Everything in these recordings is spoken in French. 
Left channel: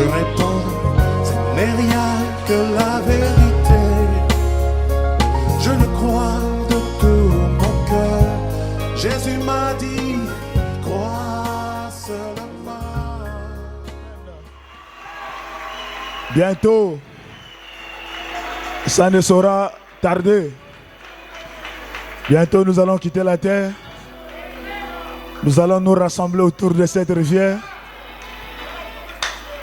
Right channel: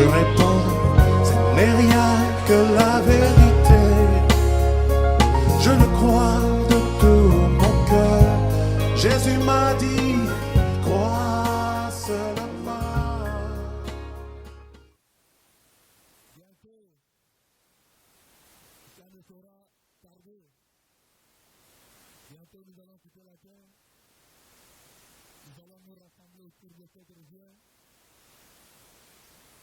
Je réponds, ce n'est rien que la vérité. Je le crois de tout mon cœur. Jésus m'a dit, crois seulement. Bientôt, ça ne saura tarder. Bientôt, nous allons quitter la terre. Nous allons nous rassembler autour de cette rivière.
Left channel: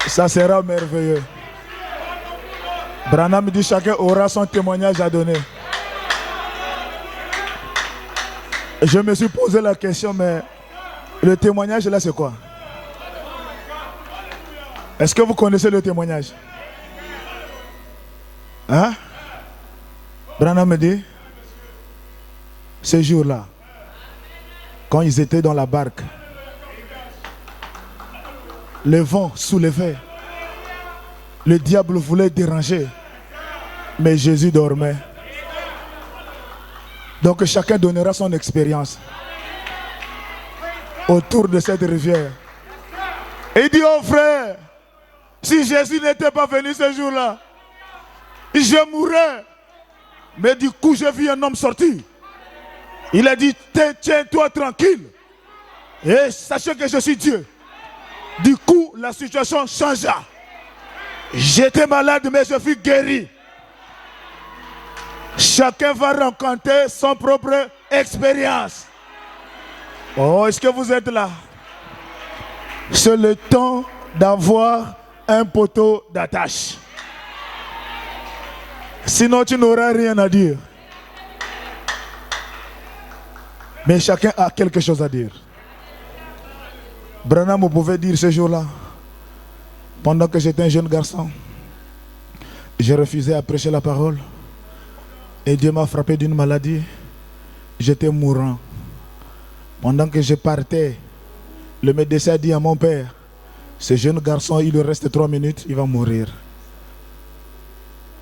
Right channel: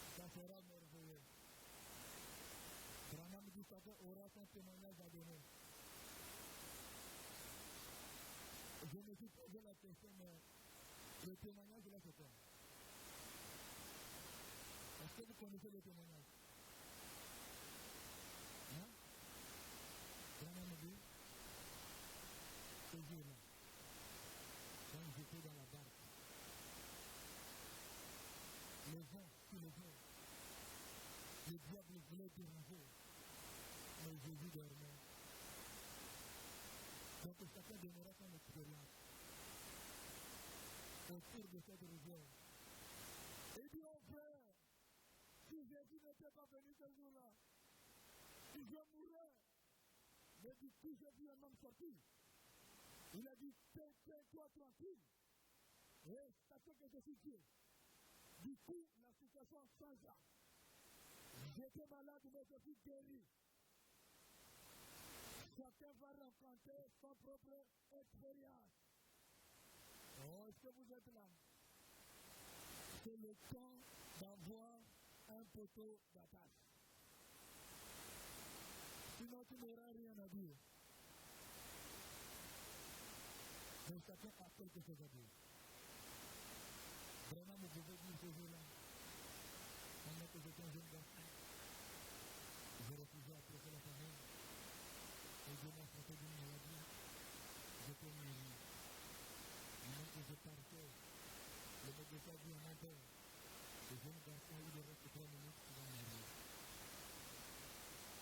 Ça sera merveilleux. Branham dit chacun aura son témoignage à donner. Je me suis posé la question, mais le témoignage là, c'est quoi? Est-ce que vous connaissez le témoignage? Hein? Branham me dit, ce jour-là, quand ils étaient dans la barque, le vent soulevait, le diable voulait déranger, mais Jésus dormait. Donc chacun donnera son expérience autour de cette rivière. Et il dit, oh frère, si Jésus n'était pas venu ce jour-là, je mourrais. Mais du coup, j'ai vu un homme sortir. Il a dit, tiens-toi tranquille. Et sachez que je suis Dieu. Du coup, la situation changea. J'étais malade, mais je fus guéri. Chacun va rencontrer son propre expérience. Oh, est-ce que vous êtes là? C'est le temps d'avoir un poteau d'attache. Sinon, tu n'auras rien à dire. Mais chacun a quelque chose à dire. Branham, vous pouvez dire ce jour-là, pendant que j'étais un jeune garçon, j'ai refusé à prêcher la parole. Et Dieu m'a frappé d'une maladie. J'étais mourant. Pendant que je partais, le médecin a dit à mon père, ce jeune garçon, il lui reste 3 minutes, il va mourir.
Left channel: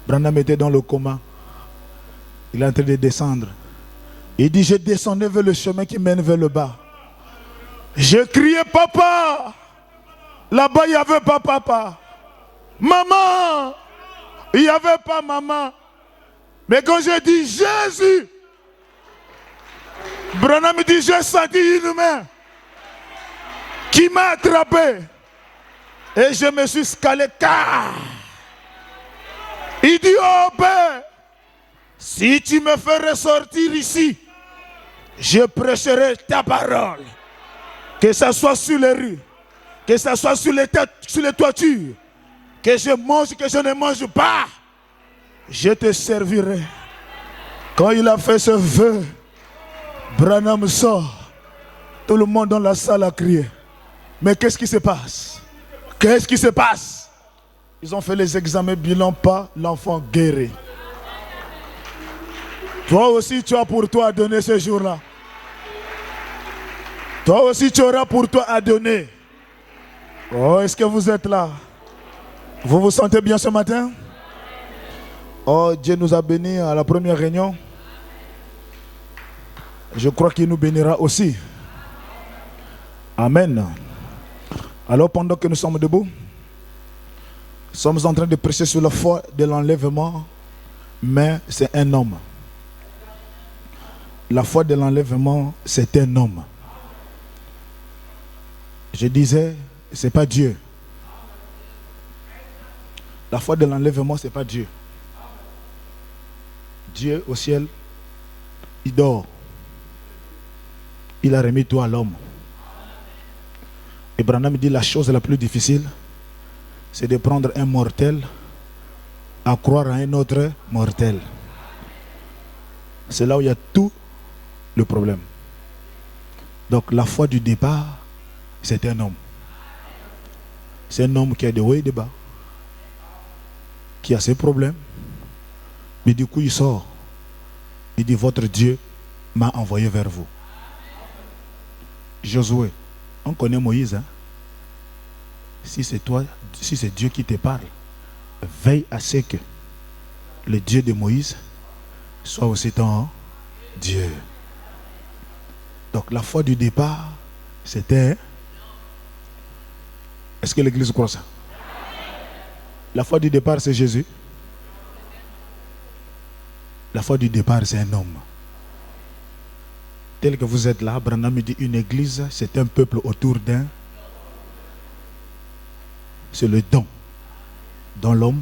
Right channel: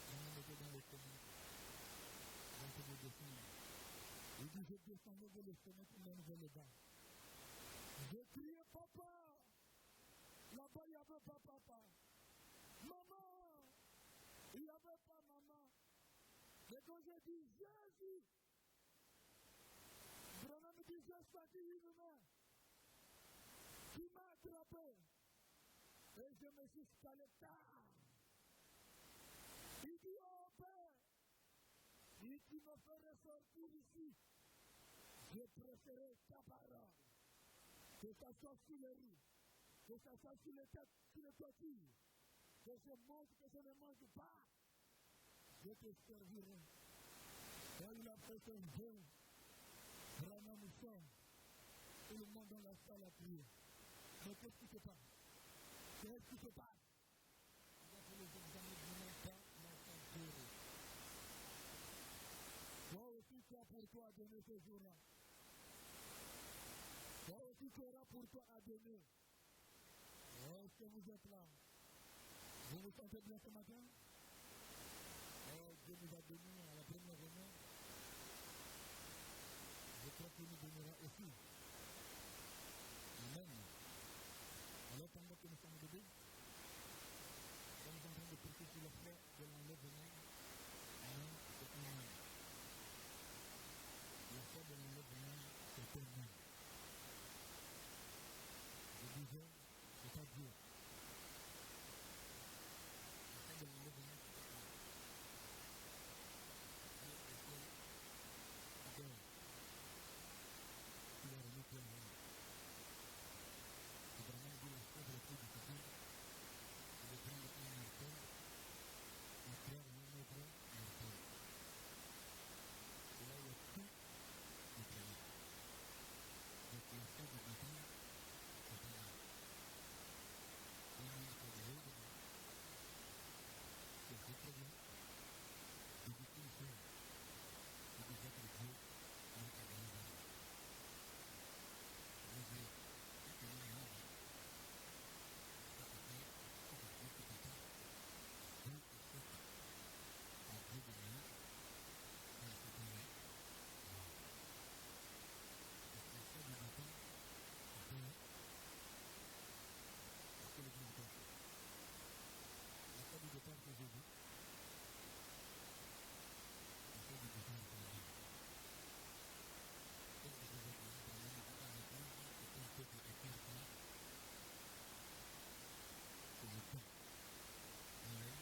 Branham était dans le coma. Il est en train de descendre. Il dit, je descendais vers le chemin qui mène vers le bas. Je criais, papa. Là-bas, il n'y avait pas papa. Maman. Il n'y avait pas maman. Mais quand j'ai dit Jésus, Branham me dit, j'ai senti une main qui m'a attrapé. Et je me suis scalé. Il dit, oh Père, si tu me fais ressortir ici, je prêcherai ta parole. Que ce soit sur les rues, que ce soit sur les toitures, que je mange, que je ne mange pas, je te servirai. Quand il a fait ce vœu, Branham sort. Tout le monde dans la salle a crié. Mais qu'est-ce qui se passe? Qu'est-ce qui se passe? Ils ont fait les examens bilan, pas l'enfant guéri. Toi aussi, tu as pour toi à donner ce jour-là. Toi aussi, tu auras pour toi à donner. Oh, est-ce que vous êtes là? Vous vous sentez bien ce matin? Oh, Dieu nous a bénis à la première réunion. Je crois qu'il nous bénira aussi. Amen. Alors, pendant que nous sommes debout, nous sommes en train de prêcher sur la foi de l'enlèvement, mais c'est un homme. La foi de l'enlèvement, c'est un homme. Je disais, ce n'est pas Dieu. La foi de l'enlèvement, ce n'est pas Dieu. Dieu au ciel, il dort. Il a remis tout à l'homme. Et Branham dit la chose la plus difficile, c'est de prendre un mortel à croire à un autre mortel. C'est là où il y a tout le problème. Donc la foi du départ, c'est un homme. C'est un homme qui a des hauts et des bas, qui a ses problèmes. Mais du coup, il sort. Il dit, votre Dieu m'a envoyé vers vous. Josué, on connaît Moïse. Hein? Si c'est toi, si c'est Dieu qui te parle, veille à ce que le Dieu de Moïse soit aussi ton Dieu. Donc la foi du départ, c'était... Est-ce que l'Église croit ça? La foi du départ, c'est Jésus. La foi du départ, c'est un homme. Tel que vous êtes là, Branham me dit, une église, c'est un peuple autour d'un. C'est le don dans l'homme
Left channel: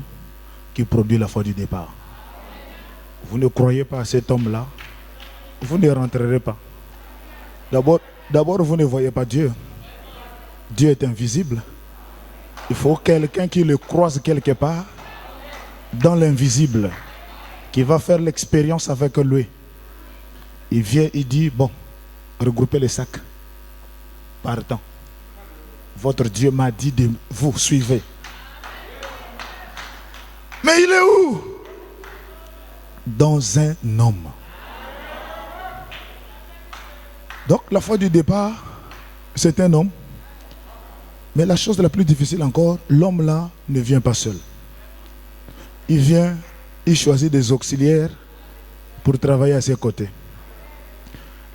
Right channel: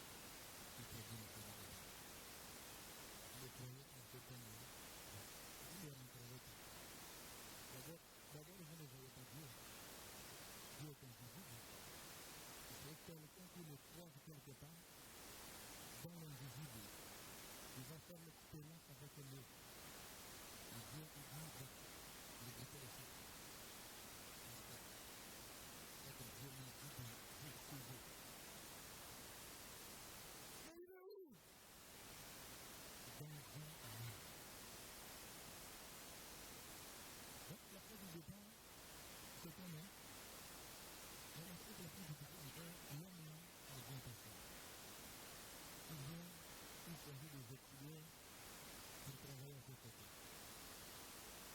qui produit la foi du départ. Vous ne croyez pas à cet homme-là, vous ne rentrerez pas. D'abord, vous ne voyez pas Dieu. Dieu est invisible. Il faut quelqu'un qui le croise quelque part dans l'invisible, qui va faire l'expérience avec lui. Il vient, il dit, bon, regroupez les sacs. Partons. Votre Dieu m'a dit de vous suivre. Mais il est où? Dans un homme. Donc la foi du départ, c'est un homme. Mais la chose la plus difficile encore, l'homme là ne vient pas seul. Il vient, il choisit des auxiliaires pour travailler à ses côtés.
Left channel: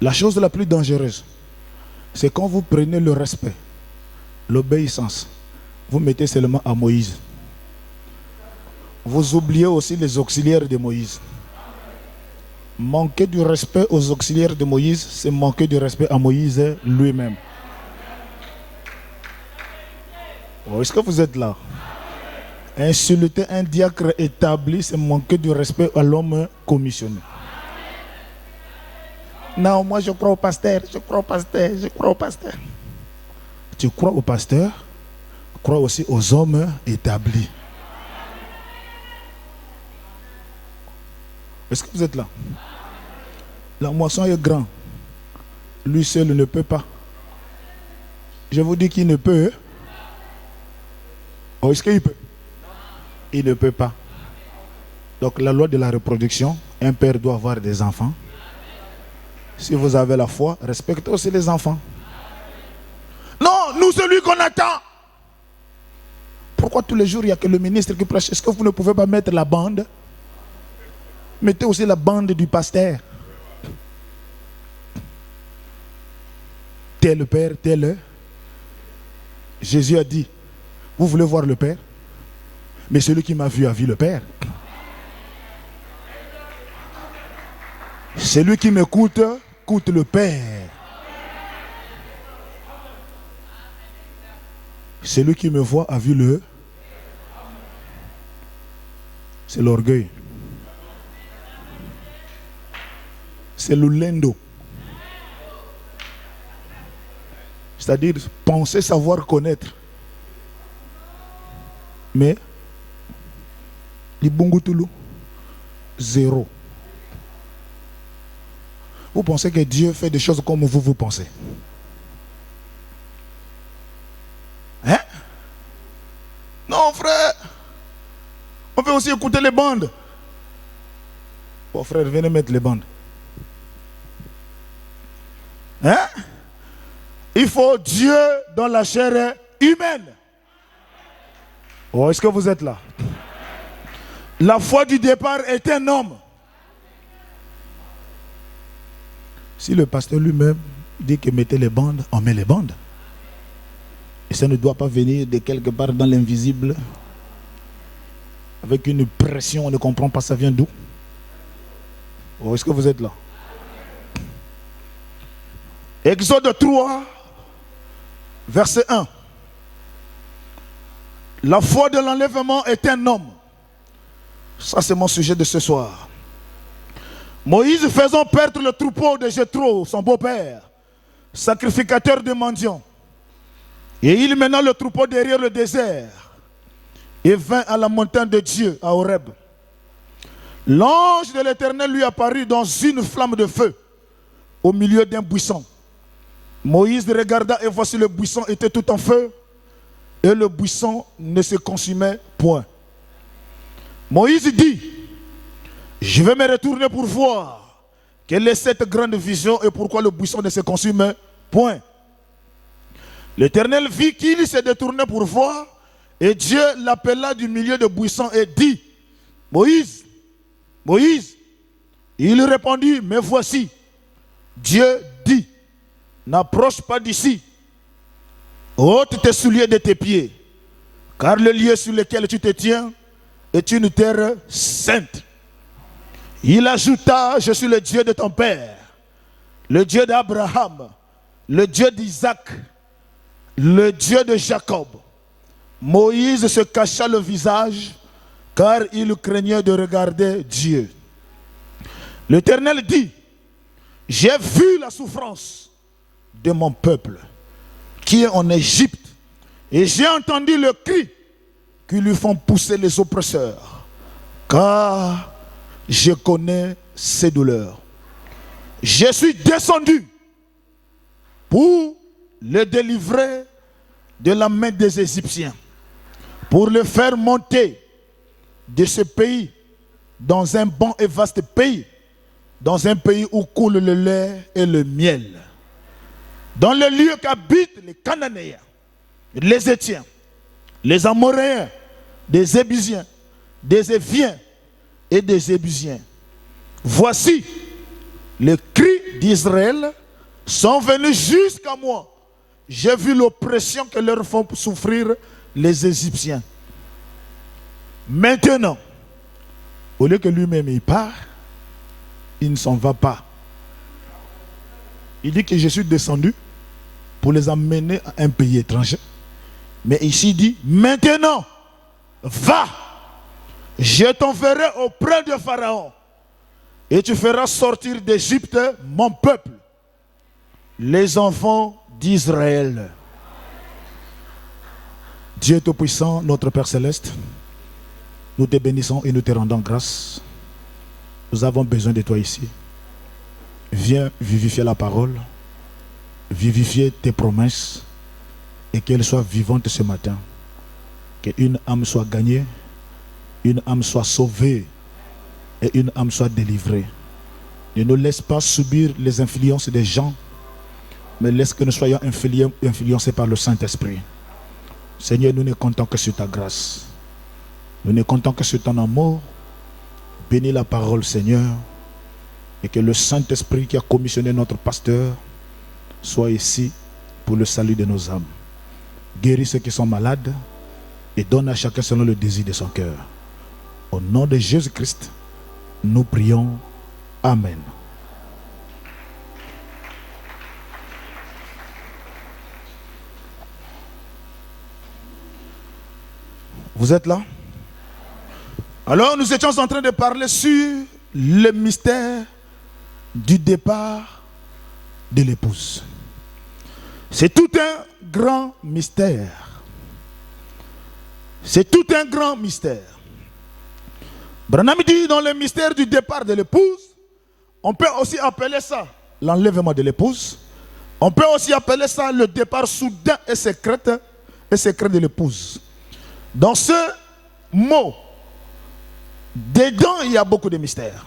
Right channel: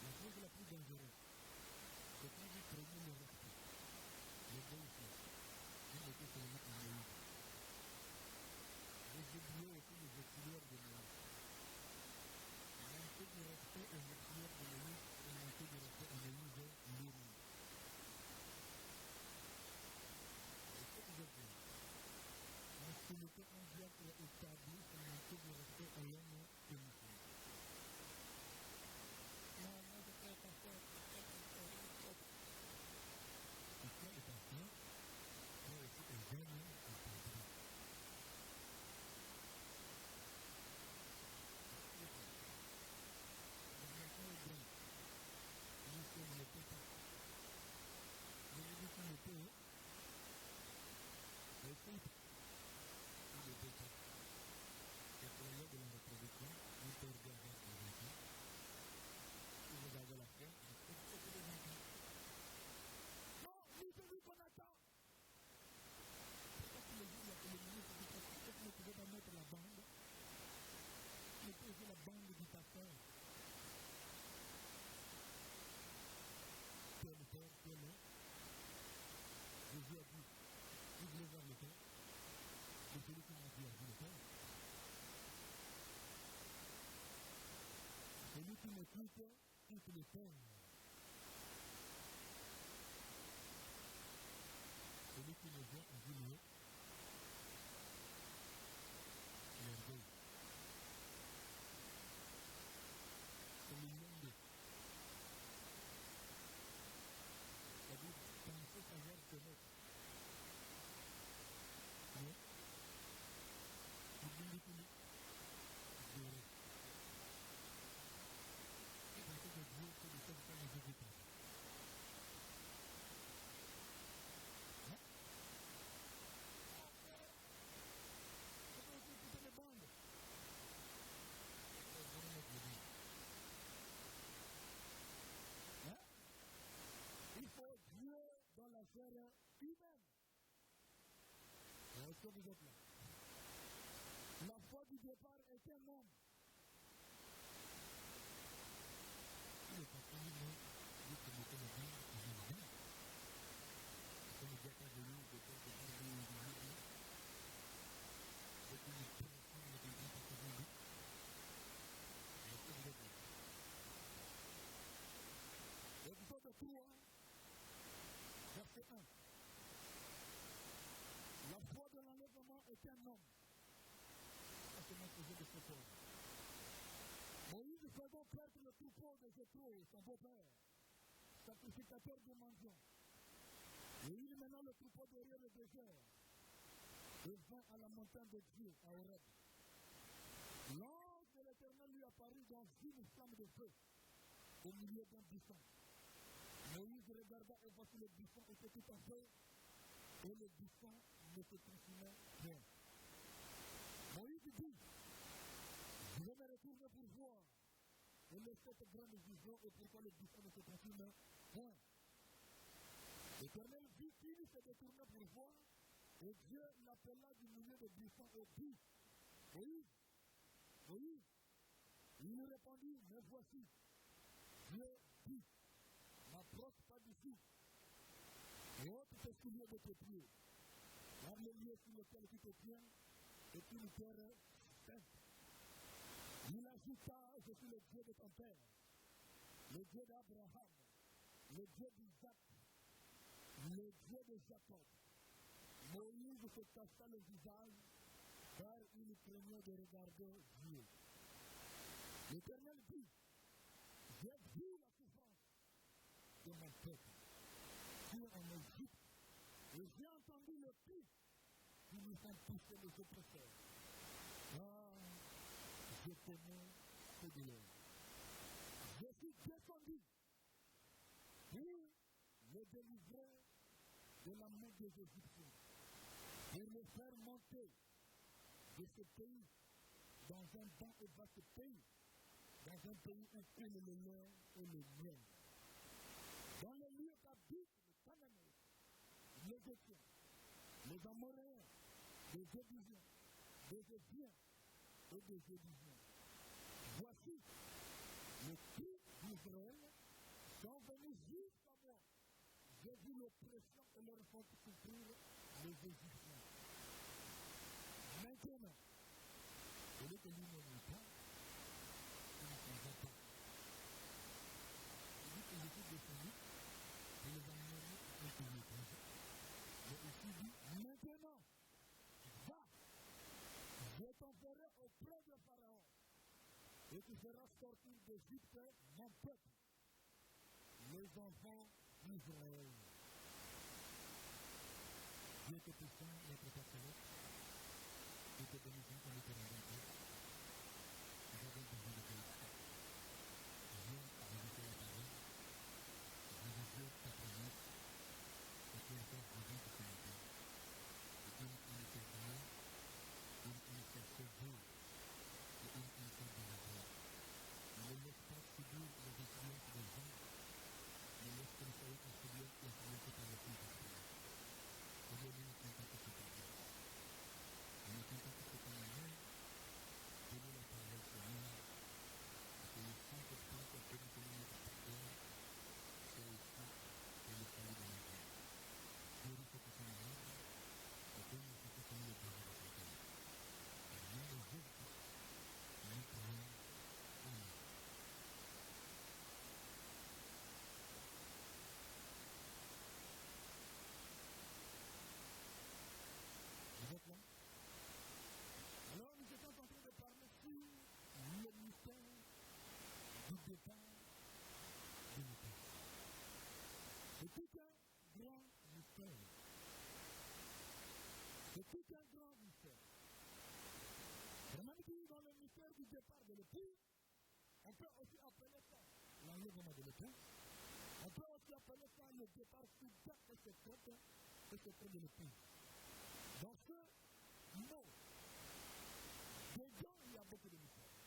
La chose la plus dangereuse, c'est quand vous prenez le respect, l'obéissance, vous mettez seulement à Moïse. Vous oubliez aussi les auxiliaires de Moïse. Manquer du respect aux auxiliaires de Moïse, c'est manquer du respect à Moïse lui-même. Oh, est-ce que vous êtes là? Insulter un diacre établi, c'est manquer du respect à l'homme commissionné. Non, moi je crois au pasteur, je crois au pasteur, je crois au pasteur. Tu crois au pasteur, crois aussi aux hommes établis. Est-ce que vous êtes là? La moisson est grande. Lui seul ne peut pas. Je vous dis qu'il ne peut. Oh, est-ce qu'il peut? Il ne peut pas. Donc la loi de la reproduction, un père doit avoir des enfants. Si vous avez la foi, respectez aussi les enfants. Non, nous c'est lui qu'on attend. Pourquoi tous les jours il n'y a que le ministre qui prêche? Est-ce que vous ne pouvez pas mettre la bande? Mettez aussi la bande du pasteur. Tel le Père, tel le. Jésus a dit, vous voulez voir le Père? Mais celui qui m'a vu a vu le Père. Celui qui m'écoute, écoute le Père. Celui qui me voit a vu le. C'est l'orgueil. C'est le lendo. C'est-à-dire penser savoir connaître. Mais, Libungutulu, zéro. Vous pensez que Dieu fait des choses comme vous pensez? Hein? Non, frère. On peut aussi écouter les bandes. Bon, frère, venez mettre les bandes. Hein? Il faut Dieu dans la chair humaine. Oh, est-ce que vous êtes là? La foi du départ est un homme. Si le pasteur lui-même dit que mettez les bandes, on met les bandes. Et ça ne doit pas venir de quelque part dans l'invisible. Avec une pression, on ne comprend pas ça vient d'où. Oh, est-ce que vous êtes là? Exode 3, verset 1. La foi de l'enlèvement est un homme. Ça, c'est mon sujet de ce soir. Moïse faisant perdre le troupeau de Jéthro, son beau-père, sacrificateur de mendiants. Et il mena le troupeau derrière le désert et vint à la montagne de Dieu, à Horeb. L'ange de l'Éternel lui apparut dans une flamme de feu au milieu d'un buisson. Moïse regarda et voici le buisson était tout en feu et le buisson ne se consumait point. Moïse dit, je vais me retourner pour voir quelle est cette grande vision et pourquoi le buisson ne se consume point. L'Éternel vit qu'il se détournait pour voir et Dieu l'appela du milieu du buisson et dit, Moïse, Moïse. Il répondit, mais voici. Dieu dit, n'approche pas d'ici. Ôte tes souliers de tes pieds, car le lieu sur lequel tu te tiens est une terre sainte. Il ajouta, je suis le Dieu de ton père, le Dieu d'Abraham, le Dieu d'Isaac, le Dieu de Jacob. Moïse se cacha le visage, car il craignait de regarder Dieu. L'Éternel dit, j'ai vu la souffrance de mon peuple qui est en Égypte, et j'ai entendu le cri qui lui font pousser les oppresseurs, car je connais ses douleurs. Je suis descendu pour le délivrer de la main des Égyptiens, pour le faire monter de ce pays dans un bon et vaste pays, dans un pays où coule le lait et le miel, dans le lieu qu'habitent les Cananéens, les Étiens, les Amoréens, des Ébusiens, des Éviens et des Ébusiens. Voici, les cris d'Israël sont venus jusqu'à moi. J'ai vu l'oppression que leur font souffrir les Égyptiens. Maintenant, au lieu que lui-même il part, il ne s'en va pas. Il dit que je suis descendu pour les amener à un pays étranger. Mais ici il dit, maintenant, va, je t'enverrai auprès de Pharaon et tu feras sortir d'Égypte mon peuple, les enfants d'Israël. Dieu Tout-Puissant, notre Père Céleste, nous te bénissons et nous te rendons grâce. Nous avons besoin de toi ici. Viens vivifier la parole, vivifier tes promesses et qu'elles soient vivantes ce matin. Qu'une âme soit gagnée, une âme soit sauvée et une âme soit délivrée. Ne nous laisse pas subir les influences des gens, mais laisse que nous soyons influencés par le Saint-Esprit. Seigneur, nous ne comptons que sur ta grâce. Nous ne comptons que sur ton amour. Bénis la parole, Seigneur, et que le Saint-Esprit qui a commissionné notre pasteur soit ici pour le salut de nos âmes. Guéris ceux qui sont malades et donne à chacun selon le désir de son cœur. Au nom de Jésus-Christ, nous prions. Amen. Vous êtes là? Alors nous étions en train de parler sur le mystère du départ de l'épouse. C'est tout un grand mystère. C'est tout un grand mystère. Branham dit dans le mystère du départ de l'épouse, on peut aussi appeler ça l'enlèvement de l'épouse. On peut aussi appeler ça le départ soudain et secret de l'épouse. Dans ce mot, dedans il y a beaucoup de mystères.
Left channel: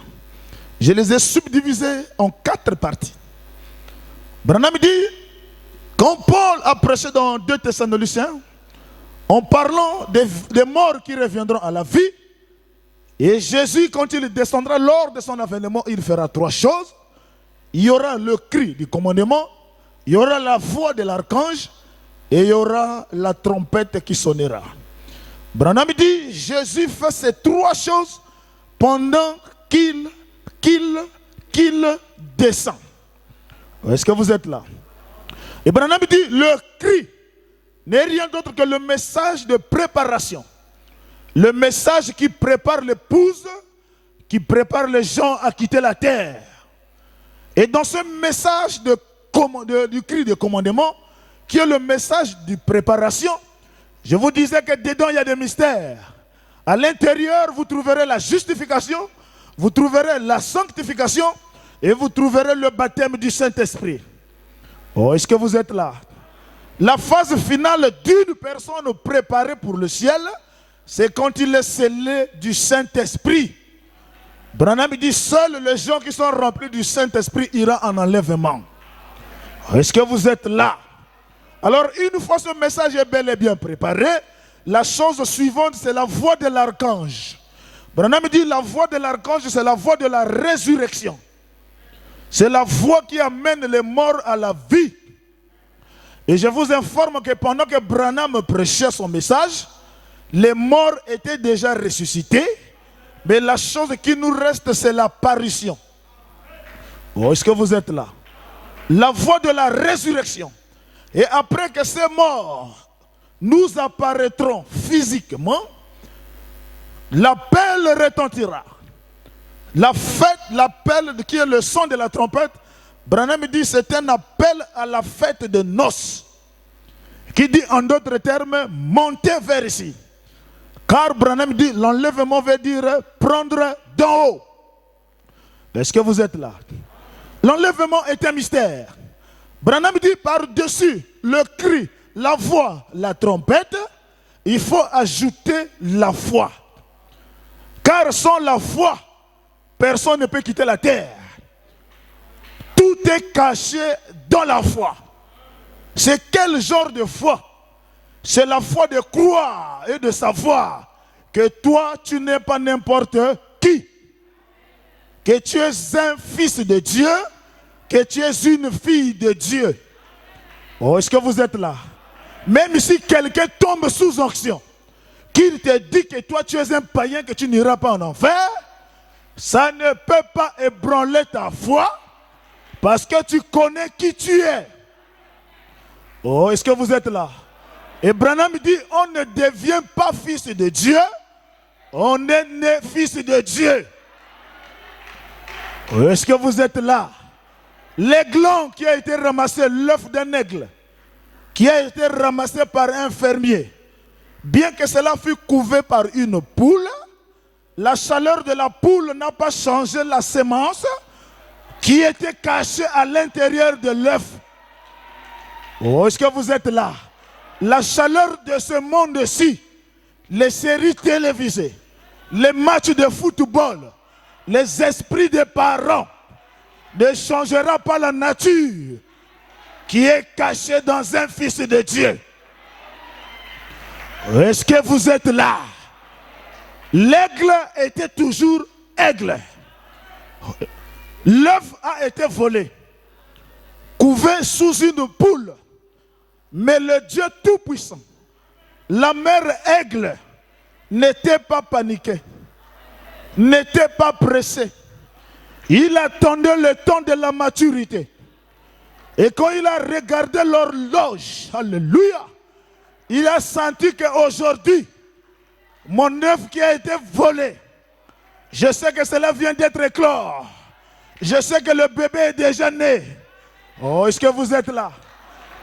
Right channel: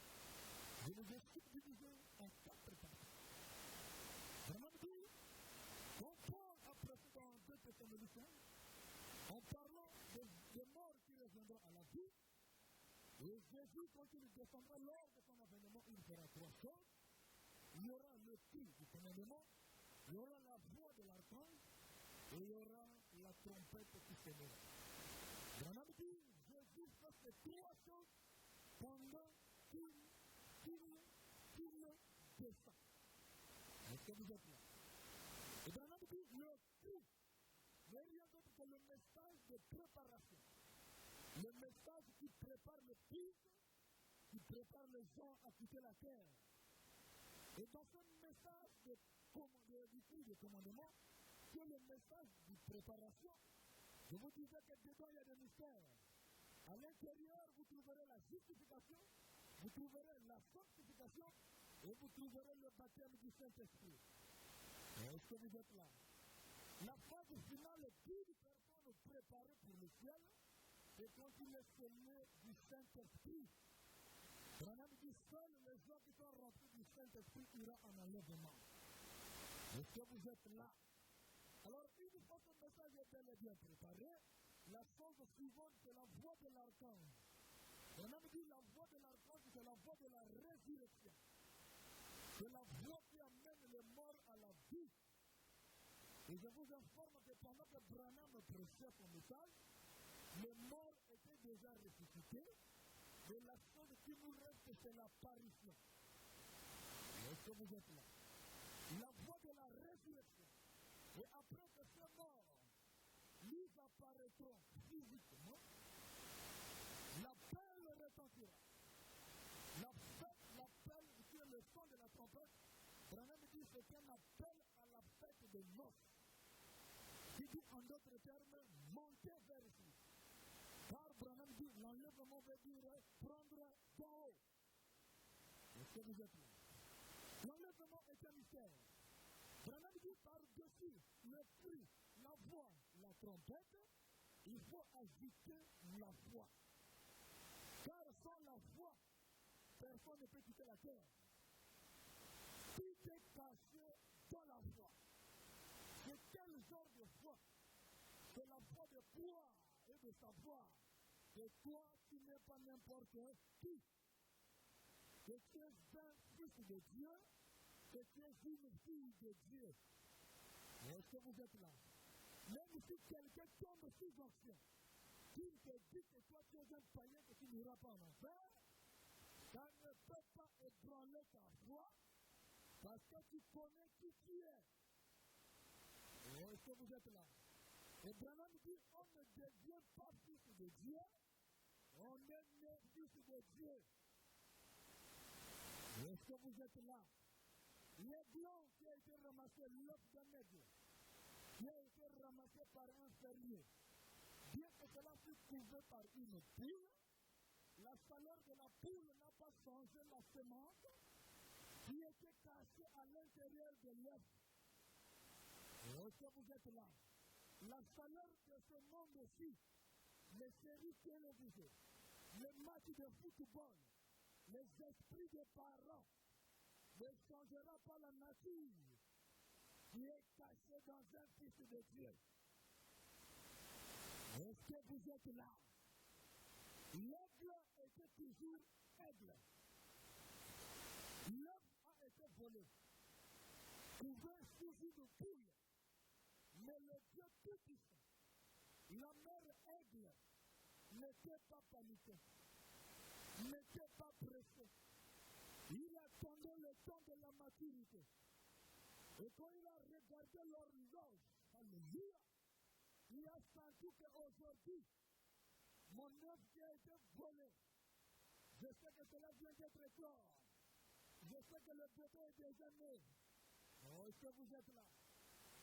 Je les ai subdivisés en 4 parties. Branham dit, quand Paul a prêché dans 2 Thessaloniciens, en parlant des morts qui reviendront à la vie, et Jésus, quand il descendra lors de son avènement, il fera 3 choses. Il y aura le cri du commandement, il y aura la voix de l'archange, et il y aura la trompette qui sonnera. Branham dit, Jésus fait ces 3 choses pendant qu'il descend. Est-ce que vous êtes là? Et Branham dit, le cri n'est rien d'autre que le message de préparation. Le message qui prépare l'épouse, qui prépare les gens à quitter la terre. Et dans ce message du cri de commandement, qui est le message de préparation, je vous disais que dedans il y a des mystères. À l'intérieur, vous trouverez la justification, vous trouverez la sanctification et vous trouverez le baptême du Saint-Esprit. Oh, est-ce que vous êtes là? La phase finale d'une personne préparée pour le ciel, c'est quand il est scellé du Saint-Esprit. Branham dit, seuls les gens qui sont remplis du Saint-Esprit iront en enlèvement. Est-ce que vous êtes là? Alors, une fois ce message est bel et bien préparé, la chose suivante, c'est la voix de l'archange. Branham dit, la voix de l'archange, c'est la voix de la résurrection. C'est la voix qui amène les morts à la vie. Et je vous informe que pendant que Branham prêchait son message, Les morts étaient déjà ressuscités, mais la chose qui nous reste, c'est l'apparition. Oh, est-ce que vous êtes là? La voie de la résurrection. Et après que ces morts nous apparaîtront physiquement, l'appel retentira. La fête, l'appel qui est le son de la trompette, Branham dit c'est un appel à la fête de noces. Qui dit en d'autres termes, montez vers ici. Car Branham dit l'enlèvement veut dire prendre d'en haut. Est-ce que vous êtes là? L'enlèvement est un mystère. Branham dit par-dessus le cri, la voix, la trompette, il faut ajouter la foi. Car sans la foi, personne ne peut quitter la terre. Tout est caché dans la foi. C'est quel genre de foi? C'est la foi de croire et de savoir que toi, tu n'es pas n'importe qui. Que tu es un fils de Dieu, que tu es une fille de Dieu. Oh, est-ce que vous êtes là? Même si quelqu'un tombe sous onction, qu'il te dit que toi tu es un païen, que tu n'iras pas en enfer, ça ne peut pas ébranler ta foi, parce que tu connais qui tu es. Oh, est-ce que vous êtes là? Et Branham dit, on ne devient pas fils de Dieu, on est né fils de Dieu. Oh, est-ce que vous êtes là? L'aiglon qui a été ramassé, l'œuf d'un aigle, qui a été ramassé par un fermier, bien que cela fût couvé par une poule, la chaleur de la poule n'a pas changé la sémence qui était cachée à l'intérieur de l'œuf. Oh, est-ce que vous êtes là? La chaleur de ce monde-ci, les séries télévisées, les matchs de football, les esprits des parents, ne changera pas la nature qui est cachée dans un fils de Dieu. Est-ce que vous êtes là? L'aigle était toujours aigle. L'œuf a été volé, couvé sous une poule. Mais le Dieu Tout-Puissant, la mère aigle, n'était pas paniqué, n'était pas pressé. Il attendait le temps de la maturité. Et quand il a regardé l'horloge, alléluia, il a senti qu'aujourd'hui, mon œuf qui a été volé, je sais que cela vient d'être éclore. Je sais que le bébé est déjà né. Oh, est-ce que vous êtes là?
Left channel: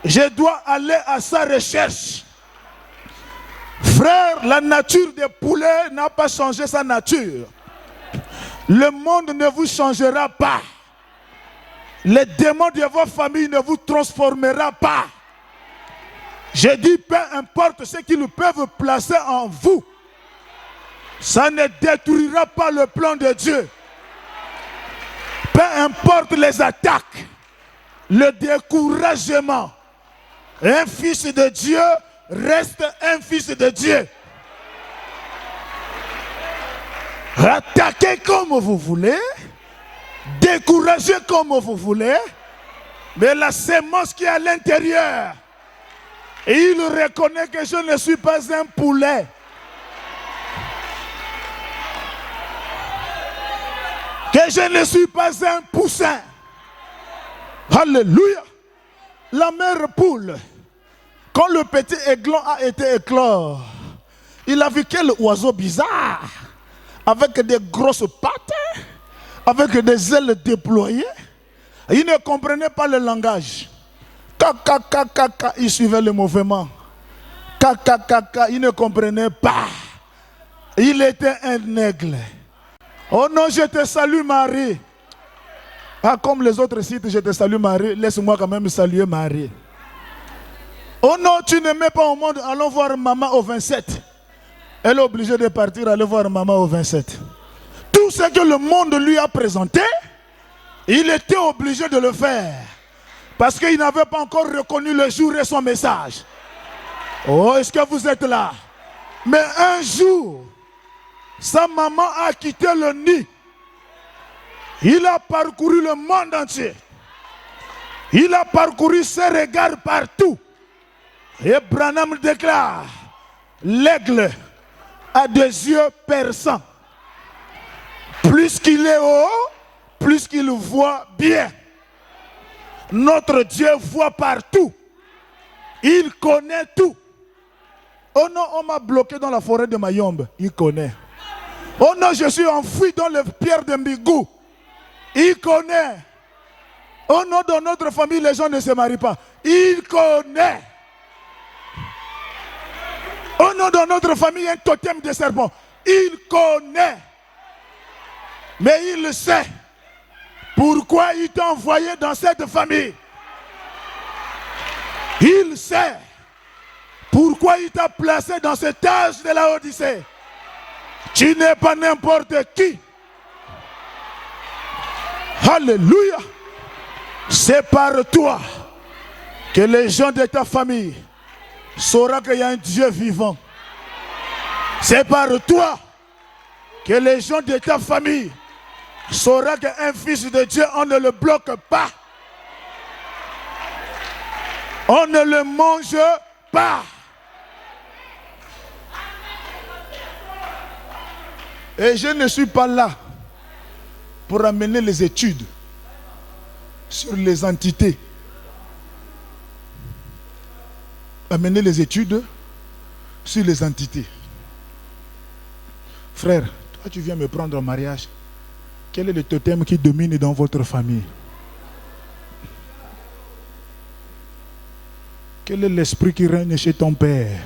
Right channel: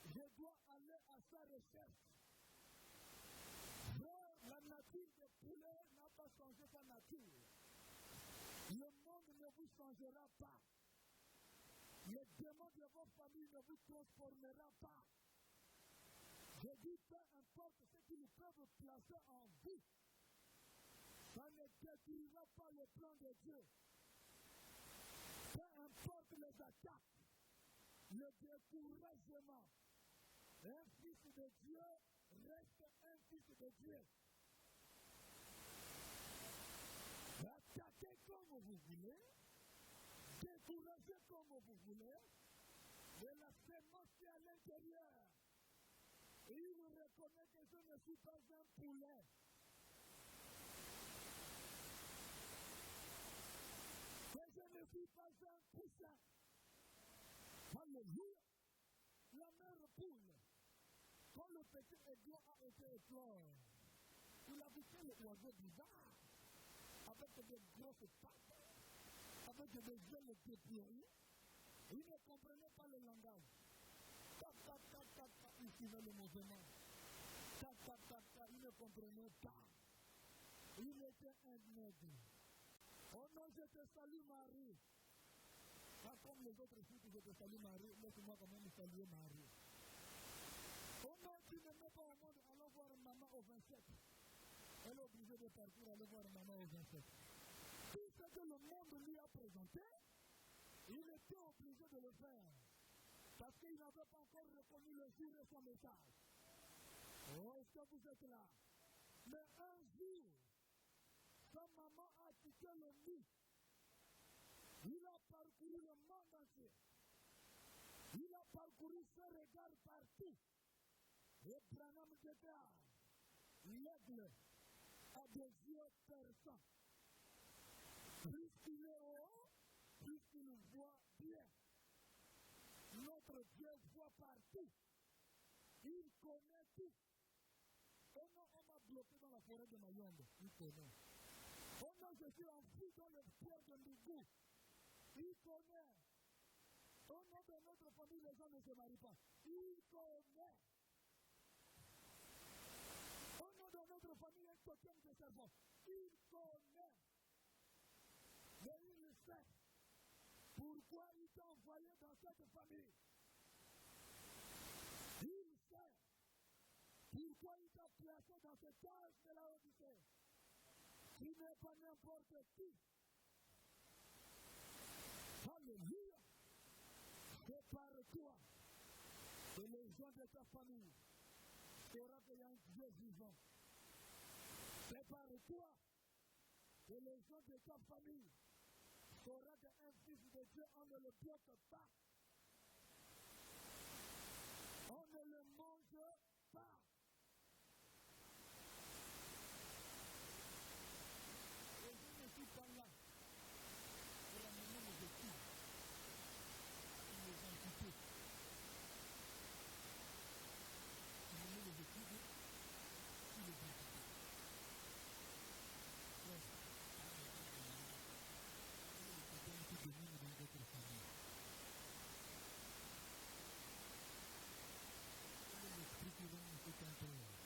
Je dois aller à sa recherche. Frère, la nature des poulets n'a pas changé sa nature. Le monde ne vous changera pas. Les démons de vos familles ne vous transformera pas. Je dis, peu importe ce qu'ils peuvent placer en vous, ça ne détruira pas le plan de Dieu. Peu importe les attaques, le découragement, un fils de Dieu reste un fils de Dieu. Attaquez comme vous voulez, découragez comme vous voulez, mais la sémence qui est à l'intérieur, et il reconnaît que je ne suis pas un poulet. Que je ne suis pas un poussin. Alléluia. La mère poule, quand le petit aiglon a été éclore, il a vu quel oiseau bizarre, avec des grosses pattes, avec des ailes déployées. Il ne comprenait pas le langage. Kaka, il suivait le mouvement. Kaka, il ne comprenait pas. Il était un aigle. Oh non, je te salue Marie. Ah, comme les autres sites, je te salue Marie. Laisse-moi quand même saluer Marie. Oh non, tu ne mets pas au monde, allons voir maman au 27. Elle est obligée de partir, aller voir maman au 27. Tout ce que le monde lui a présenté, il était obligé de le faire. Parce qu'il n'avait pas encore reconnu le jour et son message. Oh, est-ce que vous êtes là? Mais un jour, sa maman a quitté le nid. Il a parcouru le monde entier. Il a parcouru ses regards partout. Et Branham déclare, l'aigle a des yeux perçants. Plus qu'il est haut, plus qu'il voit bien. Notre Dieu voit partout. Il connaît tout. Oh non, on m'a bloqué dans la forêt de Mayombe. Il connaît. Oh non, je suis enfoui dans les pierres de Mbigou. Il connaît. Oh non, dans notre famille, les gens ne se marient pas. Il connaît. Oh non, dans notre famille, il y a un totem de serpent. Il connaît. Mais il sait pourquoi il t'a envoyé dans cette famille. Il sait pourquoi il t'a placé dans cet âge de la Odyssée. Tu n'es pas n'importe qui. Alléluia. C'est par toi que les gens de ta famille sauront qu'il y a un Dieu vivant. C'est par toi que les gens de ta famille sauront qu'un fils de Dieu, on ne le bloque pas. On ne le mange pas. Et je ne suis pas là pour amener les études sur les entités. Amener les études sur les entités. Frère, toi tu viens me prendre en mariage. Quel est le totem qui domine dans votre famille? Quel est l'esprit qui règne chez ton père?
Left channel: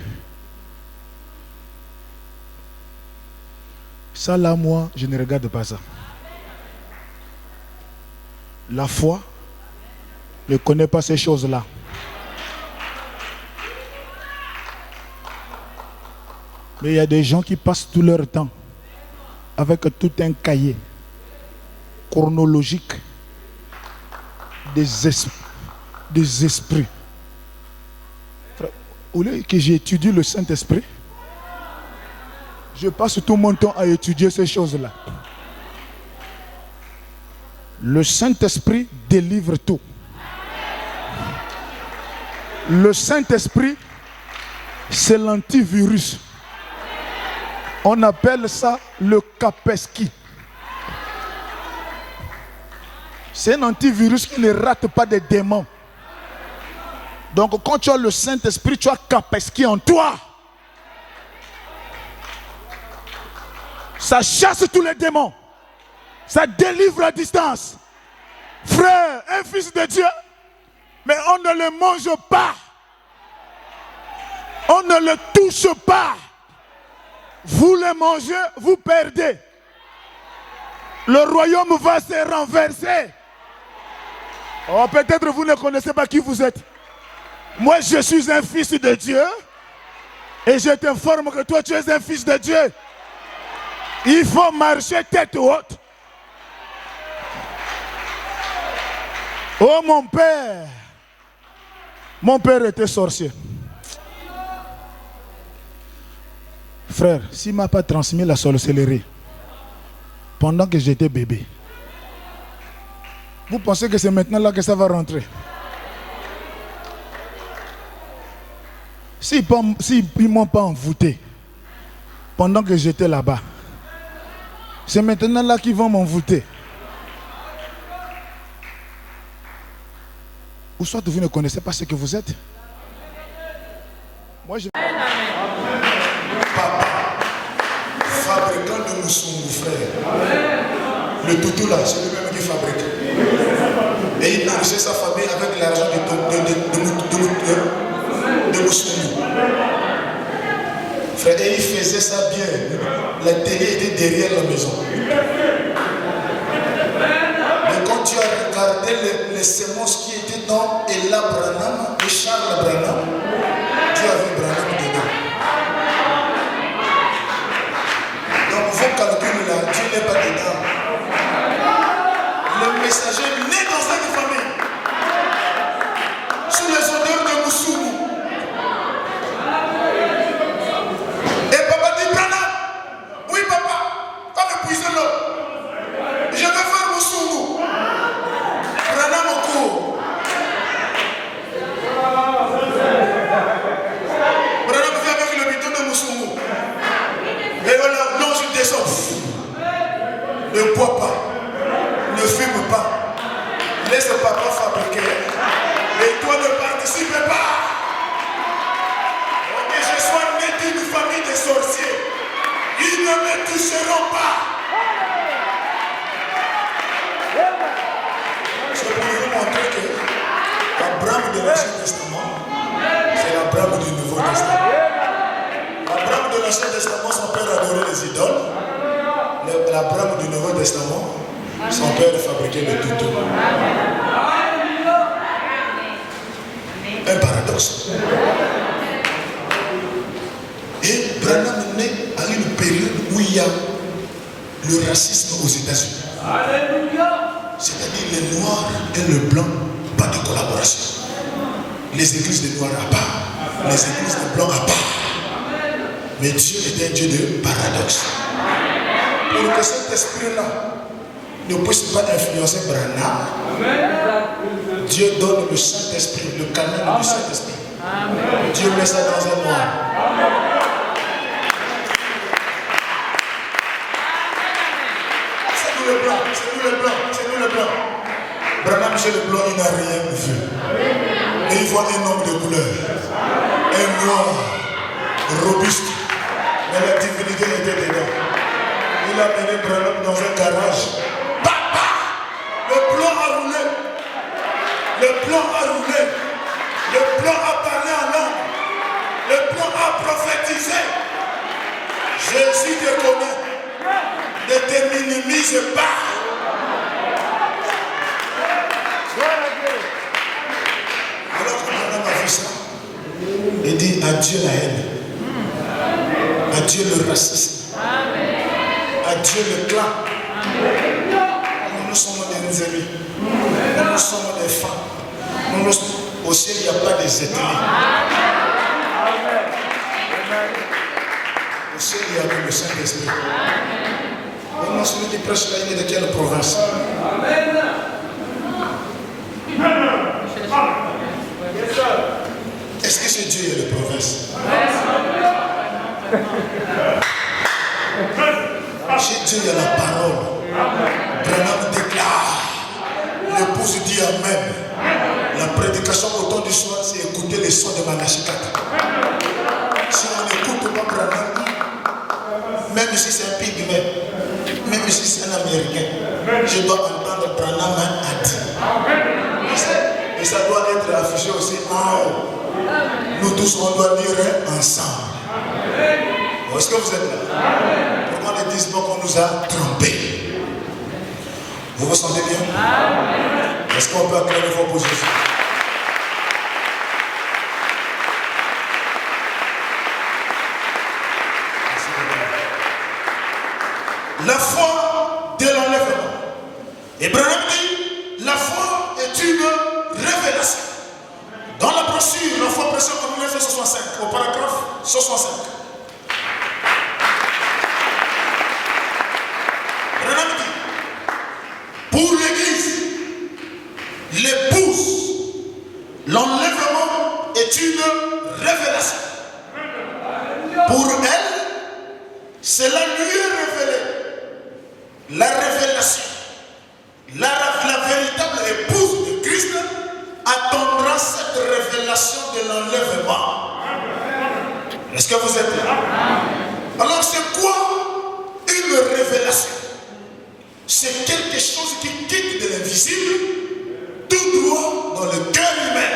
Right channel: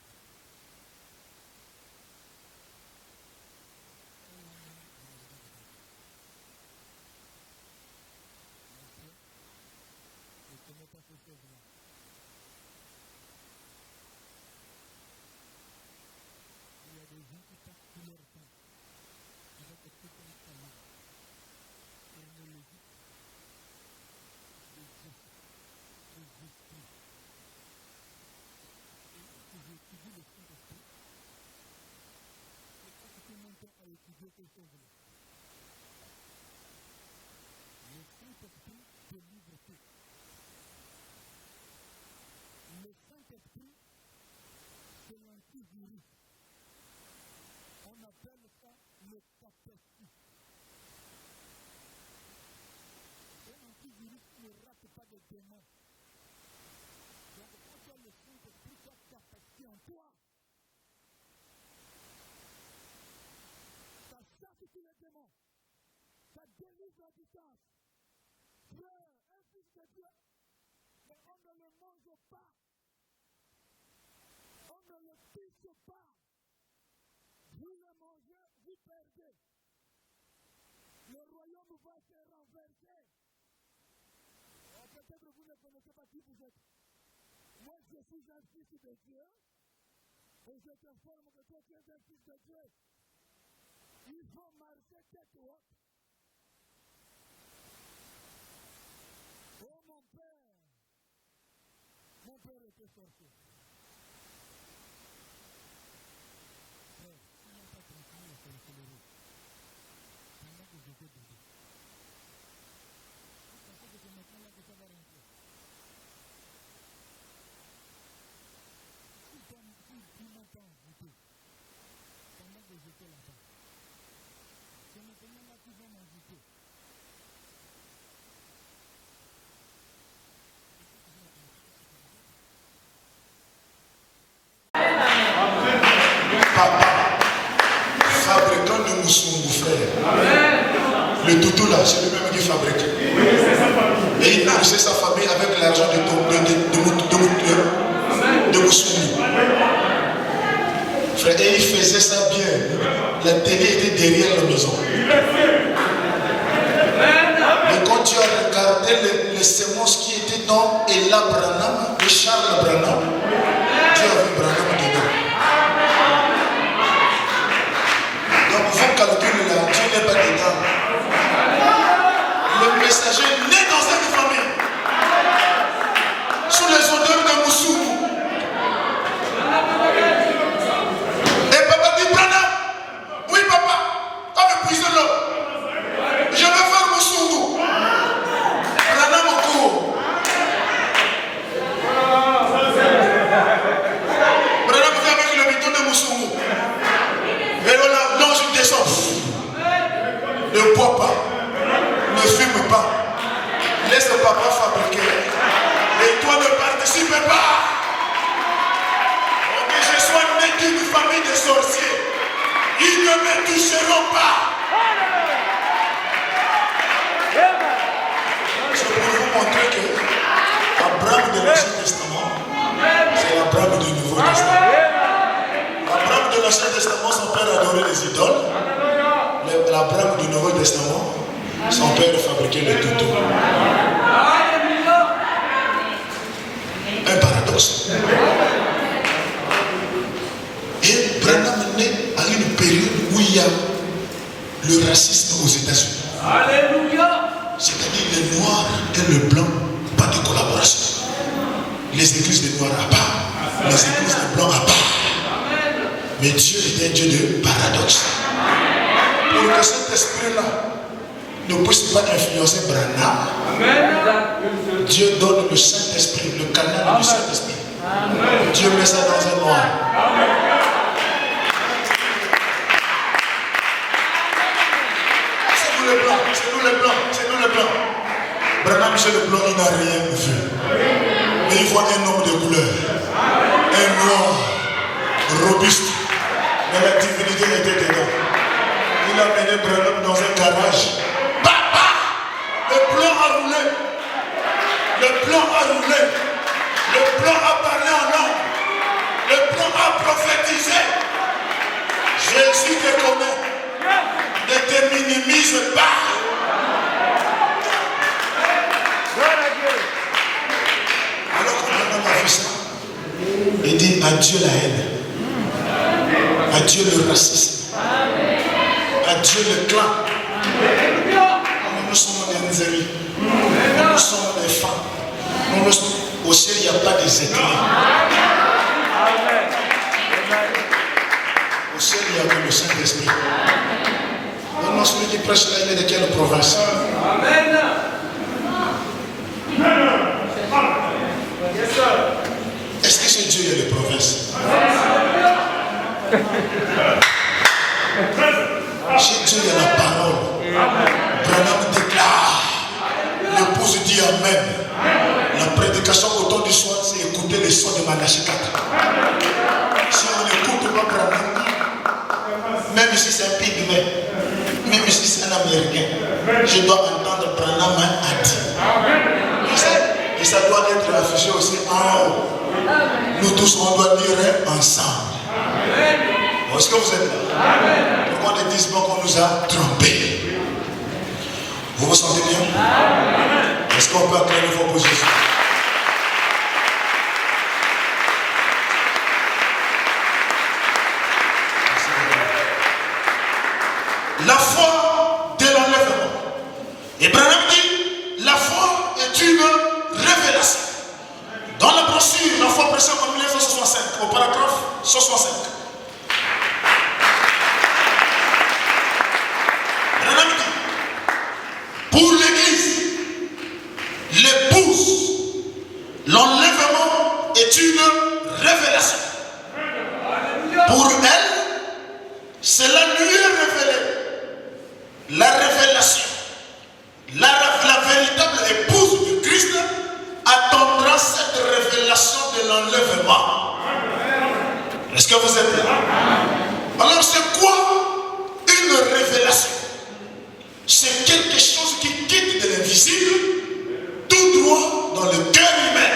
Ça là, moi, je ne regarde pas ça. La foi ne connaît pas ces choses-là. Mais il y a des gens qui passent tout leur temps avec tout un cahier chronologique des esprits. Au lieu que j'étudie le Saint-Esprit, je passe tout mon temps à étudier ces choses-là. Le Saint-Esprit délivre tout. Le Saint-Esprit, c'est l'antivirus. On appelle ça le Kaspersky. C'est un antivirus qui ne rate pas des démons. Donc quand tu as le Saint-Esprit, tu as Kaspersky en toi. Ça chasse tous les démons. Ça délivre à distance. Frère, un fils de Dieu, mais on ne le mange pas. On ne le touche pas. Vous le mangez, vous perdez. Le royaume va se renverser. Oh, peut-être vous ne connaissez pas qui vous êtes. Moi, je suis un fils de Dieu. Et je t'informe que toi, tu es un fils de Dieu. Il faut marcher tête haute. Oh mon père était sorcier. Frère, s'il ne m'a pas transmis la sorcellerie pendant que j'étais bébé, vous pensez que c'est maintenant là que ça va rentrer? S'ils ne m'ont pas envoûté pendant que j'étais là-bas, c'est maintenant là qu'ils vont m'envoûter. Ou soit vous ne connaissez pas ce que vous êtes. Moi, je... Papa, fabricant de Moussou, frère. Le toutou là, c'est le même qui fabrique. Et il nourrissait sa famille avec l'argent de Moussou. Frère, et il faisait ça bien. La télé était derrière la maison. Mais quand tu as regardé les semences qui étaient dans Ella Branham et Charles Branham, Dieu avait Branham dedans. Donc vous calculez là, Dieu n'est pas dedans. Le messager naît dans cette famille. Sous les odeurs de Moussou. Et papa dit Branham. Oui papa, quand me puise l'eau, je vais faire Moussou. Branham au cours. Et voilà, non, je descends. Ne bois pas. Ne fume pas. Laisse papa fabriquer. Et toi ne participe pas. Ok, je sois né d'une famille de sorciers. Ils ne me toucheront pas. Je peux vous montrer que Abraham de l'Ancien Testament, c'est Abraham du Nouveau Testament. Abraham de l'Ancien Testament, son père adorait les idoles. L'Abraham du Nouveau Testament, son père fabriquait le tuto. Un paradoxe. Et Branham est né à une période où il y a le racisme aux États-Unis. C'est-à-dire les noirs et le blanc, pas de collaboration. Les églises de noirs à part, les églises de blancs à part. Mais Dieu est un Dieu de paradoxe. Pour que cet esprit-là ne puisse pas influencer Branham, Dieu donne le Saint-Esprit, le canal du Saint-Esprit. Dieu met ça dans un noir. C'est nous les blancs, c'est nous les blancs, c'est nous les blancs. Branham, chez le blanc, il n'a rien vu. Et il voit un homme de couleur, un noir, robuste, mais la divinité était dedans. Il a mené Branham dans un garage. Papa! Le plan a roulé. Le plan a roulé. Le plan a parlé en langue. Le plan a prophétisé. Jésus te connaît. Ne te minimise pas. Alors que Branham a vu ça, il dit adieu la haine. Adieu le racisme. Adieu le clan. Nous sommes des amis. Nous sommes des femmes. Au ciel, il n'y a pas des ethnies. Au ciel, il y a que le Saint-Esprit. Maintenant, celui qui prêche là, il est de quelle province? Est-ce que ce Dieu est de province? Chez Dieu, il y a la parole. Branham déclare. L'épouse dit Amen. La prédication au temps du soir, c'est écouter les sons de Manashikat. Si on n'écoute pas Branham, même si c'est un pygmée, même si c'est un Américain, je dois entendre Branham a dit. Et ça doit être affiché aussi en haut. Nous tous, on doit lire ensemble. Est-ce que vous êtes là? Pourquoi ne disent pas qu'on nous a trompés? Vous vous sentez bien? Est-ce qu'on peut acclamer vos positions? La foi de l'enlèvement. Et Branham dit, la foi est une révélation. Dans la brochure, la foi prêchée en 1965, au paragraphe 65. Pour l'Église, l'épouse, l'enlèvement est une révélation. Pour elle, cela lui est révélé. La révélation, la véritable épouse de Christ attendra cette révélation de l'enlèvement. Est-ce que vous êtes là? Alors c'est quoi une révélation? C'est quelque chose qui quitte de l'invisible tout droit dans le cœur humain.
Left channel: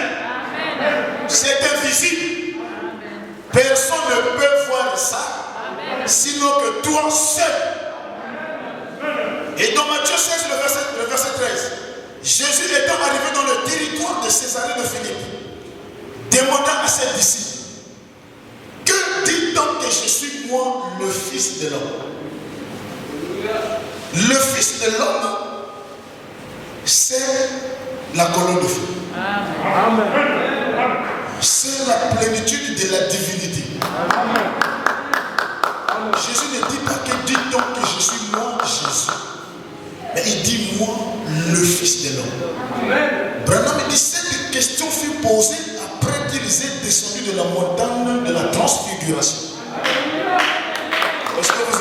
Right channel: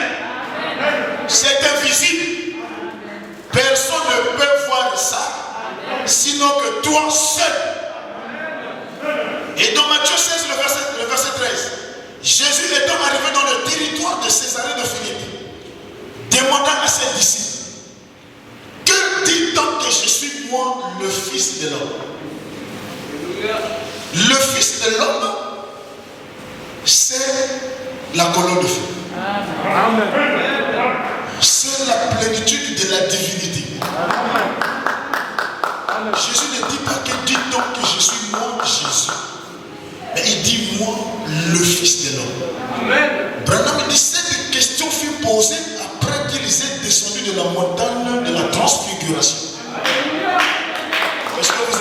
C'est invisible. Personne ne peut voir ça, sinon que toi seul. Et dans Matthieu 16, le verset 13, Jésus étant arrivé dans le territoire de Césarée de Philippe, demanda à ses disciples, que dit-on que je suis moi le Fils de l'homme? Le Fils de l'homme, c'est la colonne de feu. C'est la plénitude de la divinité. Jésus ne dit pas que dit-on que je suis moi, Jésus. Mais il dit moi, le Fils de l'homme. Branham dit cette question fut posée après qu'ils aient descendu de la montagne de la transfiguration. Est-ce que vous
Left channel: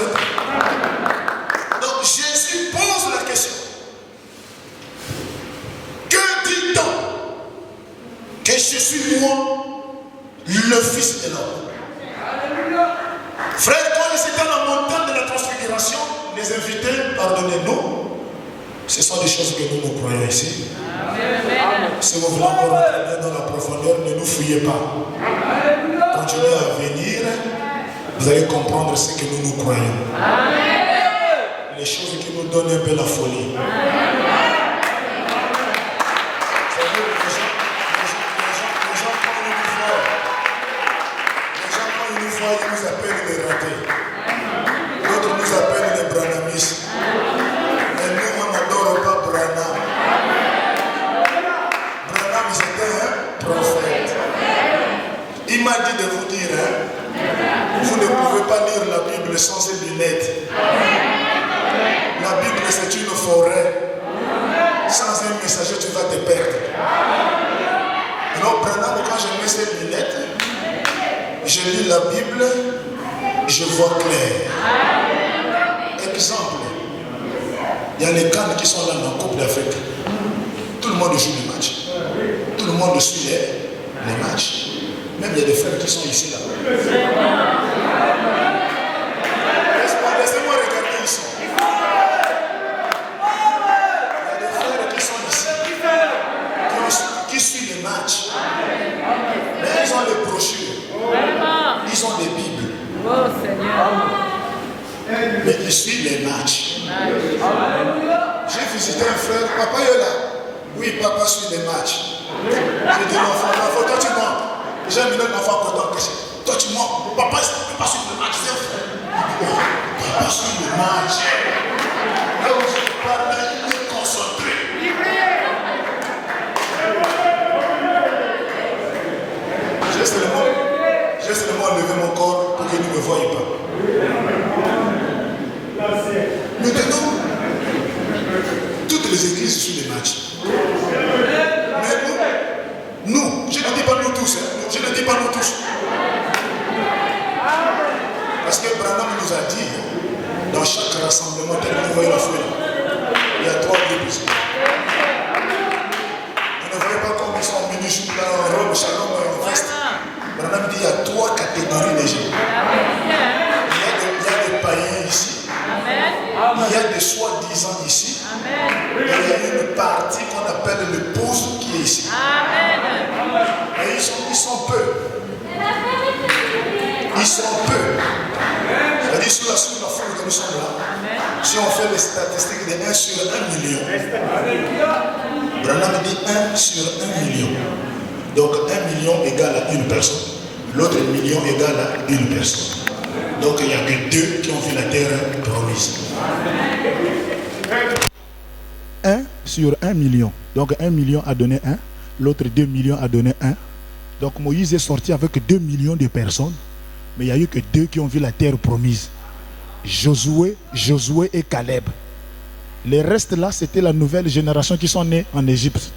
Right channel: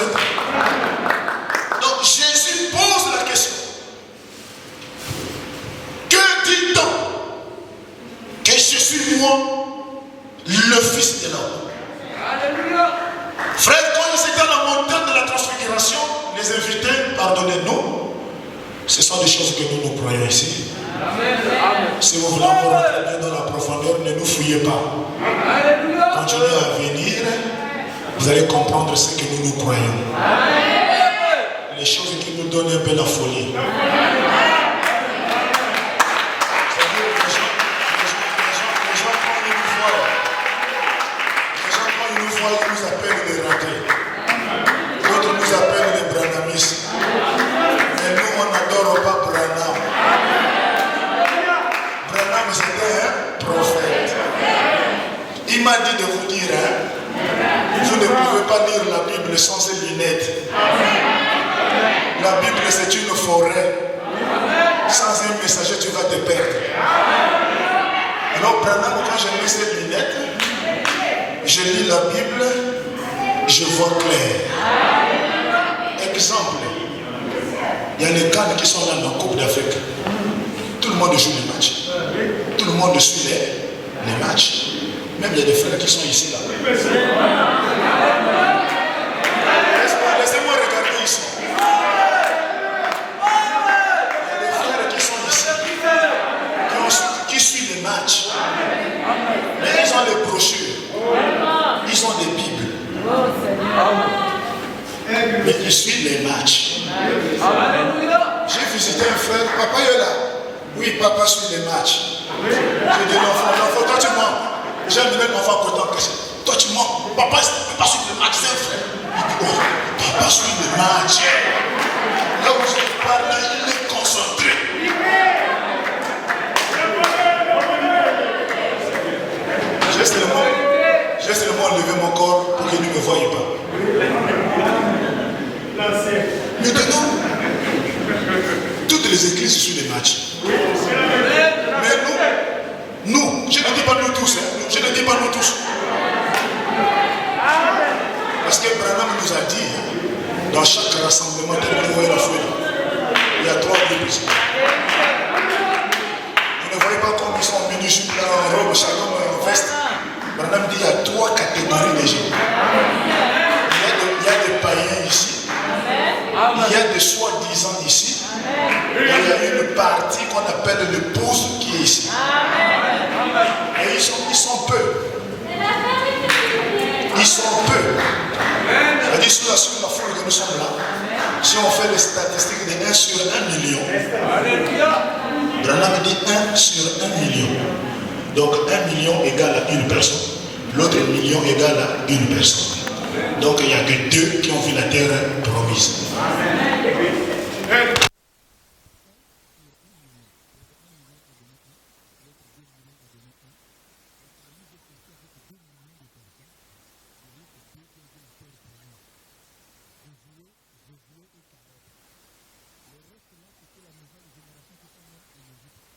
invités, pardonnez-nous. Ce sont des choses que nous croyons ici. Si vous voulez encore rentrer bien dans la profondeur, ne nous fouillez pas. Continuez à venir, vous allez comprendre ce que nous croyons. Les choses qui nous donnent un peu la folie. Ils nous appellent les ratés. D'autres nous appellent les branamis. Mais nous, on n'adore pas Branham. Branham, c'était un prophète. Il m'a dit de vous dire, vous ne pouvez pas lire la Bible sans ces lunettes. La Bible, c'est une forêt. Sans un messager, tu vas te perdre. Alors, Branham, quand j'ai mis ces lunettes, je lis la Bible, je vois clair. Exemple, il y a les cannes qui sont là dans la Coupe d'Afrique. Tout le monde joue les matchs. Tout le monde suit les matchs. Même il y a des frères qui sont ici là. Laissez-moi regarder ici. Il y a des frères qui sont ici, qui suivent les matchs. Mais ils ont les brochures. Ils ont des Bibles. Mais ils suivent les matchs. J'ai visité un frère, papa est là. Oui, papa suit les matchs. J'ai dit l'enfant, toi tu mens. J'ai amené l'enfant content. Toi tu mens. Papa suit le match, c'est un frère. Il dit, oh, papa suit le match. Là où je parle, là, il est concentré. J'ai seulement levé mon corps pour qu'il ne me voie pas. Maintenant, toutes les églises suivent les matchs. Mais nous, je ne dis pas nous tous, je ne dis pas nous tous. Parce que Branham nous a dit, dans chaque rassemblement, tel que la folie, il y a 3 groupes ici. Vous ne voyez pas comme ils sont en mini-jupe, en robe, shalom et en veste. Branham dit, il y a 3 catégories de gens. Il y a des païens ici. Il y a des soi-disant ici. Et il y a une partie qu'on appelle le pose qui est ici. Et ils sont peu. Ils sont peu. C'est-à-dire sur la foule que nous sommes là, si on fait les statistiques de 1 sur 1 million, Branham dit 1 sur 1 million. Donc 1 million égale à une personne. L'autre million égale à une personne. Donc il n'y a que 2 qui ont vu la terre promise. 1 sur 1 million. Donc 1 million a donné 1. L'autre 2 millions a donné 1. Donc Moïse est sorti avec 2 millions de personnes. Mais il n'y a eu que 2 qui ont vu la terre promise. Josué et Caleb. Les restes là, c'était la nouvelle génération qui sont nés en Égypte.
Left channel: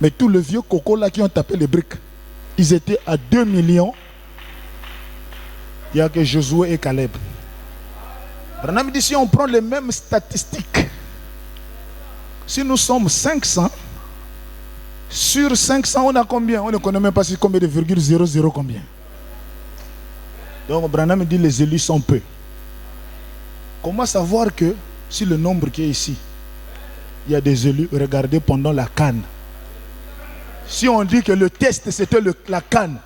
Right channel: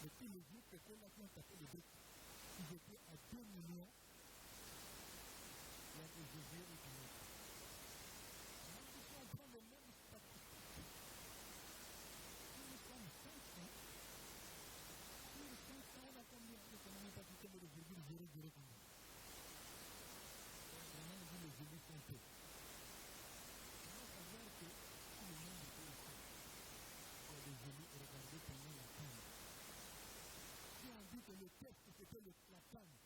Mais tous les vieux cocos là qui ont tapé les briques, ils étaient à 2 millions. Il n'y a que Josué et Caleb. Branham dit, si on prend les mêmes statistiques, si nous sommes 500, sur 500, on a combien? On ne connaît même pas si combien de virgule 00 combien. Donc Branham dit, les élus sont peu. Comment savoir que si le nombre qui est ici, il y a des élus, regardez pendant la canne. Si on dit que le test c'était la canne,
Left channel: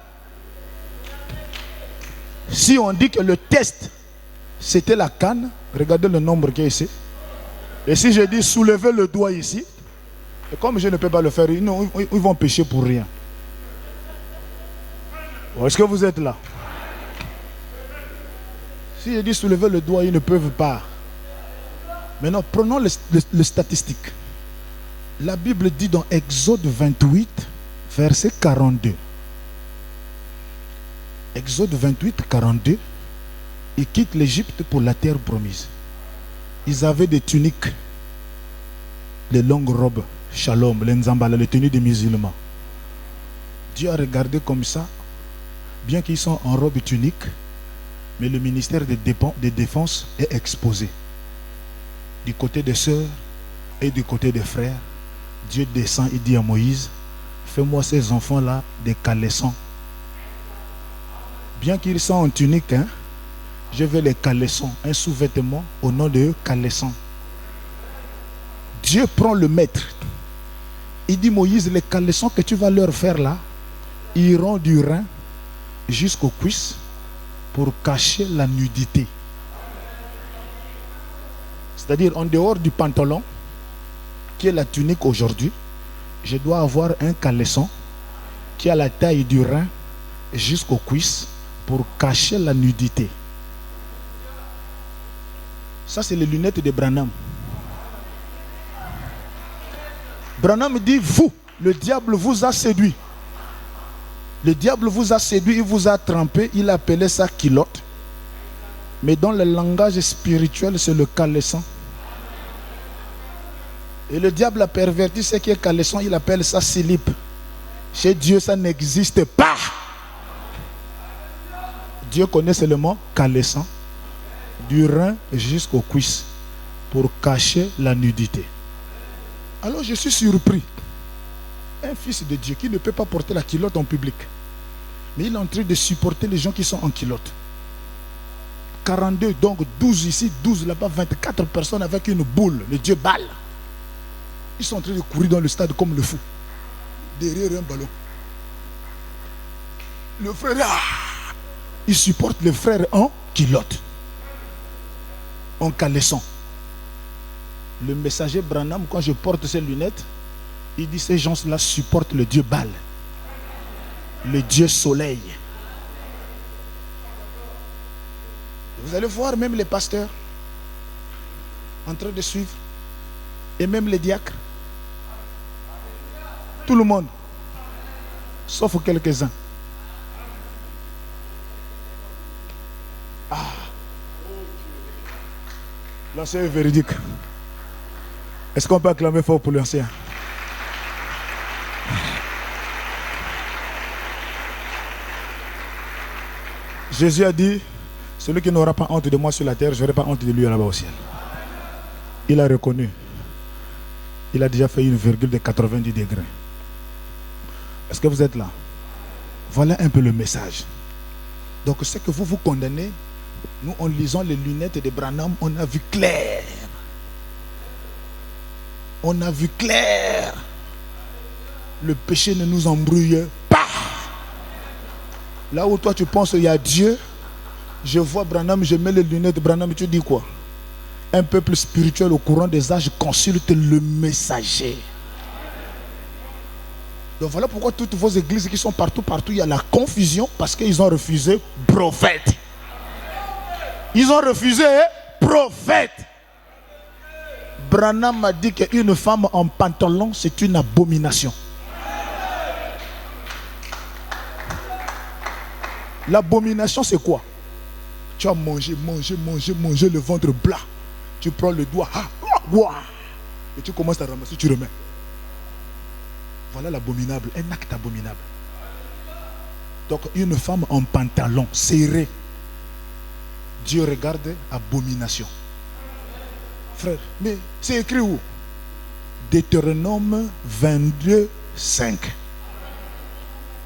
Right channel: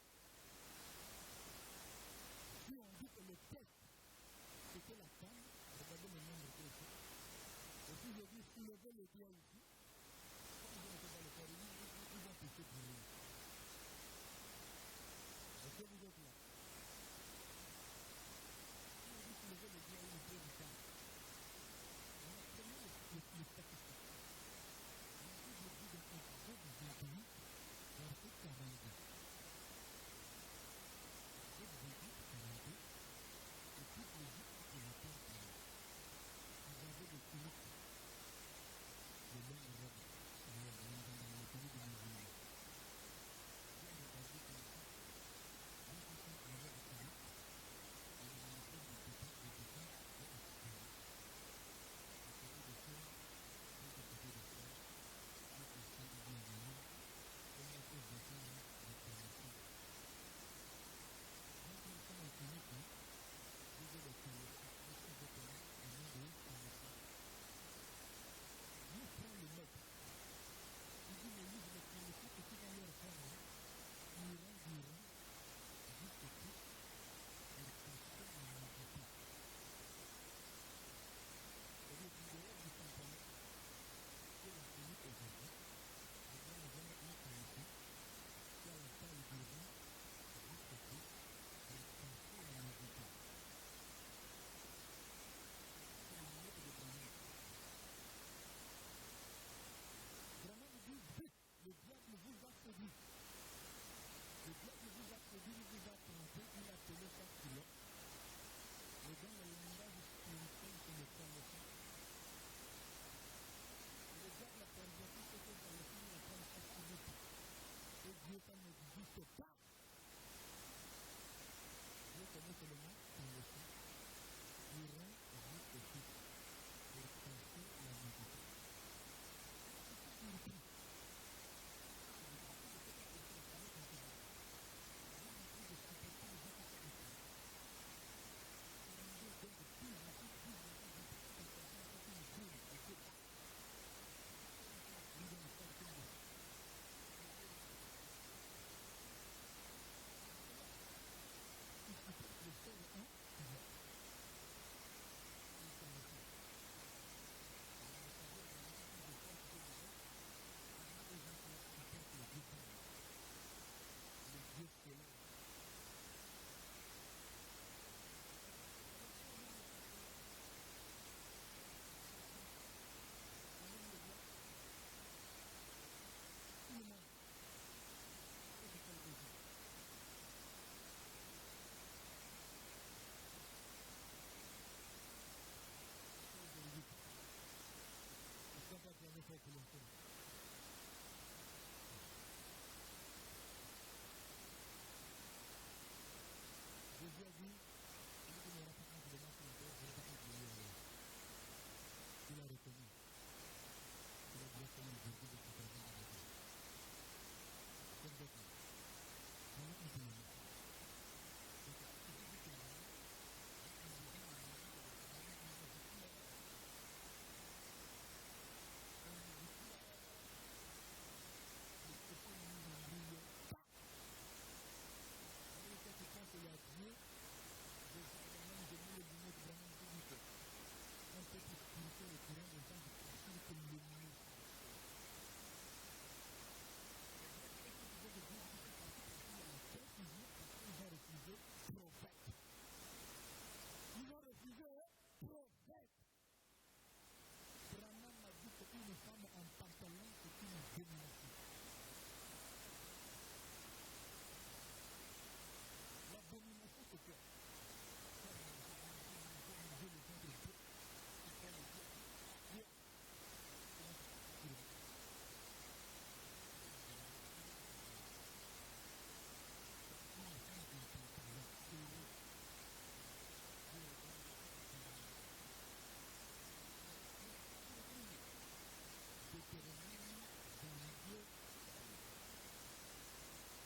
si on dit que le test c'était la canne, regardez le nombre qui est ici. Et si je dis soulevez le doigt ici, et comme je ne peux pas le faire, ils vont pécher pour rien. Est-ce que vous êtes là? Si je dis soulevez le doigt, ils ne peuvent pas. Maintenant, prenons les statistiques. La Bible dit dans Exode 28, verset 42. Exode 28, 42. Ils quittent l'Égypte pour la terre promise. Ils avaient des tuniques, les longues robes, shalom, les nzambala, les tenues des musulmans. Dieu a regardé comme ça, bien qu'ils sont en robe et tunique, mais le ministère de défense est exposé. Du côté des sœurs et du côté des frères, Dieu descend et dit à Moïse, fais-moi ces enfants-là des caleçons. Bien qu'ils sont en tunique, Je veux les caleçons, un sous-vêtement au nom de caleçon. Dieu prend le maître. Il dit Moïse, les caleçons que tu vas leur faire là, iront du rein jusqu'aux cuisses pour cacher la nudité. C'est-à-dire en dehors du pantalon, qui est la tunique aujourd'hui, je dois avoir un caleçon qui a la taille du rein jusqu'aux cuisses pour cacher la nudité. Ça, c'est les lunettes de Branham. Branham dit, vous, le diable vous a séduit. Le diable vous a séduit, il vous a trempé, il appelait ça culotte. Mais dans le langage spirituel, c'est le caleçon. Et le diable a perverti ce qui est caleçon, il appelle ça slip. Chez Dieu, ça n'existe pas. Dieu connaît seulement caleçon, du rein jusqu'aux cuisses, pour cacher la nudité. Alors je suis surpris. Un fils de Dieu qui ne peut pas porter la culotte en public. Mais il est en train de supporter les gens qui sont en culotte. 42, donc 12 ici, 12 là-bas, 24 personnes avec une boule, le Dieu balle. Ils sont en train de courir dans le stade comme le fou. Derrière un ballon. Le frère, il supporte le frère en culotte. En caleçon. Le messager Branham, quand je porte ses lunettes, il dit ces gens-là supportent le Dieu Baal, le Dieu Soleil. Vous allez voir même les pasteurs en train de suivre, et même les diacres. Tout le monde, sauf quelques-uns. Ah. L'ancien est véridique. Est-ce qu'on peut acclamer fort pour l'ancien? Jésus a dit, celui qui n'aura pas honte de moi sur la terre, je n'aurai pas honte de lui là-bas au ciel. Il a reconnu. Il a déjà fait une virgule de 90 degrés. Est-ce que vous êtes là? Voilà un peu le message. Donc ce que vous vous condamnez, nous en lisant les lunettes de Branham, on a vu clair. On a vu clair. Le péché ne nous embrouille pas. Là où toi tu penses qu'il y a Dieu, je vois Branham, je mets les lunettes de Branham, tu dis quoi? Un peuple spirituel au courant des âges consulte le messager. Donc voilà pourquoi toutes vos églises qui sont partout, il y a la confusion parce qu'ils ont refusé prophète. Ils ont refusé prophète. Branham a dit qu'une femme en pantalon, c'est une abomination. L'abomination, c'est quoi? Tu as mangé le ventre plat. Tu prends le doigt, et tu commences à ramasser, tu remets. Voilà l'abominable, un acte abominable. Donc une femme en pantalon serré, Dieu regarde abomination. Frère, mais c'est écrit où? Deutéronome 22, 5.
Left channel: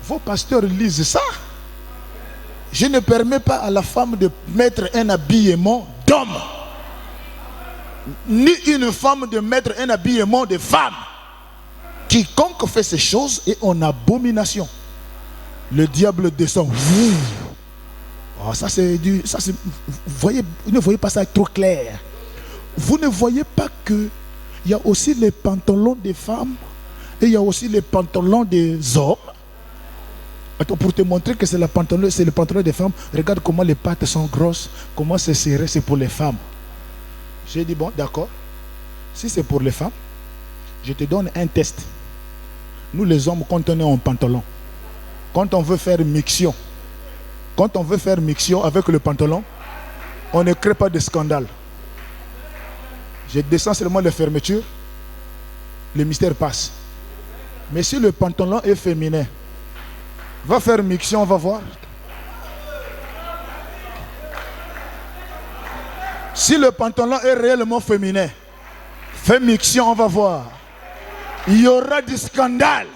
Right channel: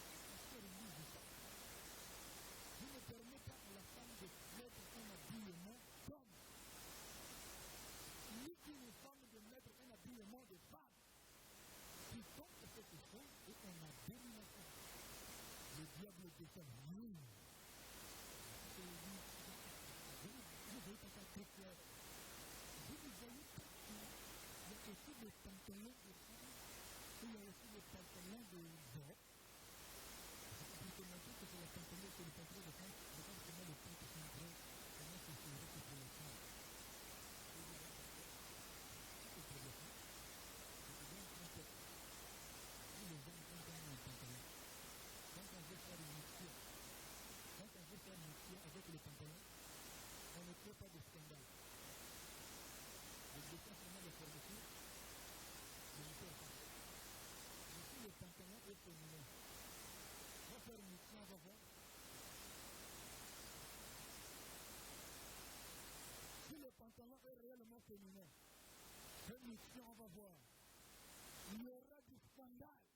Vos pasteurs lisent ça. Je ne permets pas à la femme de mettre un habillement d'homme, ni une femme de mettre un habillement de femme. Quiconque fait ces choses est en abomination. Le diable descend. Oh, ça c'est du. Vous ne voyez pas ça trop clair. Vous ne voyez pas que il y a aussi les pantalons des femmes et il y a aussi les pantalons des hommes. Attends, pour te montrer que c'est le pantalon des femmes, regarde comment les pattes sont grosses, comment c'est serré, c'est pour les femmes. J'ai dit bon, d'accord. Si c'est pour les femmes, je te donne un test. Nous les hommes, quand on est en pantalon, quand on veut faire mixion, avec le pantalon, on ne crée pas de scandale. Je descends seulement les fermetures, le mystère passe. Mais si le pantalon est féminin, va faire mixion, on va voir. Si le pantalon est réellement féminin, fais mixion, on va voir. Il y aura du scandale.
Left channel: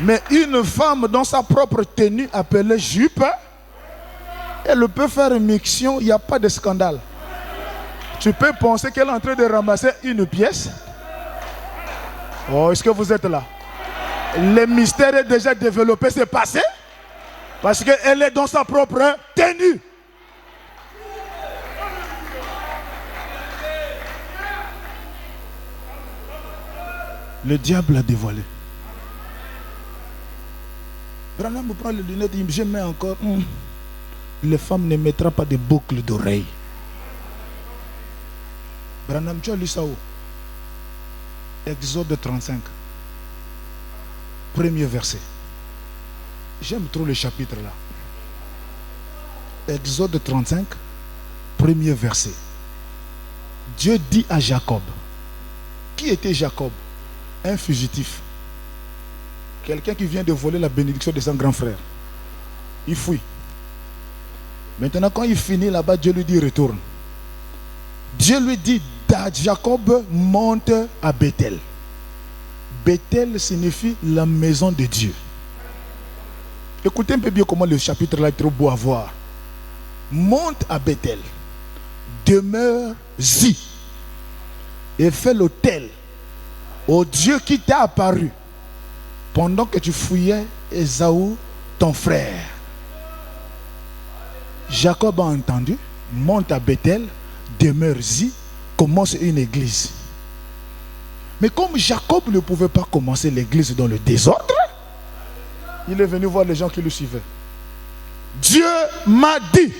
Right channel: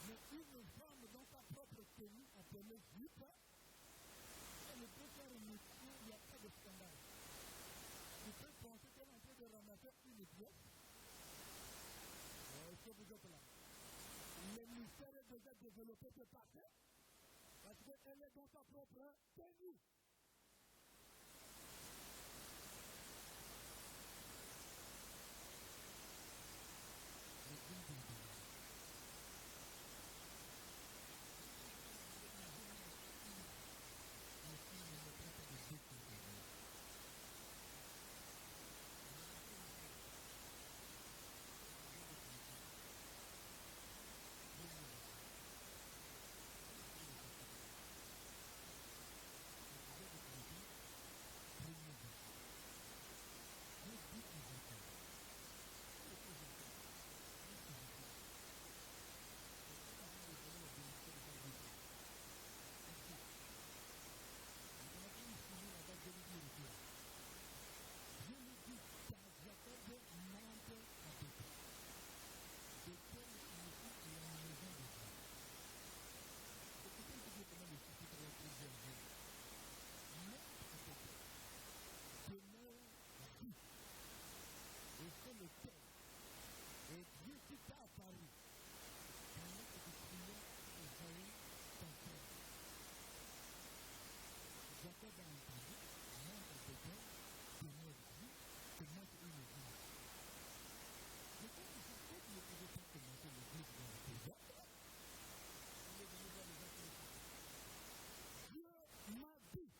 Mais une femme dans sa propre tenue appelée jupe, Elle peut faire une mixion, il n'y a pas de scandale. Tu peux penser qu'elle est en train de ramasser une pièce. Oh, est-ce que vous êtes là? Le mystère est déjà développé, c'est passé. Parce qu'elle est dans sa propre tenue. Le diable a dévoilé. Branham me prend les lunettes, il me dit, je mets encore. Les femmes ne mettront pas de boucles d'oreilles. Branham, tu as lu ça où? Exode 35. Premier verset. J'aime trop le chapitre là. Exode 35, premier verset. Dieu dit à Jacob. Qui était Jacob? Un fugitif. Quelqu'un qui vient de voler la bénédiction de son grand frère. Il fuit. Maintenant, quand il finit là-bas, Dieu lui dit retourne. Dieu lui dit, Jacob monte à Bethel. Bethel signifie la maison de Dieu. Écoutez un peu bien comment le chapitre là est trop beau à voir. Monte à Bethel, demeure-y et fais l'autel au Dieu qui t'a apparu pendant que tu fouillais Ésaü, ton frère. Jacob a entendu, monte à Bethel, demeure-y, commence une église. Mais comme Jacob ne pouvait pas commencer l'église dans le désordre, il est venu voir les gens qui le suivaient. Dieu m'a dit,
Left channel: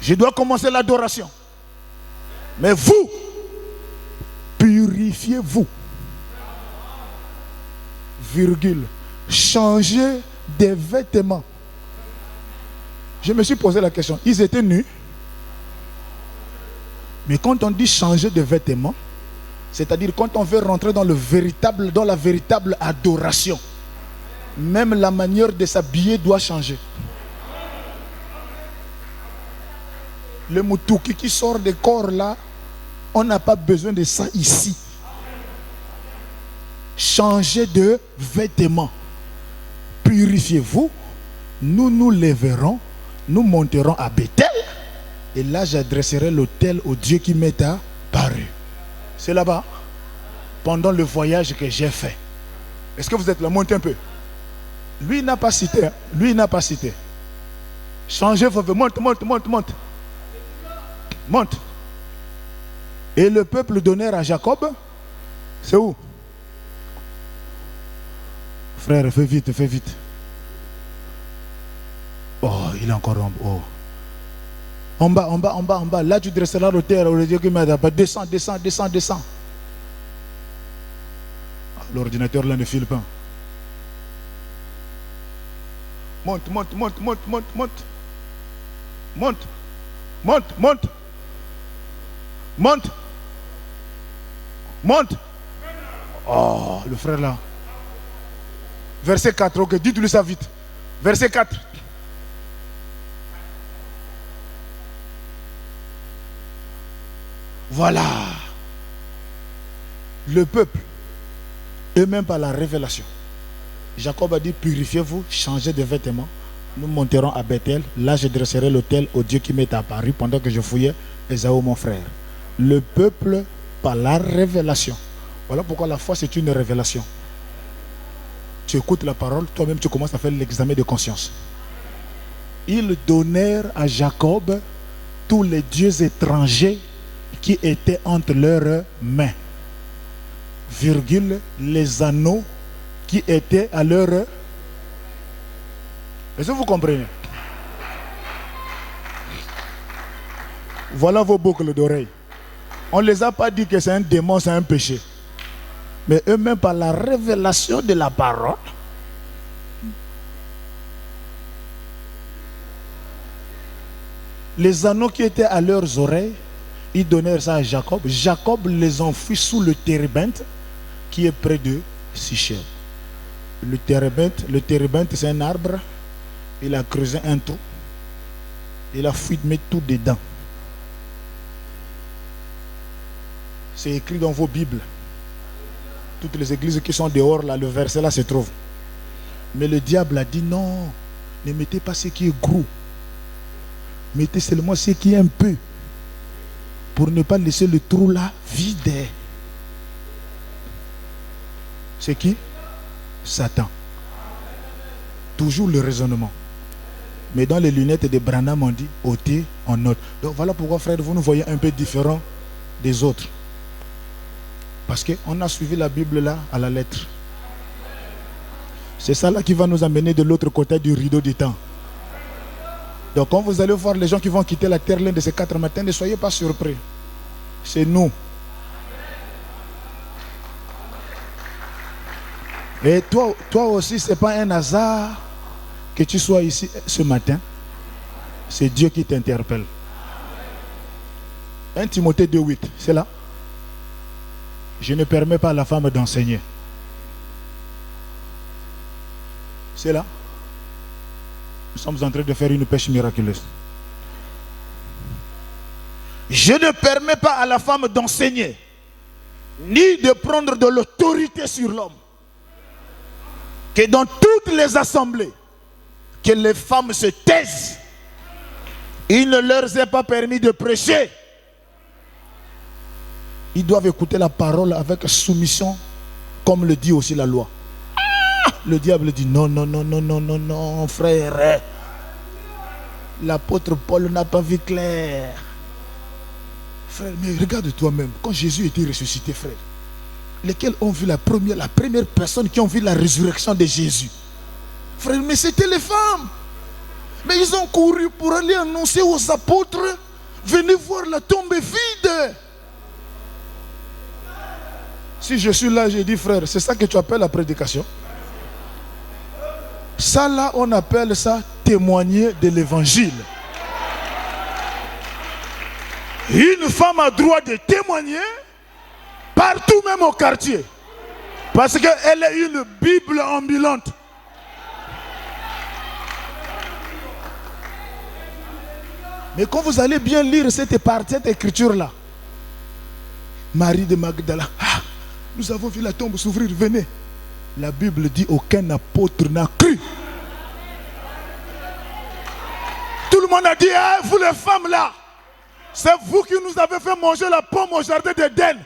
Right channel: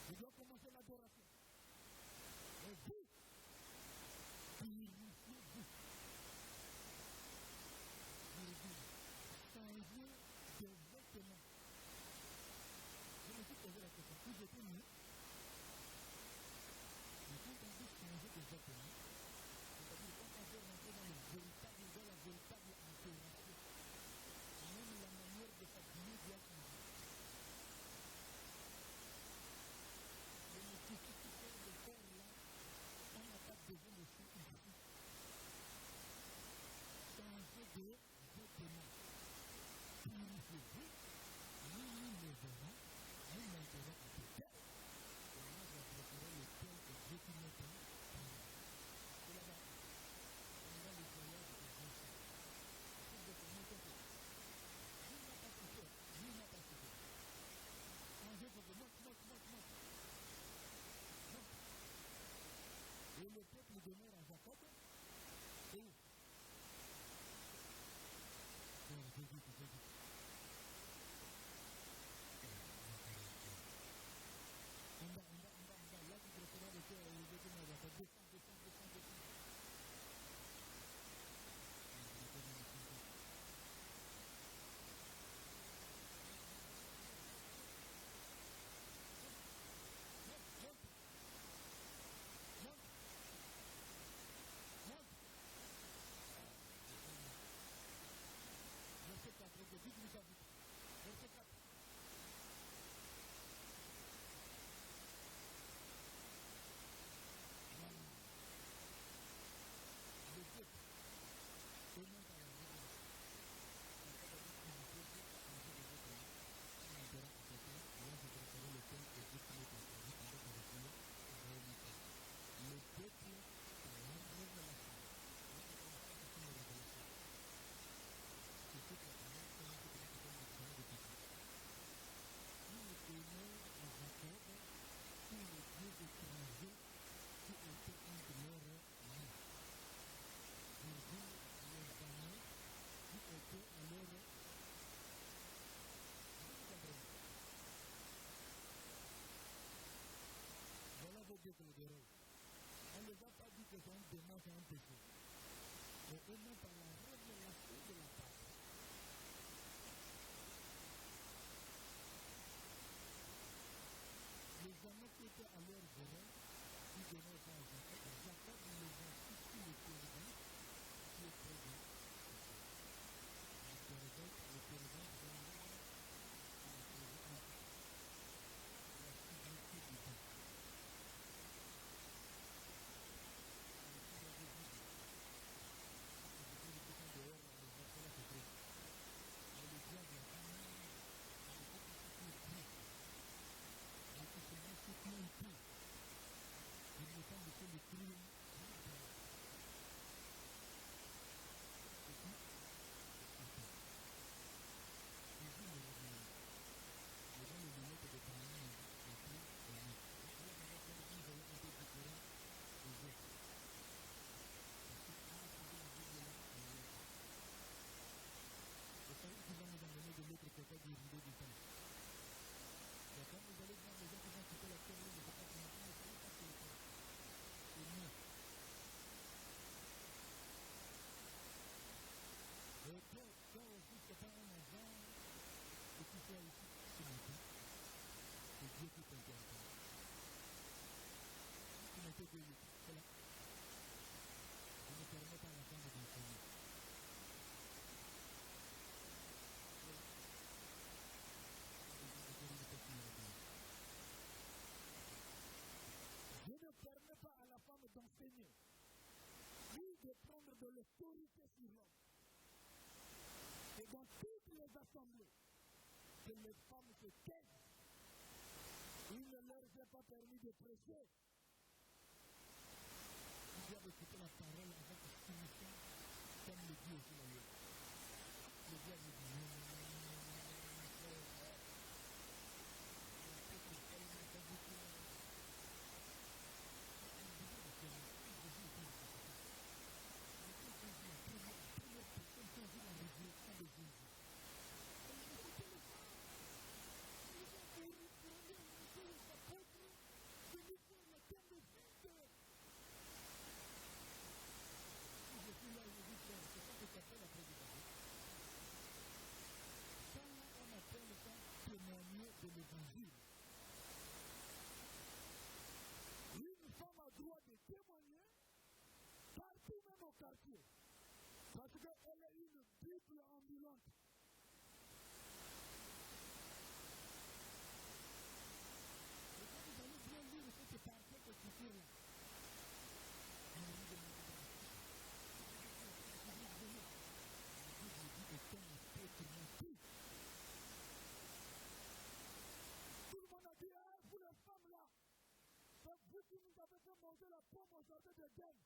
je dois commencer l'adoration. Mais vous, purifiez-vous. Virgule. Changez des vêtements. Je me suis posé la question. Ils étaient nus. Mais quand on dit changer de vêtements, c'est-à-dire quand on veut rentrer dans la véritable adoration, même la manière de s'habiller doit changer. Le moutouki qui sort des corps là, on n'a pas besoin de ça ici. Changez de vêtements. Purifiez-vous. Nous nous lèverons. Nous monterons à Bethel. Et là, j'adresserai l'autel au Dieu qui m'est apparu. C'est là-bas. Pendant le voyage que j'ai fait. Est-ce que vous êtes là? Montez un peu. Lui, il n'a pas cité. Hein? Lui, il n'a pas cité. Changez vos vêtements. Monte. Monte. Et le peuple donnèrent à Jacob. C'est où? Frère, fais vite. Oh, il est encore en haut. En bas. Là, tu dresseras l'autel au Dieu qui m'a dit. Descends. L'ordinateur là ne file pas. Monte. Oh, le frère là. Verset 4, ok, dites-lui ça vite. Verset 4. Voilà. Le peuple, eux-mêmes par la révélation. Jacob a dit, purifiez-vous, changez de vêtements. Nous monterons à Bethel. Là, je dresserai l'autel au Dieu qui m'est apparu pendant que je fouillais Ésaü, mon frère. Le peuple par la révélation. Voilà pourquoi la foi, c'est une révélation. Tu écoutes la parole, toi-même, tu commences à faire l'examen de conscience. Ils donnèrent à Jacob tous les dieux étrangers qui étaient entre leurs mains. Virgule, les anneaux qui étaient à leur... Est-ce que vous comprenez? Voilà vos boucles d'oreilles. On ne les a pas dit que c'est un démon, c'est un péché. Mais eux-mêmes, par la révélation de la parole, les anneaux qui étaient à leurs oreilles, ils donnèrent ça à Jacob. Jacob les enfuit sous le térébinthe qui est près de Sichem. Le térébinthe, c'est un arbre. Il a creusé un trou. Il a fui de mettre tout dedans. C'est écrit dans vos Bibles. Toutes les églises qui sont dehors, là, le verset là se trouve. Mais le diable a dit non, ne mettez pas ce qui est gros. Mettez seulement ce qui est un peu, pour ne pas laisser le trou là vide. C'est qui? Satan. Toujours le raisonnement. Mais dans les lunettes de Branham, on dit ôtez en note. Donc voilà pourquoi, frère, vous nous voyez un peu différents des autres. Parce qu'on a suivi la Bible là à la lettre. C'est ça là qui va nous amener de l'autre côté du rideau du temps. Donc quand vous allez voir les gens qui vont quitter la terre l'un de ces 4 matins, ne soyez pas surpris. C'est nous. Et toi aussi, ce n'est pas un hasard que tu sois ici ce matin. C'est Dieu qui t'interpelle. 1 Timothée 2,8, c'est là. Je ne permets pas à la femme d'enseigner. C'est là. Nous sommes en train de faire une pêche miraculeuse. Je ne permets pas à la femme d'enseigner, ni de prendre de l'autorité sur l'homme. Que dans toutes les assemblées, que les femmes se taisent. Il ne leur est pas permis de prêcher. Ils doivent écouter la parole avec soumission, comme le dit aussi la loi. Le diable dit non, non, non, non, non, non, non, frère. L'apôtre Paul n'a pas vu clair. Frère, mais regarde toi-même, quand Jésus était ressuscité, frère, lesquels ont vu la première personne qui ont vu la résurrection de Jésus. Frère, mais c'était les femmes. Mais ils ont couru pour aller annoncer aux apôtres, venez voir la tombe vide. Si je suis là, j'ai dit, frère, c'est ça que tu appelles la prédication? Ça là, on appelle ça témoigner de l'évangile. Une femme a droit de témoigner partout, même au quartier. Parce qu'elle est une Bible ambulante. Mais quand vous allez bien lire cette écriture-là, Marie de Magdala, nous avons vu la tombe s'ouvrir, venez. La Bible dit aucun apôtre n'a cru. Tout le monde a dit, vous les femmes là, c'est vous qui nous avez fait manger la pomme au jardin d'Éden.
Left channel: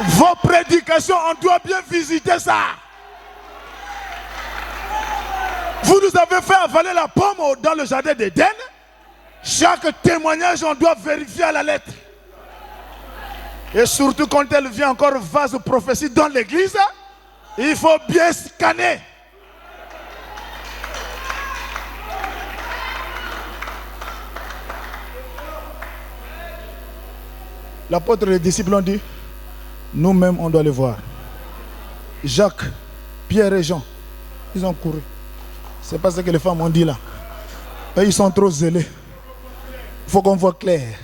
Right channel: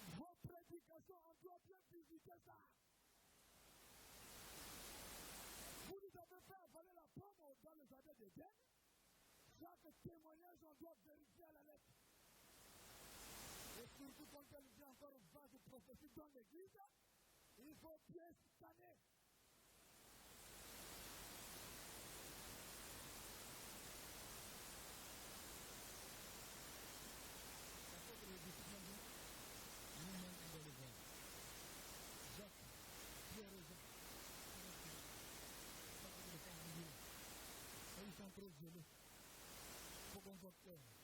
Vos prédications, on doit bien visiter ça. Vous nous avez fait avaler la pomme dans le jardin d'Éden. Chaque témoignage, on doit vérifier à la lettre. Et surtout quand elle vient encore vase prophétie dans l'église, il faut bien scanner. L'apôtre et les disciples ont dit, nous-mêmes on doit les voir. Jacques, Pierre et Jean, ils ont couru. C'est pas ce que les femmes ont dit là. Et ils sont trop zélés. Il faut qu'on voit clair.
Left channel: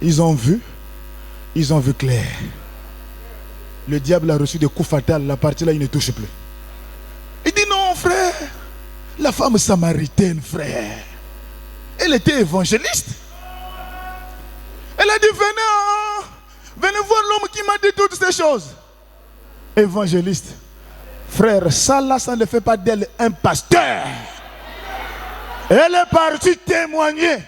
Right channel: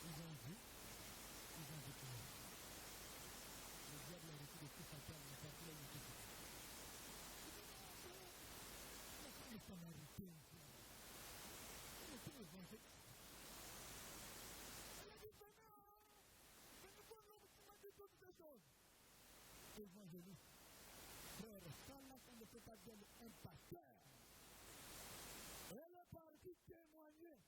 Ils ont vu clair. Le diable a reçu des coups fatals. La partie là, il ne touche plus. Il dit non, frère. La femme samaritaine, frère. Elle était évangéliste. Elle a dit, venez voir l'homme qui m'a dit toutes ces choses. Évangéliste. Frère, ça là, ça ne fait pas d'elle un pasteur. Elle est partie témoigner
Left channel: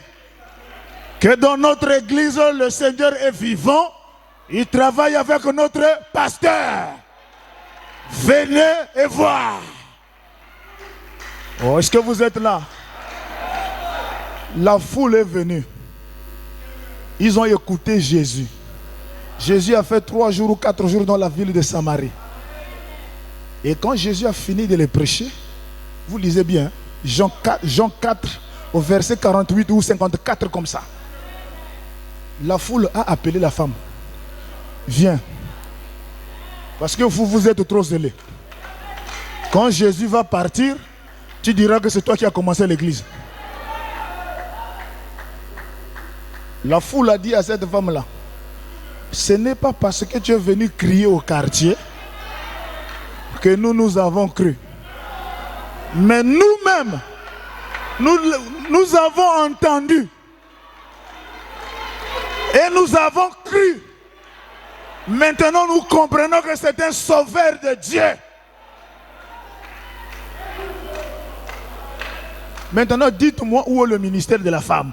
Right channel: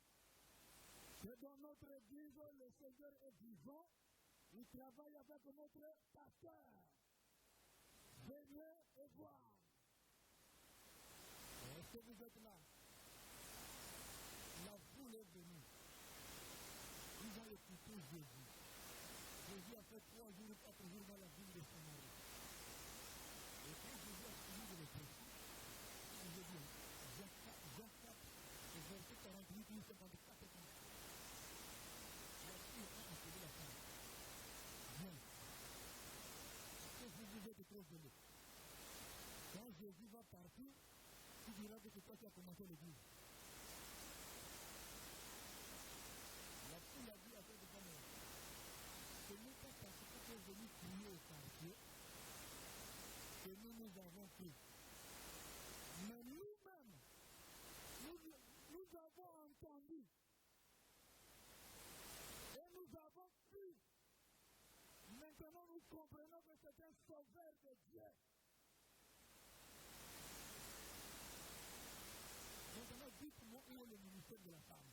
que dans notre église, le Seigneur est vivant. Il travaille avec notre pasteur. Venez et voir. Oh, est-ce que vous êtes là? La foule est venue. Ils ont écouté Jésus. Jésus a fait 3 jours ou 4 jours dans la ville de Samarie. Et quand Jésus a fini de les prêcher, vous lisez bien, Jean 4 au verset 48 ou 54 comme ça. La foule a appelé la femme. Viens. Parce que vous êtes trop zélés. Quand Jésus va partir, tu diras que c'est toi qui as commencé l'église. La foule a dit à cette femme-là, ce n'est pas parce que tu es venu crier au quartier que nous avons cru. Mais nous-mêmes, nous avons entendu. Et nous avons cru. Maintenant, nous comprenons que c'est un sauveur de Dieu. Maintenant, dites-moi où est le ministère de la femme.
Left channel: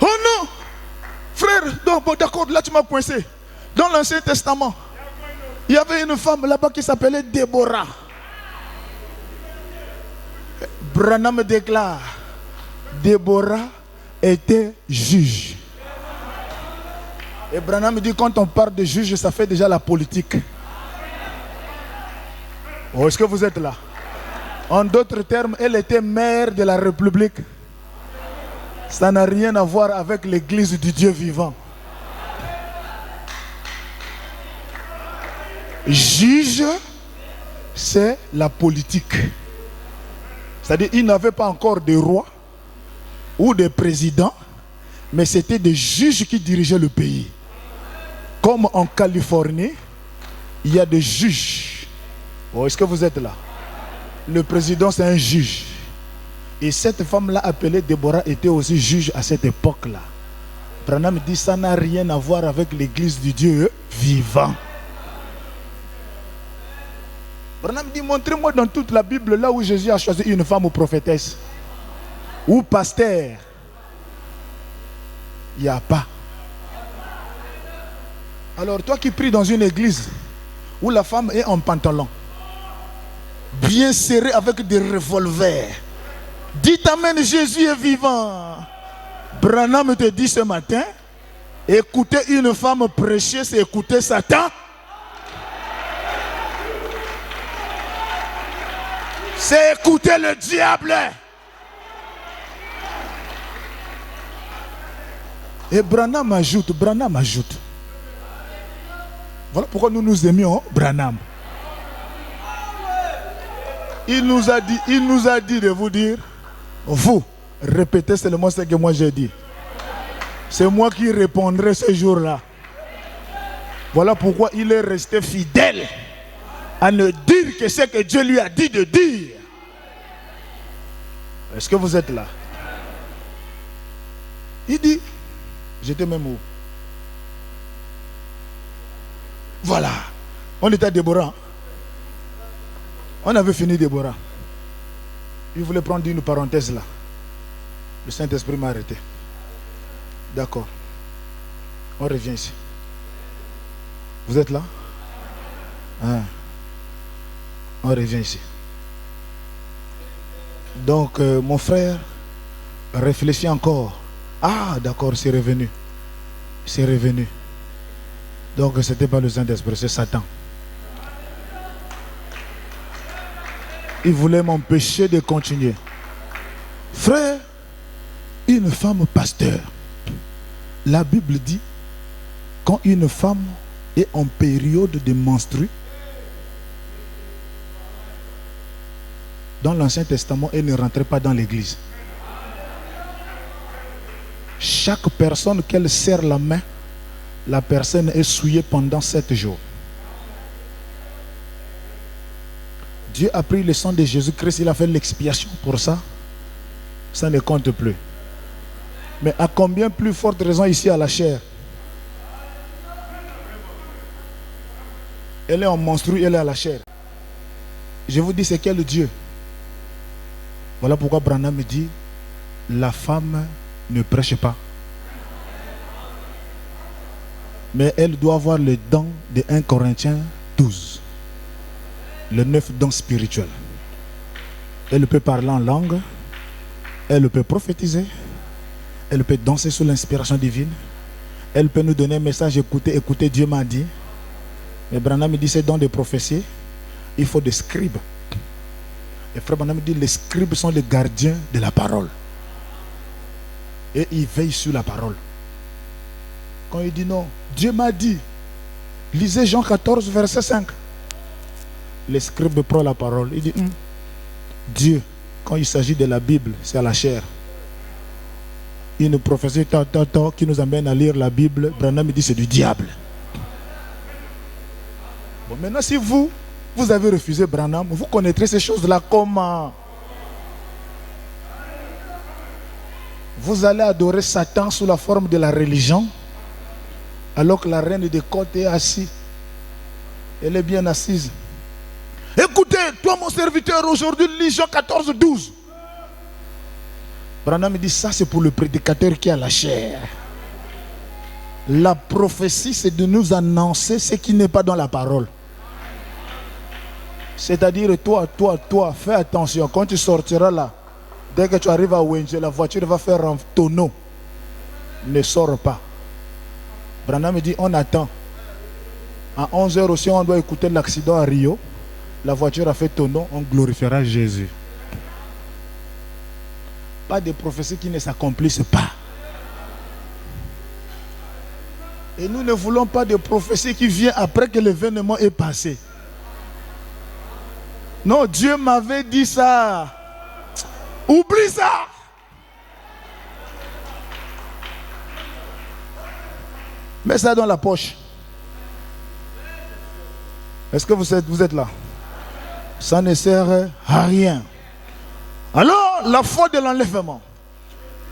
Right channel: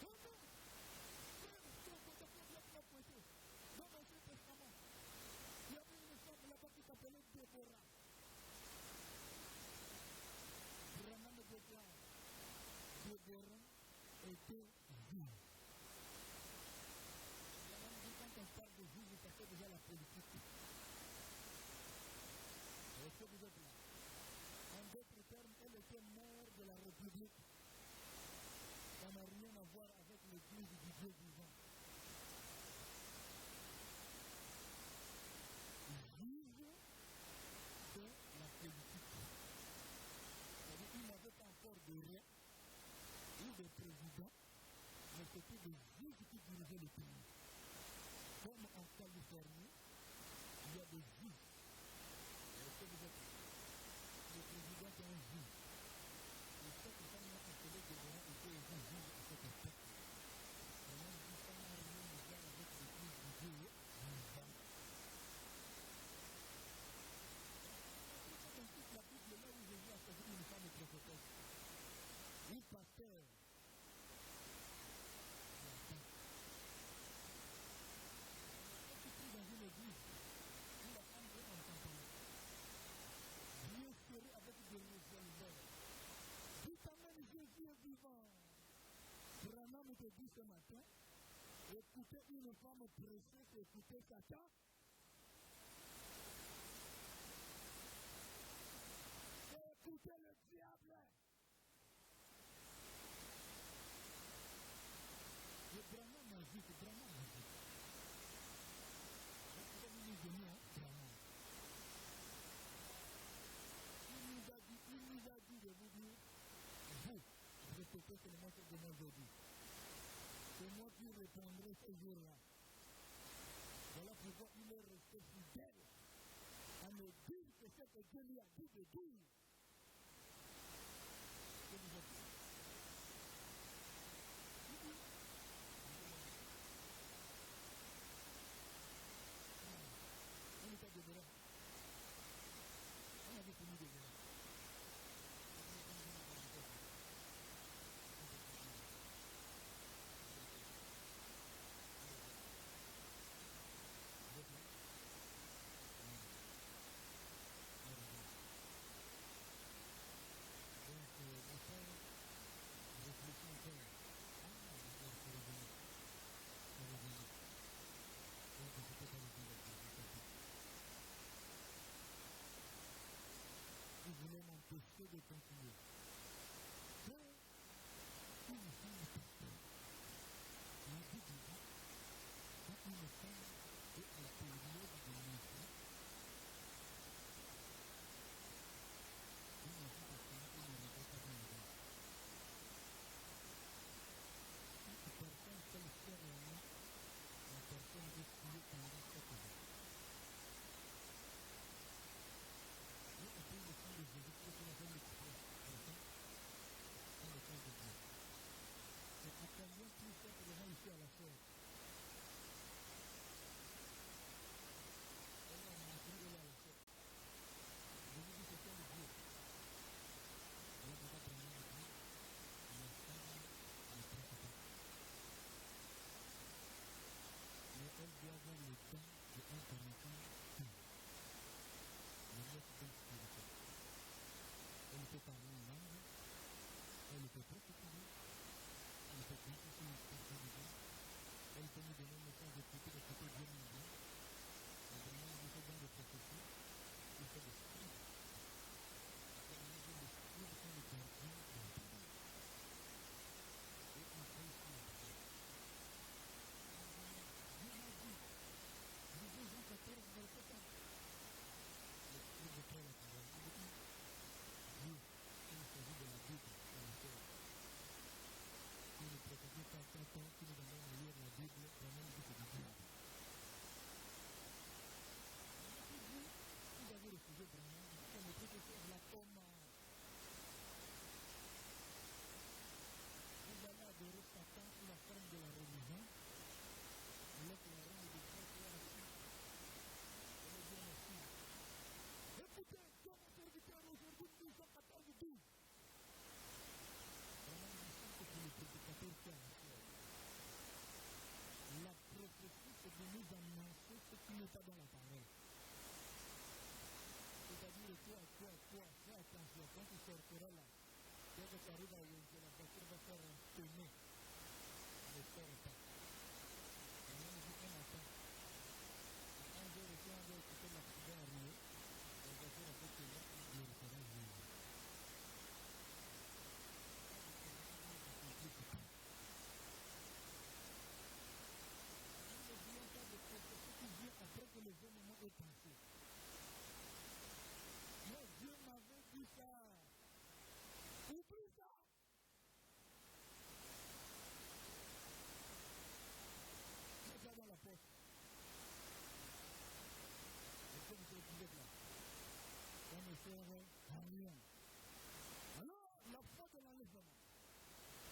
Oh non! Frère, d'accord, là tu m'as coincé. Dans l'Ancien Testament, il y avait une femme là-bas qui s'appelait Déborah. Branham déclare, Déborah était juge. Et Branham dit, quand on parle de juge, ça fait déjà la politique. Oh, est-ce que vous êtes là? En d'autres termes, elle était mère de la République. Ça n'a rien à voir avec l'église du Dieu vivant. Juge, c'est la politique. C'est-à-dire, il n'avait pas encore de roi ou de président, mais c'était des juges qui dirigeaient le pays. Comme en Californie, il y a des juges. Oh, est-ce que vous êtes là? Le président, c'est un juge. Et cette femme-là, appelée Déborah, était aussi juge à cette époque-là. Branham dit, ça n'a rien à voir avec l'église du Dieu vivant. Branham dit, montrez-moi dans toute la Bible là où Jésus a choisi une femme ou prophétesse ou pasteur. Il n'y a pas. Alors toi qui pries dans une église où la femme est en pantalon, bien serrée avec des revolvers, dites amen, Jésus est vivant. Branham te dit ce matin, écouter une femme prêcher, c'est écouter Satan. C'est écouter le diable. Et Branham ajoute. Voilà pourquoi nous nous aimions Branham. Il nous a dit de vous dire, vous, répétez seulement ce que moi j'ai dit. C'est moi qui répondrai ce jour-là. Voilà pourquoi il est resté fidèle à ne dire que ce que Dieu lui a dit de dire. Est-ce que vous êtes là? Il dit, j'étais même où? Voilà. On était à Déborah. On avait fini Déborah. Il voulait prendre une parenthèse là. Le Saint-Esprit m'a arrêté. D'accord. On revient ici. Vous êtes là? Hein? On revient ici. Donc, mon frère réfléchit encore. Ah, d'accord, c'est revenu. C'est revenu. Donc, ce n'était pas le Saint-Esprit, c'est Satan. Il voulait m'empêcher de continuer. Frère, une femme pasteur. La Bible dit, quand une femme est en période de menstru, dans l'Ancien Testament, elle ne rentrait pas dans l'église. Chaque personne qu'elle serre la main, la personne est souillée pendant 7 jours. Dieu a pris le sang de Jésus-Christ, il a fait l'expiation pour ça. Ça ne compte plus. Mais à combien plus forte raison ici à la chair? Elle est en menstru, elle est à la chair. Je vous dis, c'est quel Dieu? Voilà pourquoi Branham me dit, la femme ne prêche pas. Mais elle doit avoir le don de 1 Corinthiens 12. Le 9 dons spirituels. Elle peut parler en langue. Elle peut prophétiser. Elle peut danser sous l'inspiration divine. Elle peut nous donner un message, écoutez, Dieu m'a dit. Mais Branham me dit, c'est dans des prophéties, il faut des scribes. Et frère Branham me dit, les scribes sont les gardiens de la parole. Et ils veillent sur la parole. Quand il dit non, Dieu m'a dit, lisez Jean 14, verset 5. Les scribes prennent la parole. Il dit, Dieu, quand il s'agit de la Bible, c'est à la chair. Une prophétie qui nous amène à lire la Bible, Branham me dit, c'est du diable. Bon, maintenant, si vous avez refusé Branham, vous connaîtrez ces choses-là comment? Vous allez adorer Satan sous la forme de la religion, alors que la reine de côte est assise. Elle est bien assise. Écoutez, toi mon serviteur aujourd'hui lit Jean 14, 12. Branham me dit, ça c'est pour le prédicateur qui a la chair. La prophétie, c'est de nous annoncer ce qui n'est pas dans la parole. C'est-à-dire, toi, fais attention. Quand tu sortiras là, dès que tu arrives à Wenje, la voiture va faire un tonneau. Ne sors pas. Branham me dit, on attend. À 11h aussi, on doit écouter l'accident à Rio. La voiture a fait tonneau, on glorifiera Jésus. Pas de prophéties qui ne s'accomplissent pas. Et nous ne voulons pas de prophéties qui viennent après que l'événement est passé. Non, Dieu m'avait dit ça. Oublie ça. Mets ça dans la poche. Est-ce que vous êtes là? Ça ne sert à rien. Alors, la foi de l'enlèvement.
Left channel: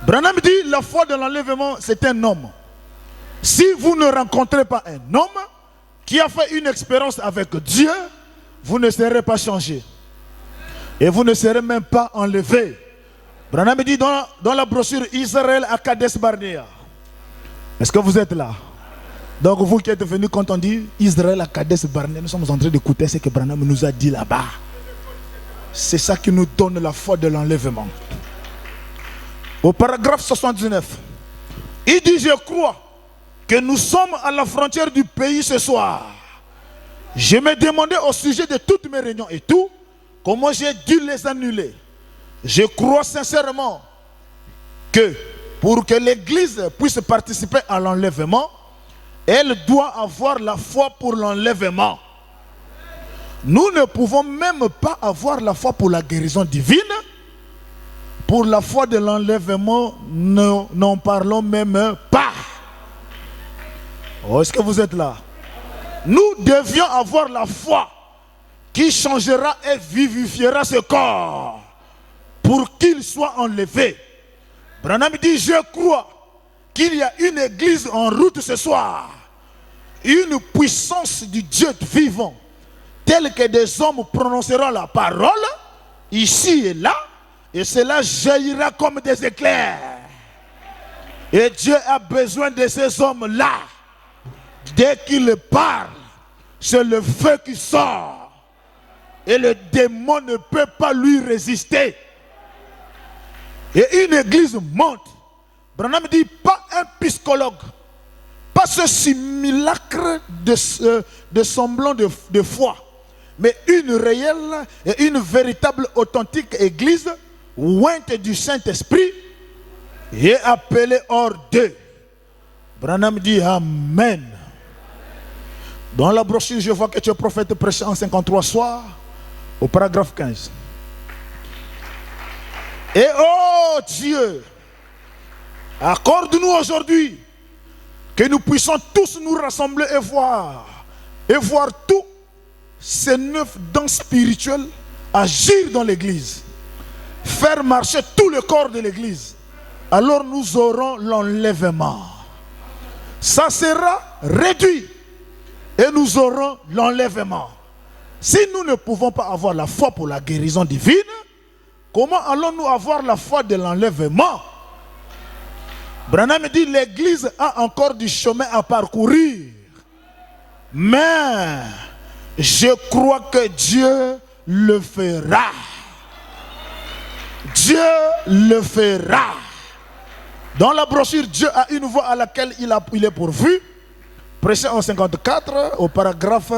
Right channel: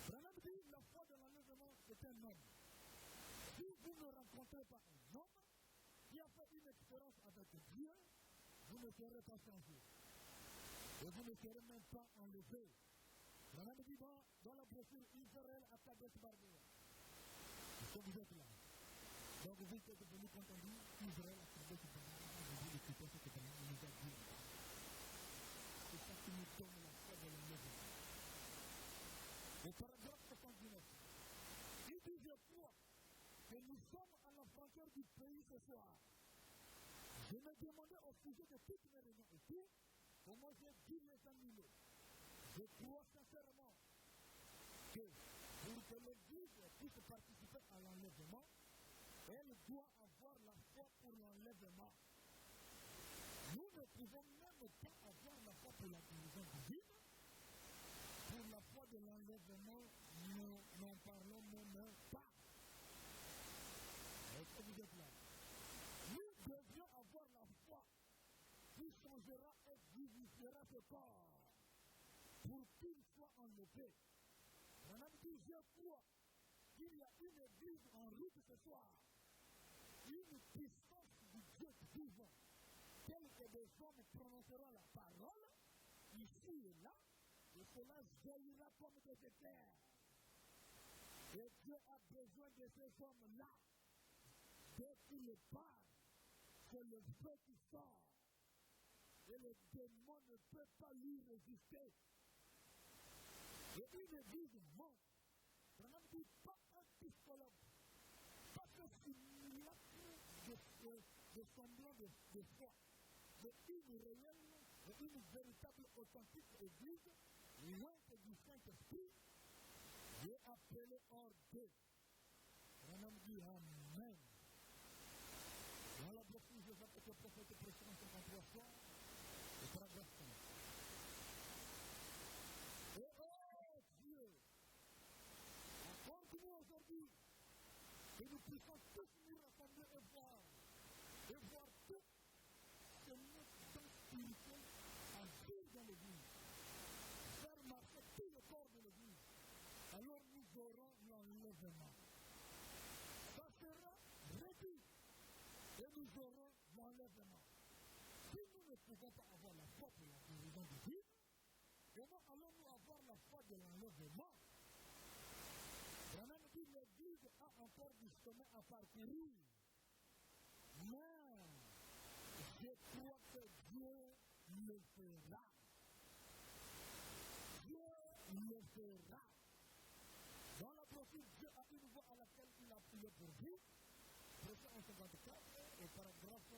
Branham dit, la foi de l'enlèvement, c'est un homme. Si vous ne rencontrez pas un homme qui a fait une expérience avec Dieu, vous ne serez pas changé. Et vous ne serez même pas enlevé. Branham dit dans la brochure Israël à Kadesh Barnea. Est-ce que vous êtes là? Donc vous qui êtes venus quand on dit Israël à Kadesh Barnea, nous sommes en train d'écouter ce que Branham nous a dit là-bas. C'est ça qui nous donne la foi de l'enlèvement. Au paragraphe 79, il dit, je crois que nous sommes à la frontière du pays ce soir. Je me demandais au sujet de toutes mes réunions et tout, comment j'ai dû les annuler. Je crois sincèrement que pour que l'Église puisse participer à l'enlèvement, elle doit avoir la foi pour l'enlèvement. Nous ne pouvons même pas avoir la foi pour la guérison divine. Pour la foi de l'enlèvement, nous n'en parlons même pas. Oh, est-ce que vous êtes là? Nous devions avoir la foi qui changera et vivifiera ce corps pour qu'il soit enlevé. Branham dit, je crois qu'il y a une église en route ce soir. Une puissance du Dieu vivant, telle que des hommes prononceront la parole, ici et là, et cela jaillira comme des éclairs. Et Dieu a besoin de ces hommes-là. Dès qu'il parle, c'est le feu qui sort. Et le démon ne peut pas lui résister. Et une église monte. Branham dit, pas un psychologue, pas ce simulacre de semblant de foi, mais une réelle et une véritable authentique église ointe du Saint-Esprit et appelée hors d'eux. Branham dit Amen. Dans la brochure, je vois que tu es prophète prêché en 53 soirs, au paragraphe 15. Et oh Dieu, accorde-nous aujourd'hui que nous puissions tous nous rassembler et voir tous ces 9 dons spirituels agir dans l'église, faire marcher tout le corps de l'église. Alors nous aurons l'enlèvement. Ça sera réduit et nous aurons l'enlèvement. Si nous ne pouvons pas avoir la foi pour la guérison divine, comment allons-nous avoir la foi de l'enlèvement? Branham dit, l'église a encore du chemin à parcourir. Mais je crois que Dieu le fera. Dieu le fera. Dans la brochure, Dieu a une voix à laquelle il est pourvu. Prêché en 54 au paragraphe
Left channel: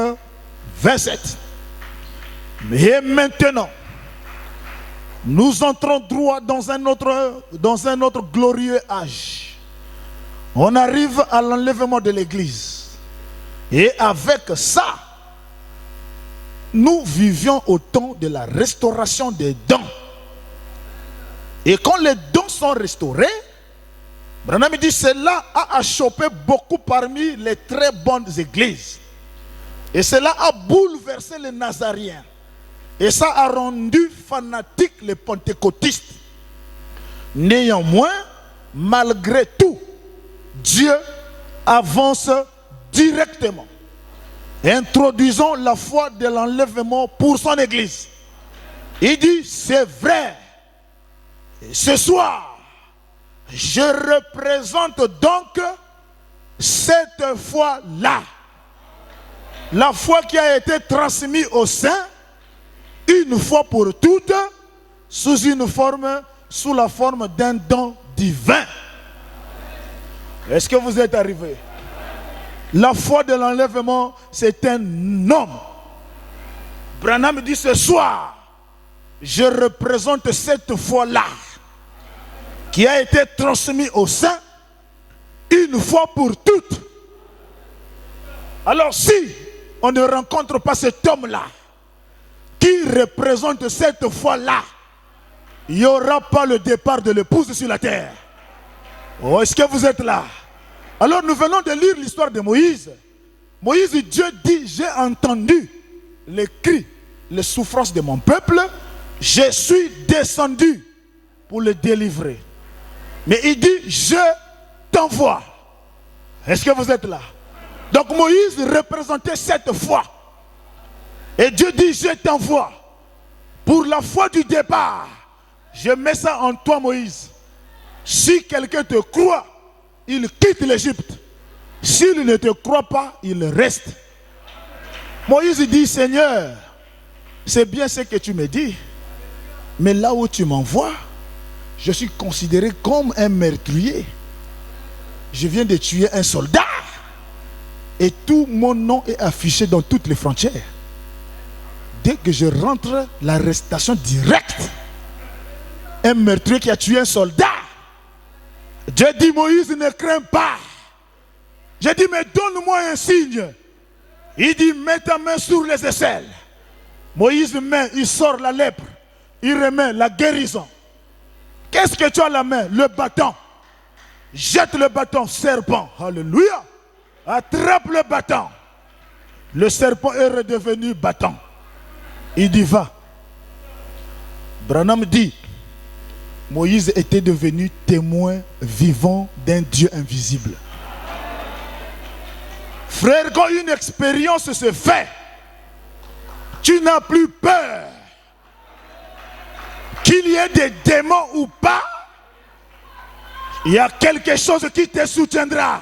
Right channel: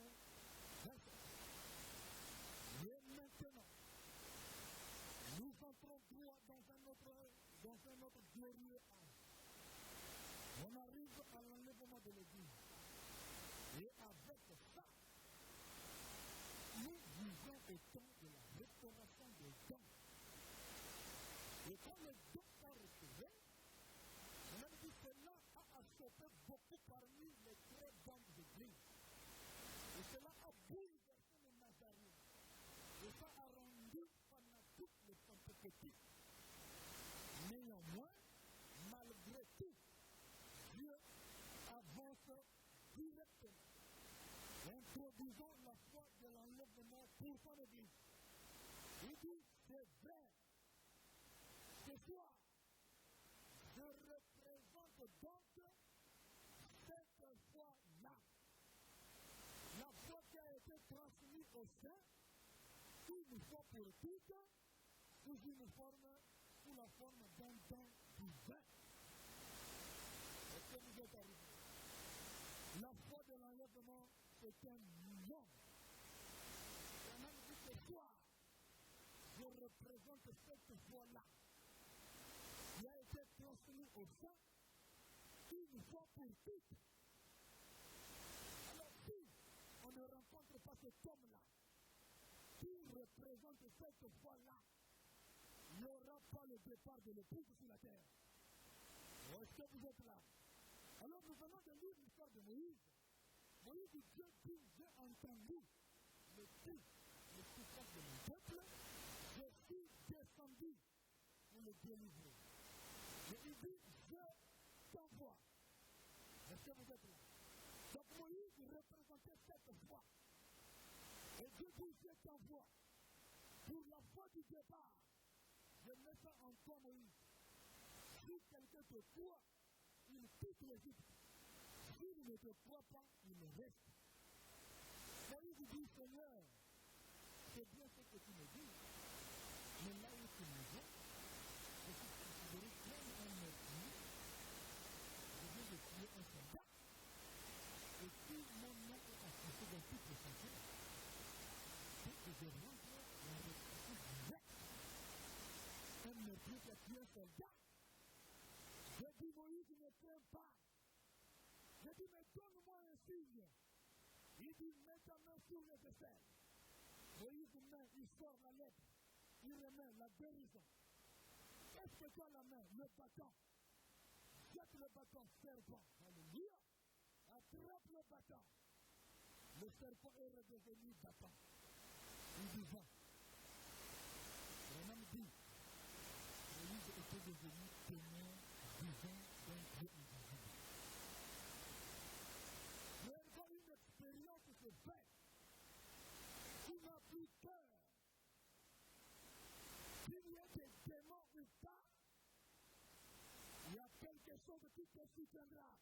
27. Et maintenant, nous entrons droit dans un autre glorieux âge. On arrive à l'enlèvement de l'église. Et avec ça, nous vivions au temps de la restauration des dons. Et quand les dons sont restaurés, Branham dit, cela a achoppé beaucoup parmi les très bonnes églises. Et cela a bouleversé les Nazariens. Et ça a rendu fanatiques les pentecôtistes. Néanmoins, malgré tout, Dieu avance directement. Introduisons la foi de l'enlèvement pour son église. Il dit, c'est vrai. Ce soir, je représente donc cette foi-là. La foi qui a été transmise au saints, une fois pour toutes, sous la forme d'un don divin. Est-ce que vous êtes arrivés? La foi de l'enlèvement, c'est un homme. Branham dit ce soir, je représente cette foi-là qui a été transmise au saints une fois pour toutes. Alors si on ne rencontre pas cet homme-là qui représente cette foi-là, il n'y aura pas le départ de l'épouse sur la terre. Oh, est-ce que vous êtes là? Alors nous venons de lire l'histoire de Moïse. Moïse, Dieu dit, j'ai entendu les cris, les souffrances de mon peuple, je suis descendu pour le délivrer. Mais il dit, je t'envoie. Est-ce que vous êtes là? Donc Moïse représentait cette foi. Et Dieu dit, je t'envoie. Pour la foi du départ, je mets ça en toi, Moïse. Si quelqu'un te croit, il quitte l'Égypte. S'il ne te croit pas, il reste. Moïse dit, Seigneur, c'est bien ce que tu me dis, mais là où tu m'envoies, je suis considéré comme un meurtrier. Je viens de tuer un soldat et tout mon nom est affiché dans toutes les frontières. Dès que je rentre, l'arrestation directe. Un meurtrier qui a tué un soldat. Dieu dit, Moïse, ne crains pas. J'ai dit, mais donne-moi un signe. Il dit, mets ta main sur les aisselles. Moïse met, il sort la lèpre. Il remet la guérison. Qu'est-ce que tu as à la main? Le bâton. Jette le bâton, serpent. Alléluia. Attrape le bâton. Le serpent est redevenu bâton. Il dit, va. Branham dit, Moïse était devenu témoin vivant d'un Dieu invisible. Frère, quand une expérience se fait, tu n'as plus peur. Qu'il y ait des démons ou pas, il y a quelque chose qui te soutiendra.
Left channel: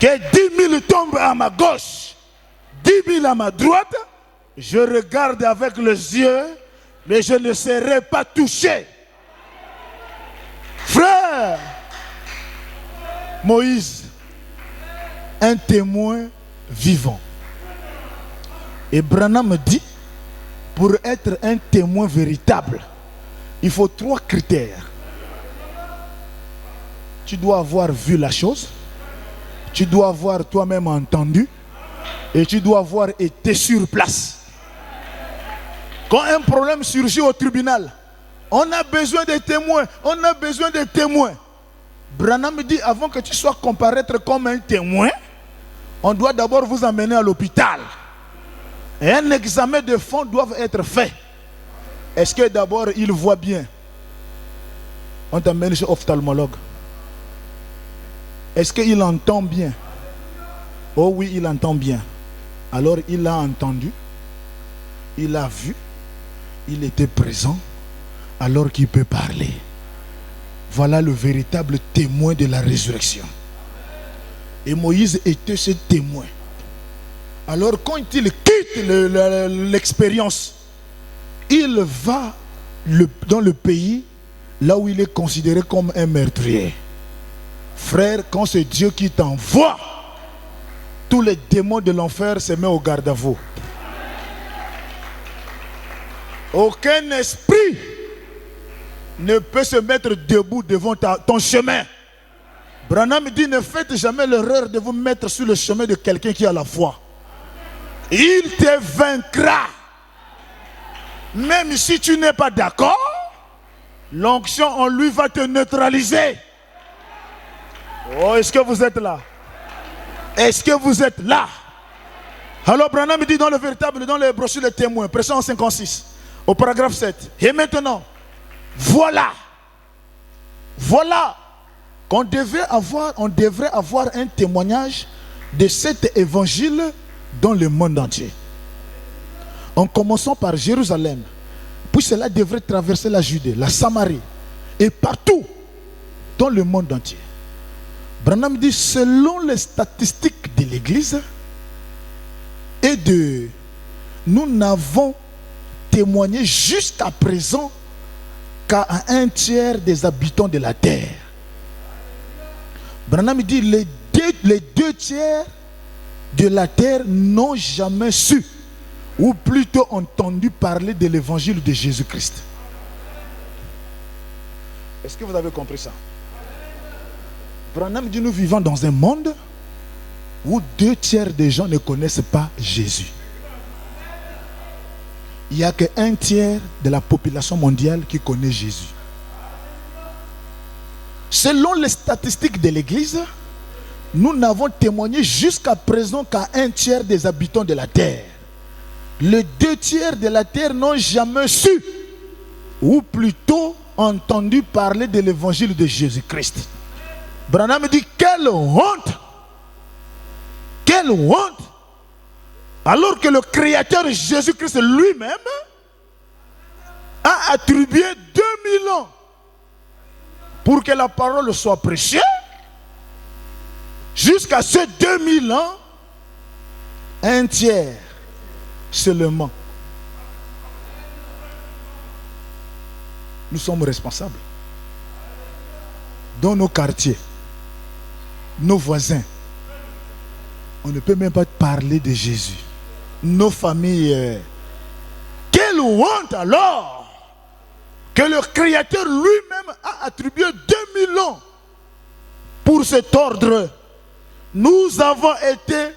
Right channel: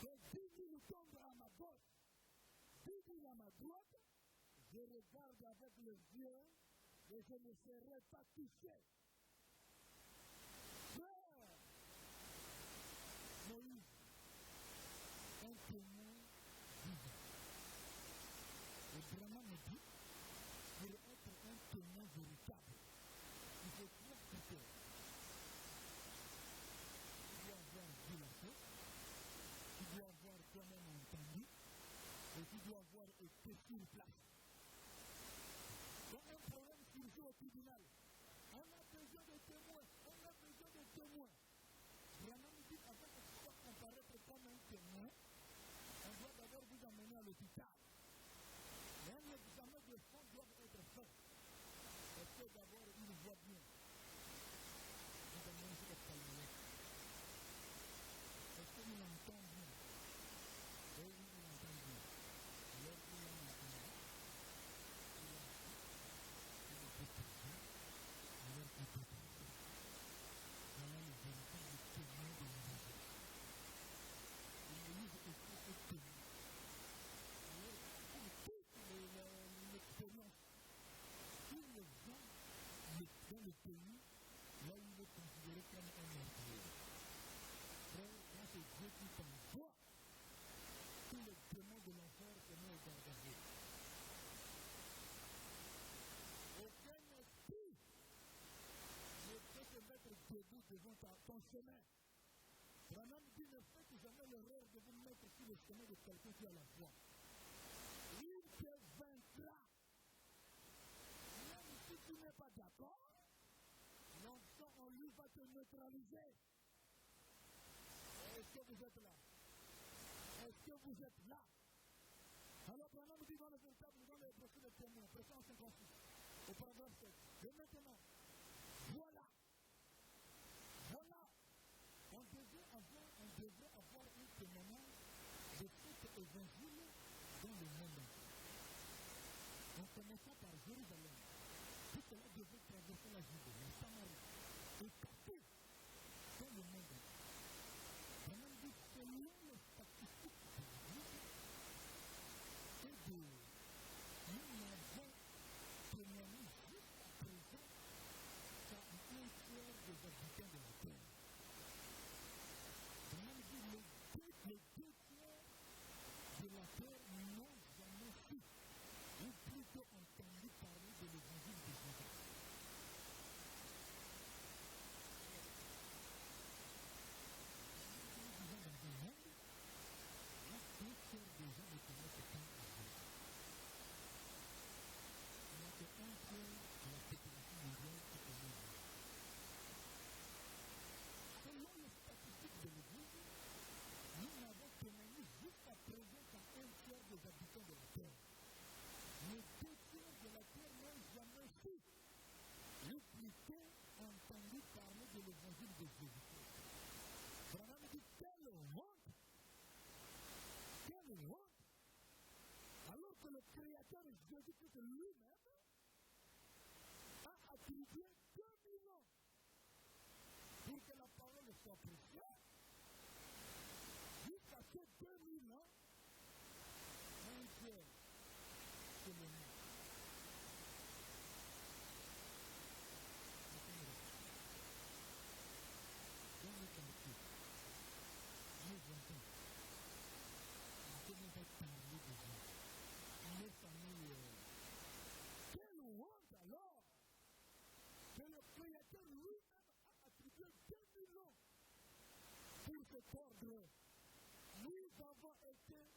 Que 10 000 tombent à ma gauche, 10 000 à ma droite, je regarde avec les yeux, mais je ne serai pas touché. Frère, Moïse, un témoin vivant. Et Branham dit, pour être un témoin véritable, il faut 3 critères. Tu dois avoir vu la chose, tu dois avoir toi-même entendu, et tu dois avoir été sur place. Quand un problème surgit au tribunal, on a besoin de témoins, on a besoin de témoins. Branham dit, avant que tu sois comparaître comme un témoin, on doit d'abord vous emmener à l'hôpital. Et un examen de fond doit être fait. Est-ce que d'abord il voit bien? On t'amène chez l'ophtalmologue. Est-ce qu'il entend bien? Oh oui, il entend bien. Alors il a entendu, il a vu, il était présent, alors qu'il peut parler. Voilà le véritable témoin de la résurrection. Et Moïse était ce témoin. Alors quand il quitte l'expérience, il va dans le pays là où il est considéré comme un meurtrier. Frère, quand c'est Dieu qui t'envoie, tous les démons de l'enfer se mettent au garde-à-vous. Aucun esprit ne peut se mettre debout devant ton chemin. Branham dit, ne faites jamais l'erreur de vous mettre sur le chemin de quelqu'un qui a la foi. Il te vaincra. Même si tu n'es pas d'accord, l'onction en lui va te neutraliser. Oh, est-ce que vous êtes là? Est-ce que vous êtes là? Alors Branham dit dans le brochure de témoins, pression 56, au paragraphe 7. Et maintenant, voilà qu'on devrait avoir un témoignage de cet évangile dans le monde entier. en commençant par Jérusalem, puis cela devrait traverser la Judée, la Samarie, et partout dans le monde entier. Branham dit, selon les statistiques de l'Église, nous n'avons témoigné jusqu'à présent qu'à un tiers des habitants de la terre. Branham dit, les deux tiers de la terre n'ont jamais su, ou plutôt entendu parler de l'évangile de Jésus-Christ. Est-ce que vous avez compris ça? Branham dit, nous vivons dans un monde où 2 tiers des gens ne connaissent pas Jésus. Il n'y a que 1 tiers de la population mondiale qui connaît Jésus. Selon les statistiques de l'Église, nous n'avons témoigné jusqu'à présent qu'à 1 tiers des habitants de la terre. Les 2 tiers de la terre n'ont jamais su, ou plutôt entendu parler de l'évangile de Jésus-Christ. Branham dit, quelle honte! Quelle honte! Alors que le Créateur Jésus-Christ lui-même a attribué 2000 ans pour que la parole soit prêchée. Jusqu'à ces 2000 ans, 1 tiers seulement. Nous sommes responsables. Dans nos quartiers, nos voisins, on ne peut même pas parler de Jésus. Nos familles, quelle honte alors que le Créateur lui-même a attribué 2000 ans pour cet ordre. Nous avons été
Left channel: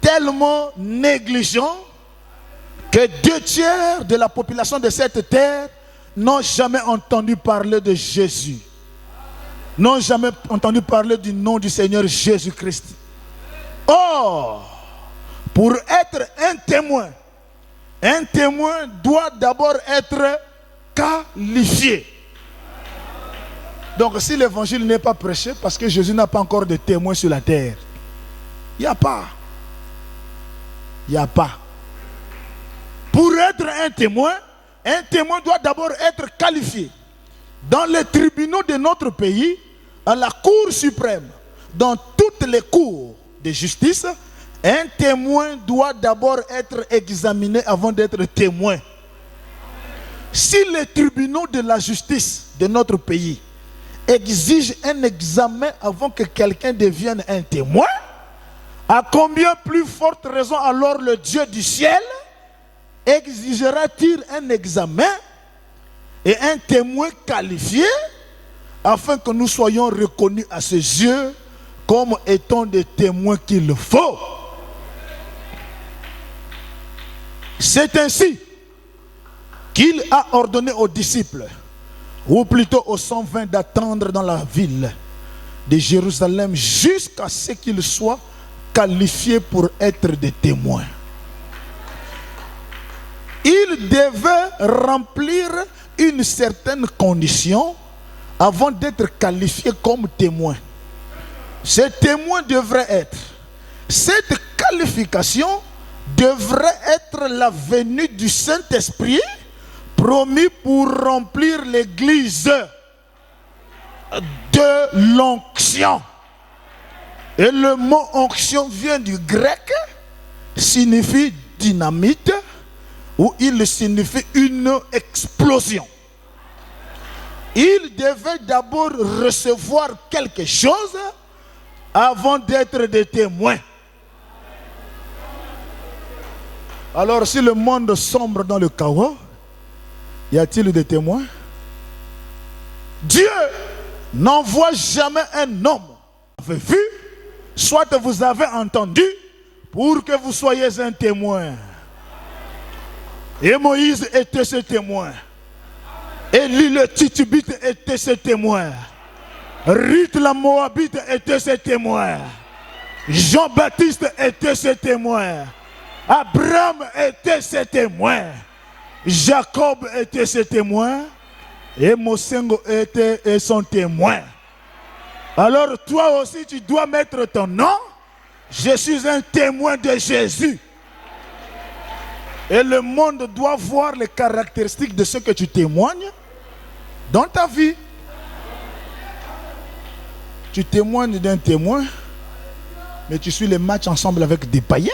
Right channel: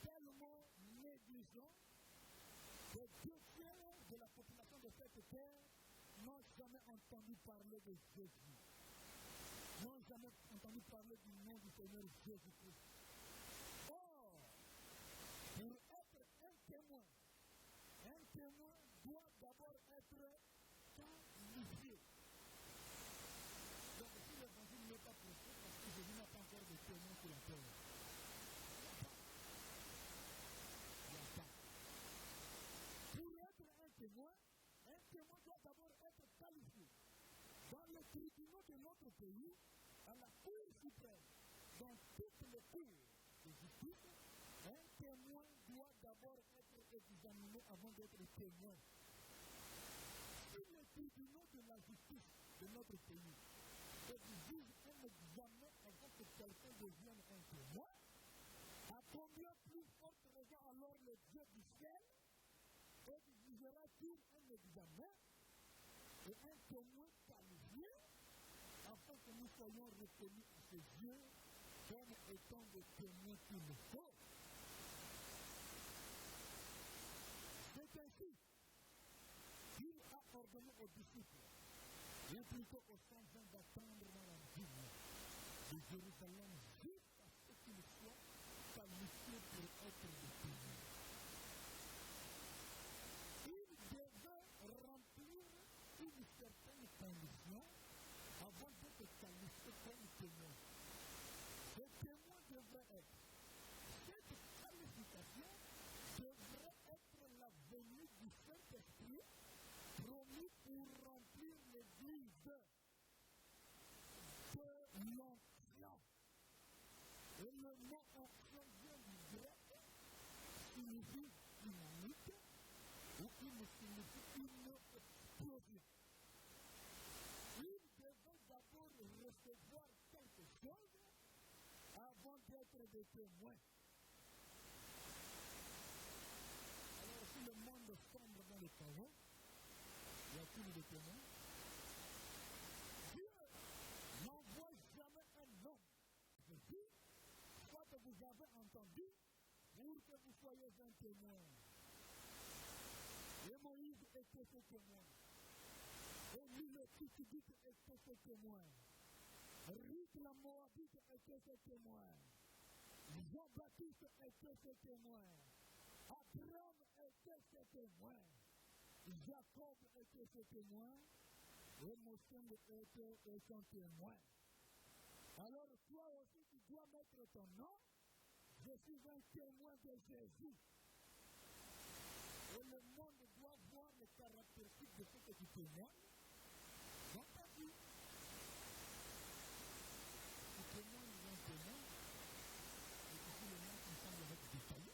tellement négligents que 2 tiers de la population de cette terre n'ont jamais entendu parler de Jésus, n'ont jamais entendu parler du nom du Seigneur Jésus-Christ. Or, pour être un témoin doit d'abord être qualifié. Donc si l'évangile n'est pas prêché, parce que Jésus n'a pas encore de témoins sur la terre, il n'y a pas. Il n'y a pas. Pour être un témoin doit d'abord être qualifié. Dans les tribunaux de notre pays, à la Cour suprême, dans toutes les cours de justice, un témoin doit d'abord être examiné avant d'être témoin. Si les tribunaux de la justice de notre pays exigent un examen avant que quelqu'un devienne un témoin, à combien plus forte raison alors le Dieu du ciel exigera-t-il un examen et un témoin qualifié afin que nous soyons reconnus à ses yeux comme étant des témoins qu'il faut? C'est ainsi qu'il a ordonné aux disciples, ou plutôt aux 120, d'attendre dans la ville de Jérusalem jusqu'à ce qu'ils soient qualifiés pour être des témoins. Ils devaient remplir une certaine condition avant d'être qualifiés comme témoins. Ces témoins devraient être, cette qualification devrait être la venue du Saint-Esprit promis pour remplir l'église de l'onction. Et le mot onction vient du grec, signifie dynamite, ou il signifie une explosion. Il devait d'abord recevoir quelque chose avant d'être des témoins. Alors si le monde sombre dans le chaos, y a-t-il des témoins? Dieu n'envoie jamais un homme. Vous avez vu, soit vous avez entendu, pour que vous soyez un témoin. Et Moïse était ce témoin. Élie le Titubite était ce témoin. Ruth la Moabite était ce témoin. Jean-Baptiste était ce témoin. Abraham était ce témoin. Jacob était ce témoin. Et Mosengo était son témoin. Alors toi aussi tu dois mettre ton nom. Je suis un témoin de Jésus. Et le monde doit voir les caractéristiques de ce que tu témoignes dans ta vie. Tu témoignes d'un témoin, mais tu suis les matchs ensemble avec des païens.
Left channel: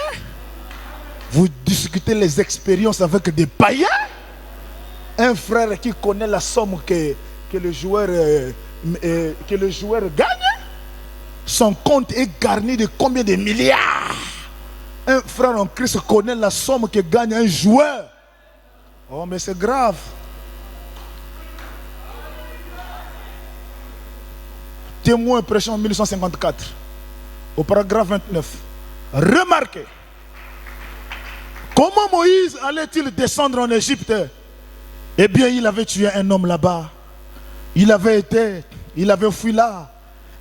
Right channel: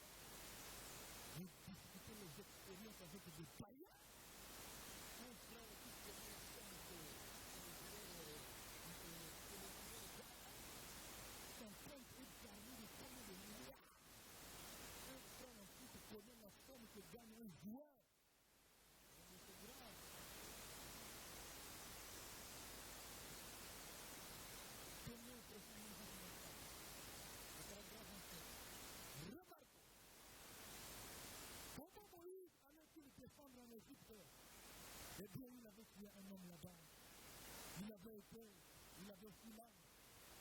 Vous discutez les expériences avec des païens. Un frère qui connaît la somme que le joueur gagne, son compte est garni de combien de milliards. Un frère en Christ connaît la somme que gagne un joueur. Oh, mais c'est grave. Témoin prêché en 1854, au paragraphe 29. Remarquez, comment Moïse allait-il descendre en Égypte? Eh bien, il avait tué un homme là-bas. Il avait fui là.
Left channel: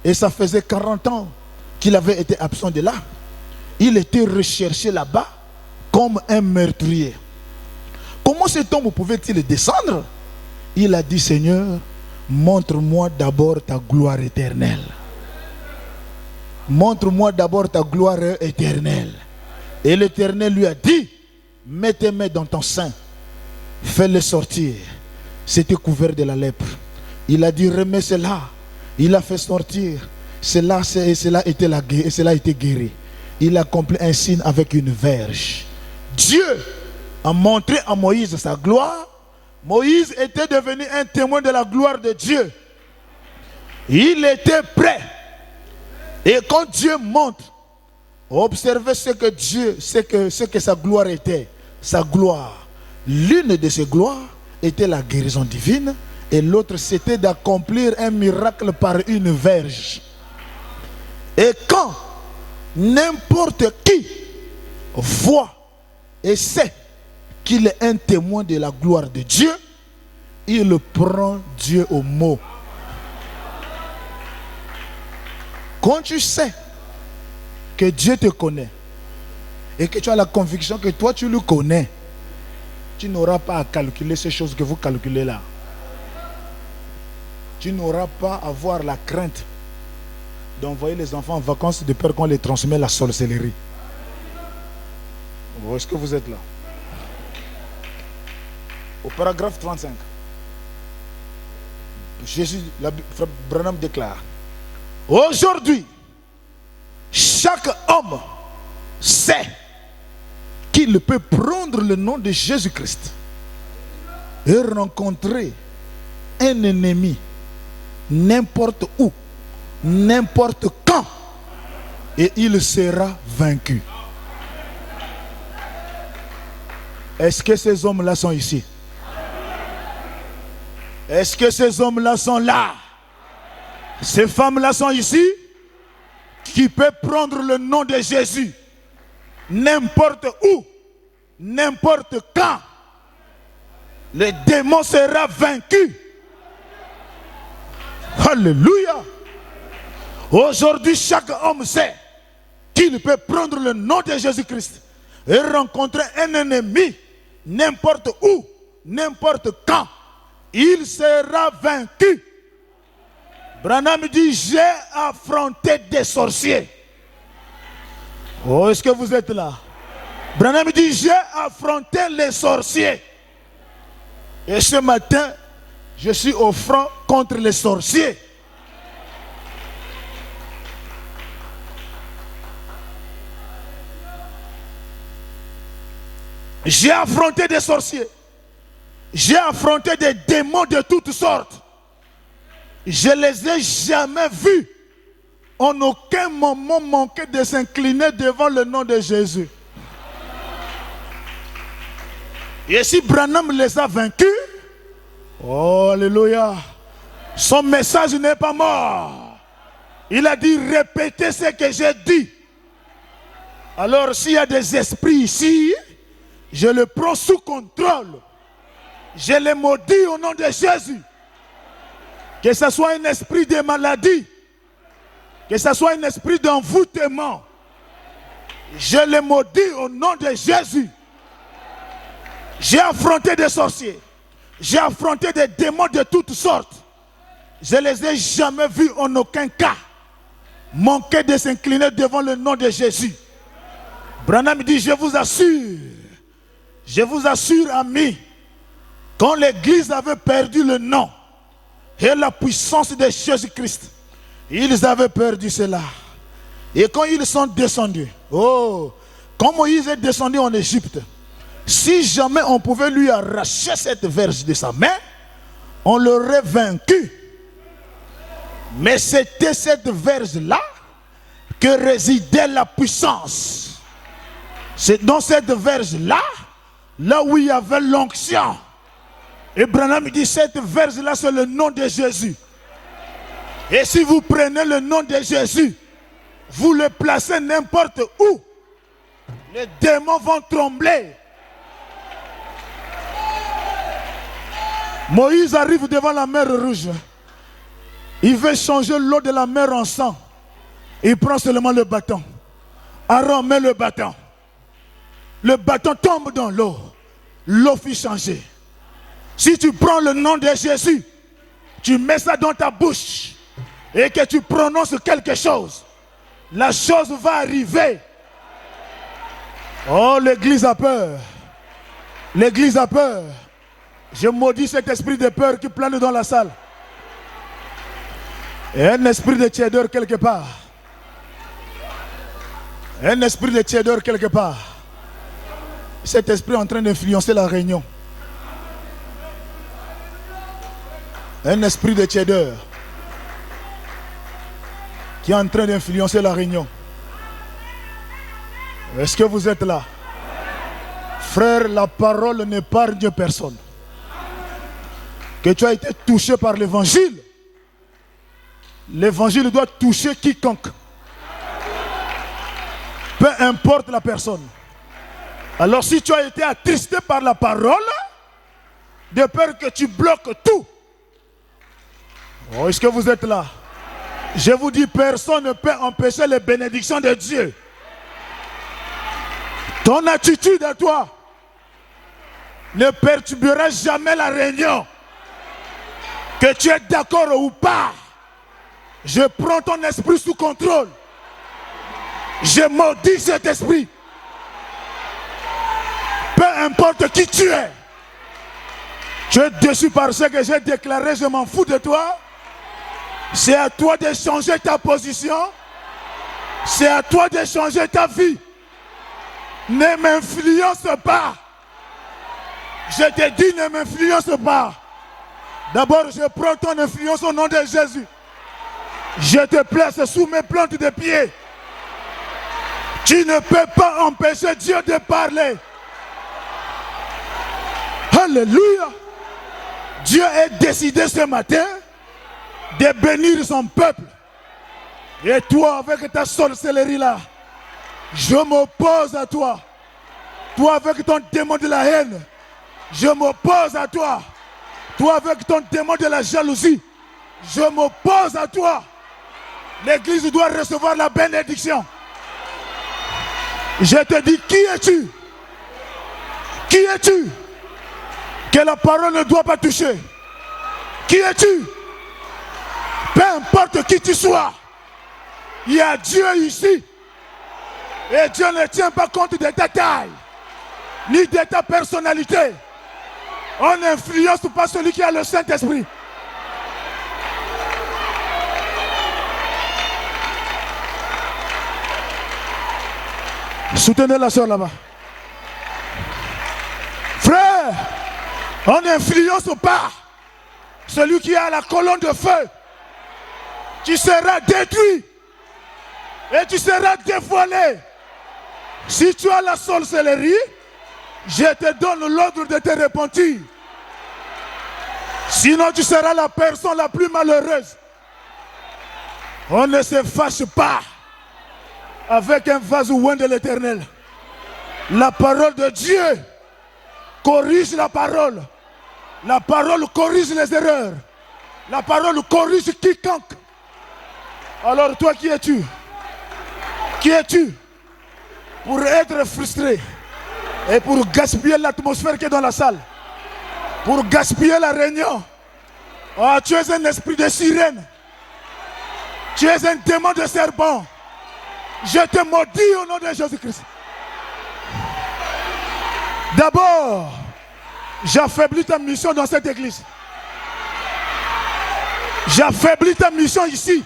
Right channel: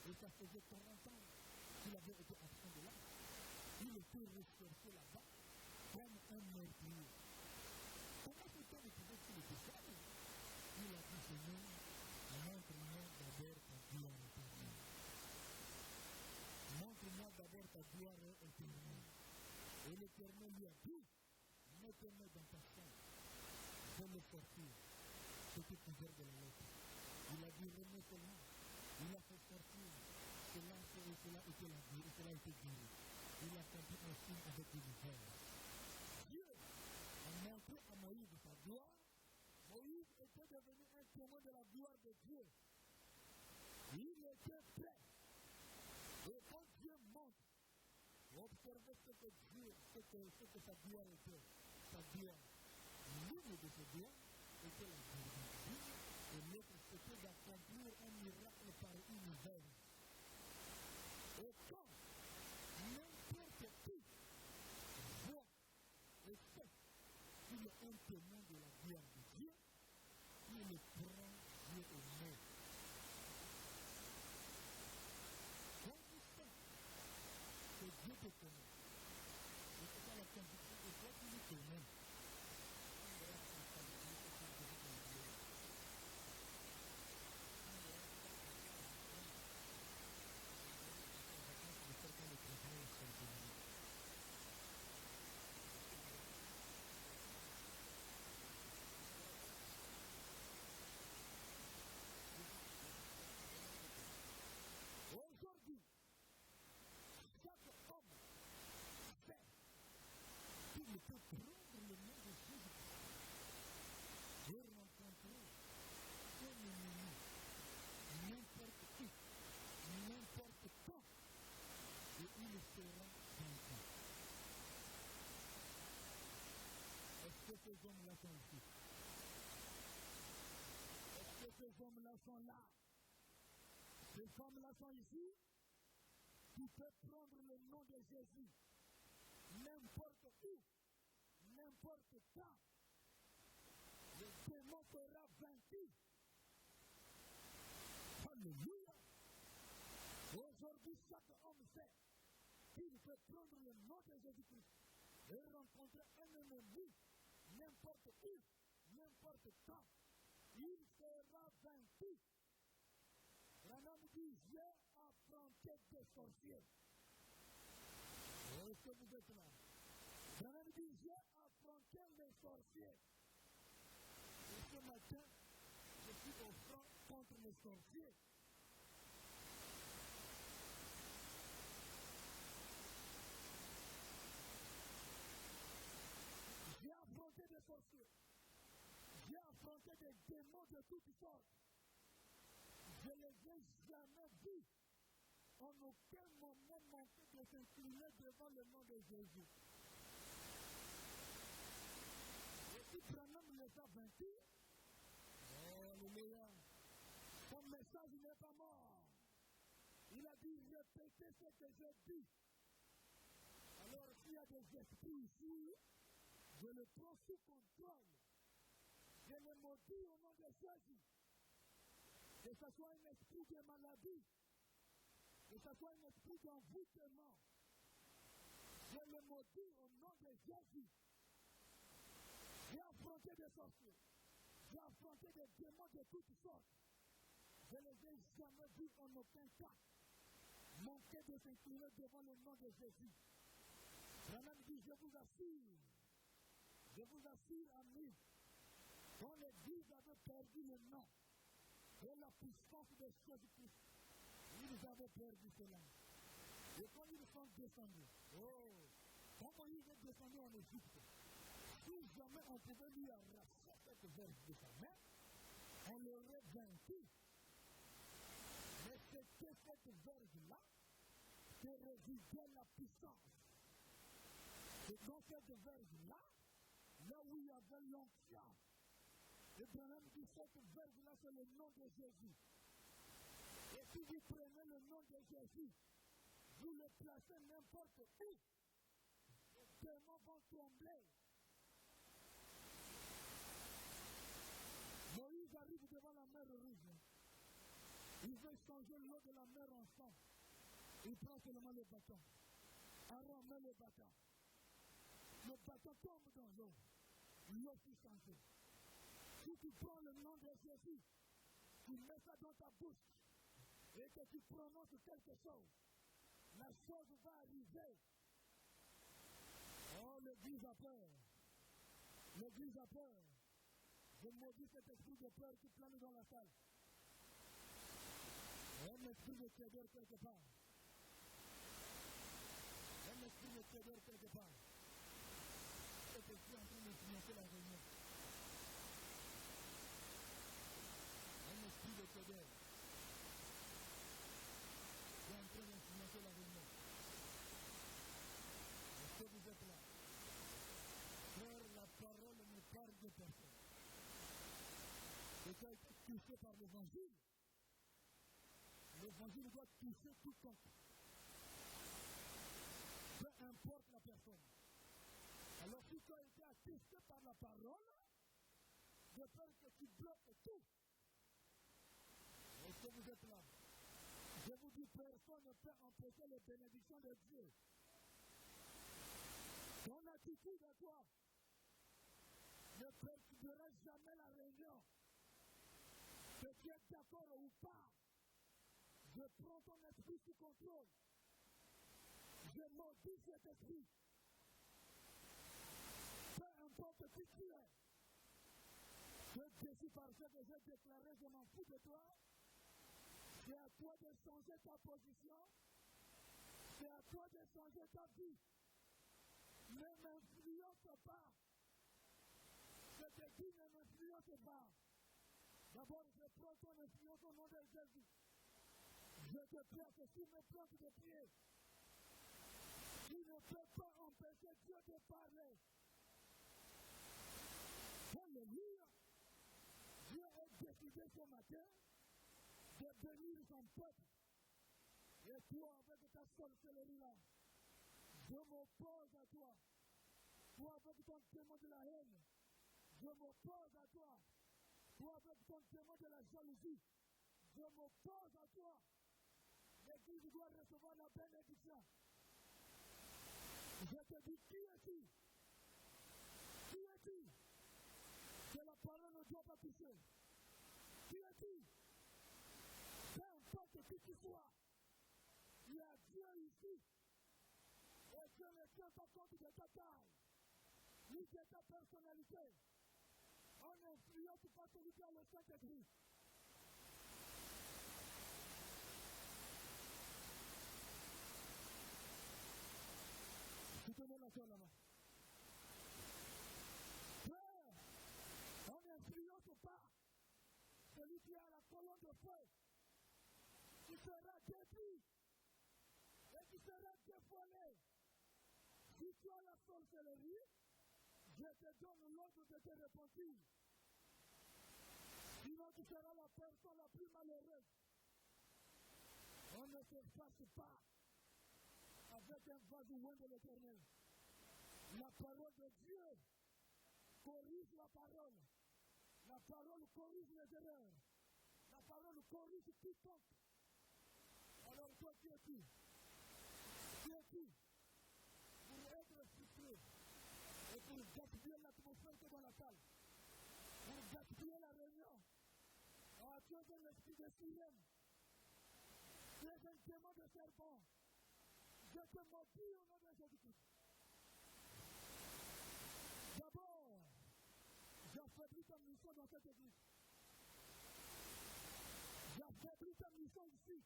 Et ça faisait 40 ans qu'il avait été absent de là. Il était recherché là-bas comme un meurtrier. Comment cet homme pouvait-il descendre? Il a dit, Seigneur, montre-moi d'abord ta gloire éternelle. Montre-moi d'abord ta gloire éternelle. Et l'Éternel lui a dit, mets tes mains dans ton sein, fais-le sortir. C'était couvert de la lèpre. Il a dit, remets cela. Il a fait sortir. Cela a été guéri. Il a accompli un signe avec une verge. Dieu a montré à Moïse sa gloire. Moïse était devenu un témoin de la gloire de Dieu. Il était prêt. Et quand Dieu montre, observez ce que sa gloire était. Sa gloire. L'une de ses gloires était la guérison divine. Et l'autre, c'était d'accomplir un miracle par une verge. Et quand n'importe qui voit et sait qu'il est un témoin de la gloire de Dieu, il prend Dieu au mot. Quand tu sais que Dieu te connaît et que tu as la conviction que toi tu le connais, tu n'auras pas à calculer ces choses que vous calculez là. Tu n'auras pas à avoir la crainte d'envoyer les enfants en vacances de peur qu'on les transmet la sorcellerie. Est-ce que vous êtes là? Au paragraphe 35, Frère Branham déclare, aujourd'hui, chaque homme sait qu'il peut prendre le nom de Jésus-Christ et rencontrer un ennemi n'importe où, n'importe quand, et il sera vaincu. Est-ce que ces hommes-là sont ici? Est-ce que ces hommes-là sont là? Ces femmes-là sont ici? Qui peut prendre le nom de Jésus n'importe où, n'importe quand, le démon sera vaincu. Alléluia. Aujourd'hui, chaque homme sait qu'il peut prendre le nom de Jésus-Christ et rencontrer un ennemi n'importe où, n'importe quand. Il sera vaincu. Branham dit, j'ai affronté des sorciers. Oh, est-ce que vous êtes là? Branham dit, j'ai affronté les sorciers. Et ce matin, je suis au front contre les sorciers. J'ai affronté des sorciers. J'ai affronté des démons de toutes sortes. Je ne les ai jamais vus en aucun moment manquer de s'incliner devant le nom de Jésus. Et si Branham les a vaincus, oh, alléluia, son message n'est pas mort. Il a dit, répétez ce que j'ai dit. Alors s'il y a des esprits ici, je les prends sous contrôle. Je les maudis au nom de Jésus. Que ce soit un esprit de maladie, que ce soit un esprit d'envoûtement, je les maudis au nom de Jésus. J'ai affronté des sorciers. J'ai affronté des démons de toutes sortes. Je ne les ai jamais vus en aucun cas manquer de s'incliner devant le nom de Jésus. Branham dit, je vous assure Je vous assure, amis, quand l'Église avait perdu le nom et la puissance de Jésus-Christ, ils avaient perdu cela. Et quand ils sont descendus, quand Moïse est descendu en Égypte, si jamais on pouvait lui arracher cette verge de sa main, on l'aurait vaincu. Mais c'était cette verge-là que résidait la puissance. C'est dans cette verge-là, là où il y avait l'onction. Et Branham dit, cette verge-là, c'est le nom de Jésus. Et si vous prenez le nom de Jésus, vous le placez n'importe où, les démons vont trembler. Moïse arrive devant la mer Rouge. Il veut changer l'eau de la mer en sang. Il prend seulement le bâton. Aaron met le bâton. Le bâton tombe dans l'eau. L'eau fut changée. Si tu prends le nom de Jésus, tu mets ça dans ta bouche et que tu prononces quelque chose, la chose va arriver. Oh, l'Église a peur. L'Église a peur. Je maudis cet esprit de peur qui plane dans la salle. Et un esprit de tiédeur quelque part. Un esprit de tiédeur quelque part. Cet esprit est en train d'influencer la réunion. Un esprit de tiédeur qui est en train d'influencer la réunion. Est-ce que vous êtes là? Frère, la parole n'épargne personne. Que tu as été touché par l'évangile, l'évangile doit toucher quiconque. Peu importe la personne. Alors si tu as été attristé par la parole, de peur que tu bloques tout. Oh, est-ce que vous êtes là? Je vous dis, personne ne peut empêcher les bénédictions de Dieu. Ton attitude à toi ne perturbera jamais la réunion. Que tu es d'accord ou pas, je prends ton esprit sous contrôle. Je maudis cet esprit. Peu importe qui tu es. Tu es déçu par ce que j'ai déclaré, je m'en fous de toi. C'est à toi de changer ta position. C'est à toi de changer ta vie. Ne m'influence pas. Je te dis, ne m'influence pas. D'abord, je prends ton influence au nom de Jésus. Je te place sous mes plantes de pied. Tu ne peux pas empêcher Dieu de parler. Alléluia. Dieu est décidé ce matin de bénir son peuple. Et toi, avec ta sorcellerie là, je m'oppose à toi. Toi, avec ton démon de la haine, je m'oppose à toi. Toi, avec ton démon de la jalousie, je m'oppose à toi. L'Église doit recevoir la bénédiction. Je te dis, qui es-tu? Qui es-tu? Que la parole ne doit pas toucher. Qui es-tu? Peu importe qui tu sois, il y a Dieu ici. Et Dieu ne tient pas compte de ta taille, ni de ta personnalité. On n'influence pas celui qui a le Saint-Esprit. Soutenez la soeur là-bas. Frère, on n'influence pas celui qui a la colonne de feu. Tu seras détruit et tu seras dévoilé. Si tu as la sorcellerie, je te donne l'ordre de te repentir. Sinon tu seras la personne la plus malheureuse. On ne se fâche pas avec un vase loin de l'Éternel. La parole de Dieu corrige la parole. La parole corrige les erreurs. La parole corrige quiconque. Alors toi, qui es-tu? Qui es-tu pour être frustré et pour gaspiller l'atmosphère qui est dans la salle? Pour gaspiller la réunion? Oh, tu es un esprit de sirène. Tu es un démon de serpent. Je te maudis au nom de Jésus-Christ. D'abord, j'affaiblis ta mission dans cette église. J'affaiblis ta mission ici.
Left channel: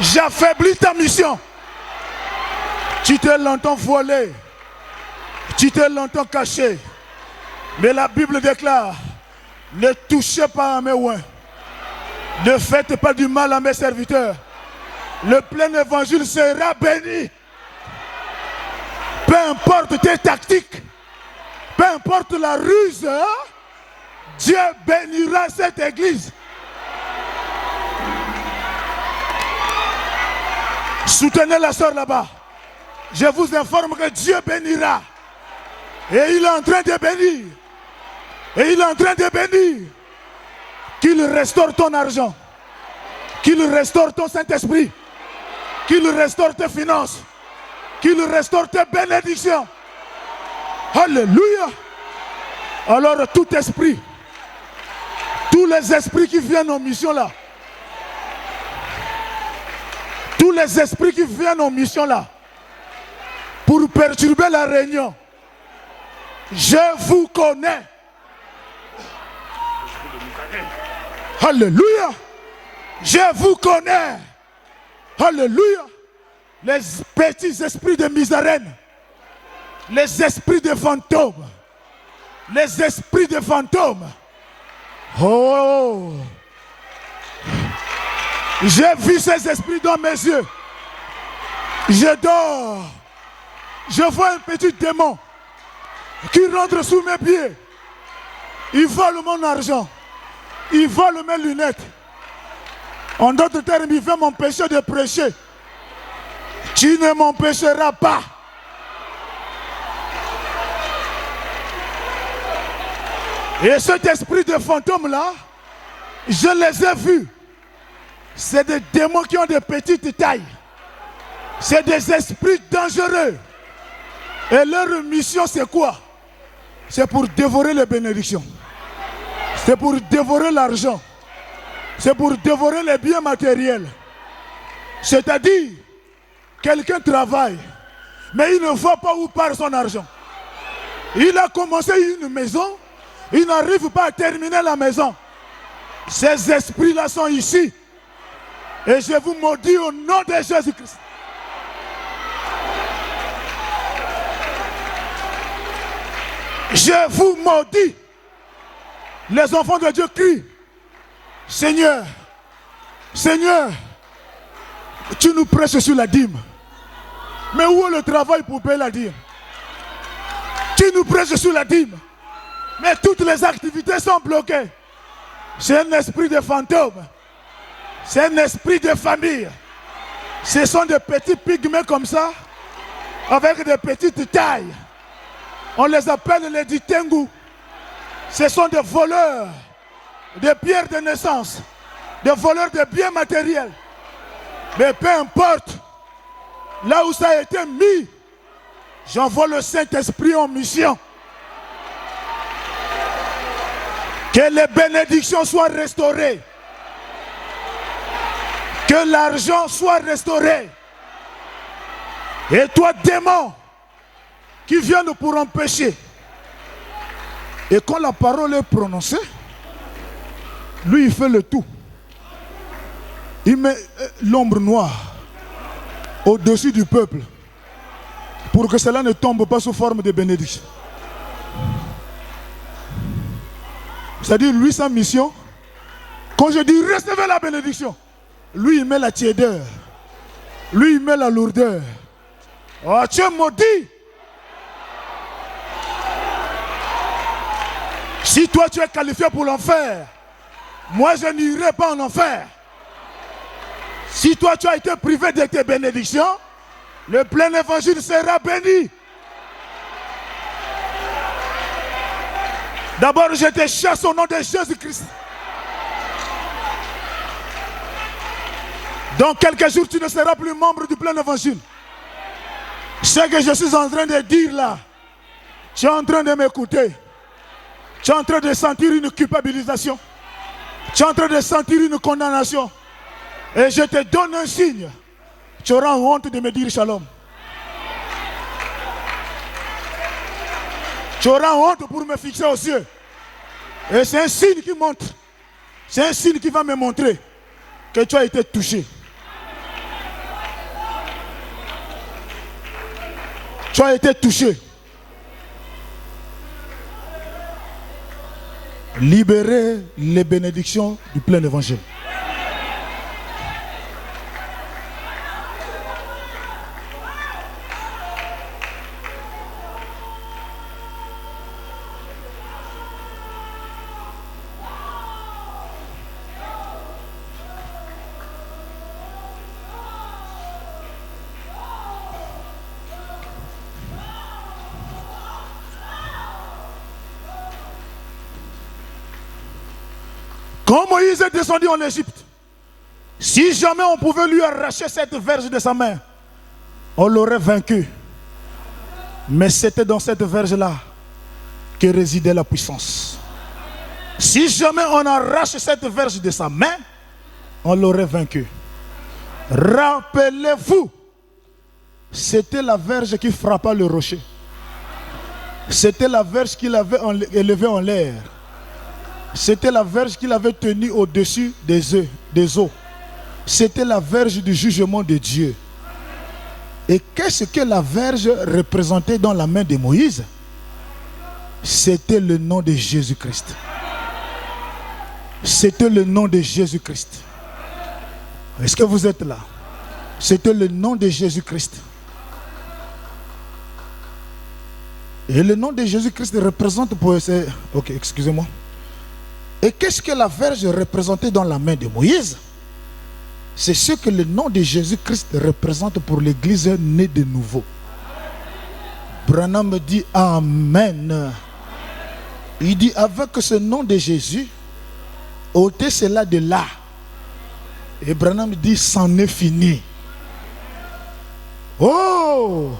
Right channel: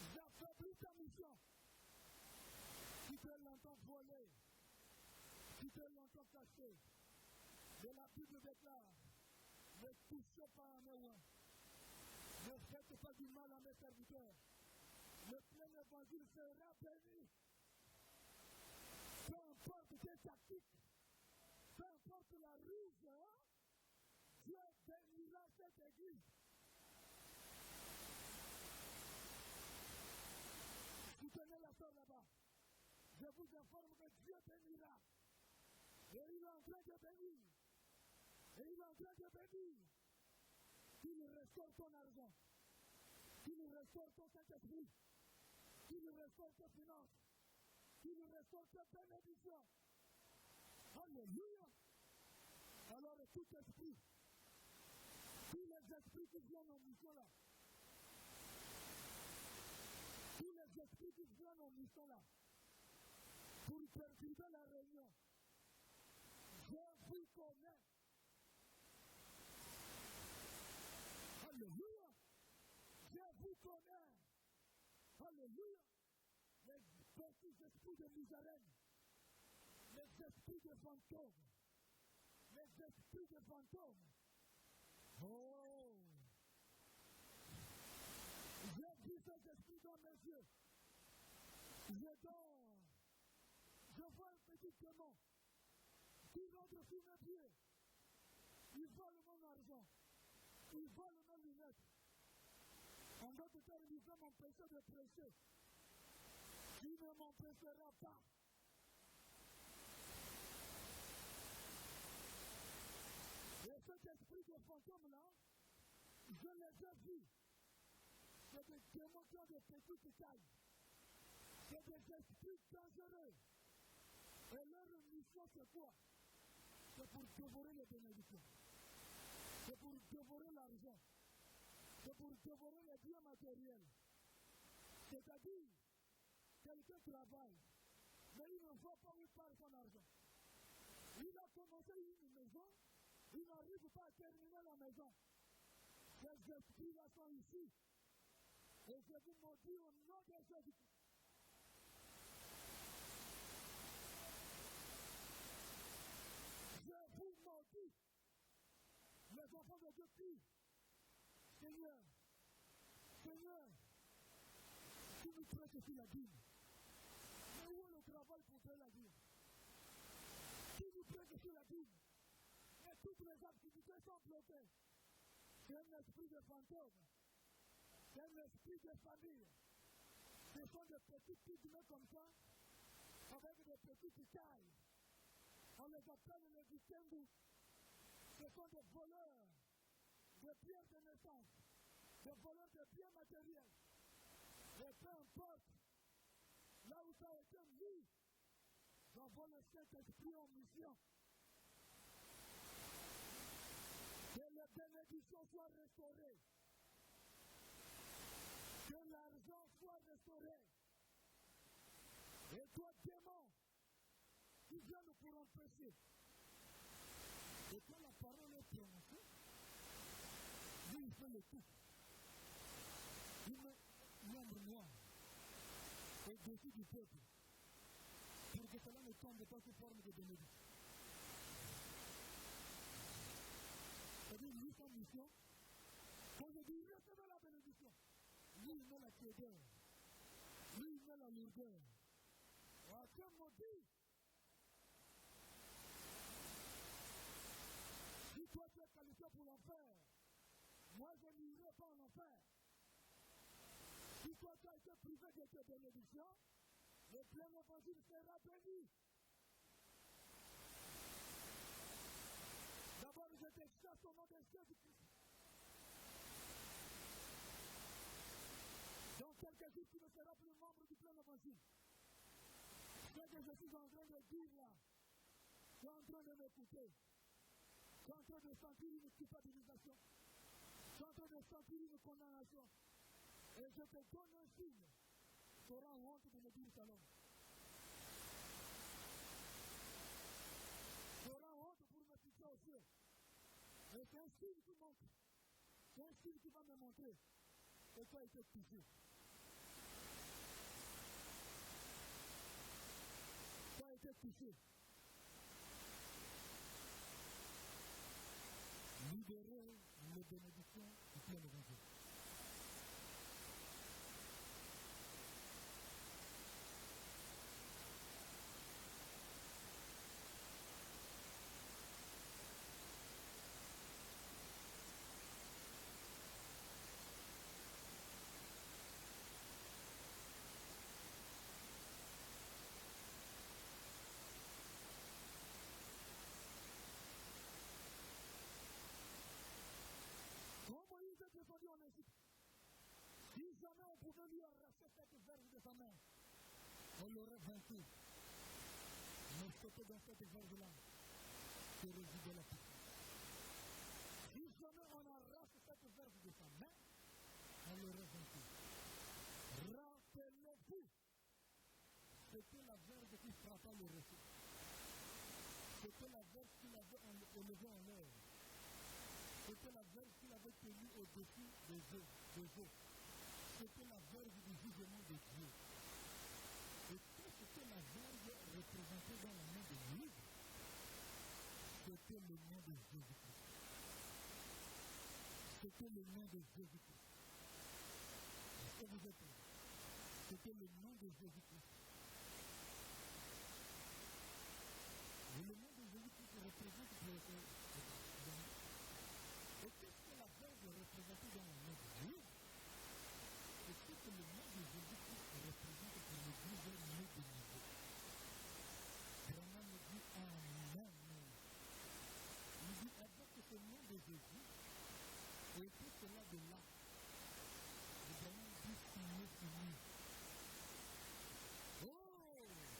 J'affaiblis ta mission. Tu t'es longtemps voilé. Tu t'es longtemps caché. Mais la Bible déclare, ne touchez pas à mes oins. Ne faites pas du mal à mes serviteurs. Le plein évangile sera béni. Peu importe tes tactiques, peu importe la ruse, Dieu bénira cette église. Soutenez la sœur là-bas. Je vous informe que Dieu bénira. Et il est en train de bénir. Et il est en train de bénir. Qu'il restaure ton argent. Qu'il restaure ton Saint-Esprit. Qu'il restaure tes finances. Qu'il restaure tes bénédictions. Alléluia. Alors tout esprit, tous les esprits qui viennent en mission là, tous les esprits qui viennent en mission là, pour perturber la réunion, je vous connais. Alléluia. Je vous connais. Alléluia. Les petits esprits de misérène, les esprits de fantômes, les esprits de fantômes. Oh, j'ai vu ces esprits dans mes yeux. Je dors. Je vois un petit démon qui rentre sous mes pieds. Il vole mon argent. Il vole mes lunettes. En d'autres termes, il veut m'empêcher de prêcher. Tu ne m'empêcheras pas. Et cet esprit de fantôme là, je les ai vus. C'est des démons qui ont de petites tailles. C'est des esprits dangereux. Et leur mission c'est quoi? C'est pour dévorer les bénédictions. C'est pour dévorer l'argent. C'est pour dévorer les biens matériels. C'est-à-dire, quelqu'un travaille, mais il ne voit pas où part son argent. Il a commencé une maison, il n'arrive pas à terminer la maison. Ces esprits-là sont ici. Et je vous maudis au nom de Jésus-Christ. Je vous maudis. Les enfants de Dieu crient, Seigneur, Seigneur, tu nous prêches sur la dîme. Mais où est le travail pour payer la dîme? Tu nous prêches sur la dîme. Mais toutes les activités sont bloquées. C'est un esprit de fantôme. C'est un esprit de famille. Ce sont des petits pygmées comme ça, avec des petites tailles. On les appelle les Ditengu. Ce sont des voleurs de pierres de naissance, des voleurs de biens matériels. Mais peu importe, là où ça a été mis, j'envoie le Saint-Esprit en mission. Que les bénédictions soient restaurées. Que l'argent soit restauré. Et toi, démon, qui viennent pour empêcher. Et quand la parole est prononcée, lui, il fait le tout. Il met l'ombre noire au-dessus du peuple pour que cela ne tombe pas sous forme de bénédiction. C'est-à-dire, lui, sa mission, quand je dis recevez la bénédiction, lui, il met la tiédeur. Lui, il met la lourdeur. Oh, tu es maudit. Si toi, tu es qualifié pour l'enfer, moi, je n'irai pas en enfer. Si toi, tu as été privé de tes bénédictions, le plein évangile sera béni. D'abord, je te chasse au nom de Jésus-Christ. Dans quelques jours, tu ne seras plus membre du plein évangile. Ce que je suis en train de dire là, tu es en train de m'écouter. Tu es en train de sentir une culpabilisation. Tu es en train de sentir une condamnation. Et je te donne un signe. Tu auras honte de me dire shalom. Tu auras honte pour me fixer aux yeux. Et c'est un signe qui montre. C'est un signe qui va me montrer que tu as été touché. Tu as été touché. Libérer les bénédictions du plein évangile. Quand Moïse est descendu en Égypte, si jamais on pouvait lui arracher cette verge de sa main, on l'aurait vaincu. Mais c'était dans cette verge-là que résidait la puissance. Si jamais on arrache cette verge de sa main, on l'aurait vaincu. Rappelez-vous, c'était la verge qui frappa le rocher. C'était la verge qu'il avait élevée en l'air. C'était la verge qu'il avait tenue au-dessus des eaux. C'était la verge du jugement de Dieu. Et qu'est-ce que la verge représentait dans la main de Moïse? C'était le nom de Jésus-Christ. C'était le nom de Jésus-Christ. Est-ce que vous êtes là? C'était le nom de Jésus-Christ. Et le nom de Jésus-Christ représente pour... Ok, excusez-moi. Et qu'est-ce que la verge représentait dans la main de Moïse? C'est ce que le nom de Jésus-Christ représente pour l'Église née de nouveau. Branham me dit Amen. Il dit avec ce nom de Jésus, ôtez cela de là. Et Branham me dit c'en est fini. Oh,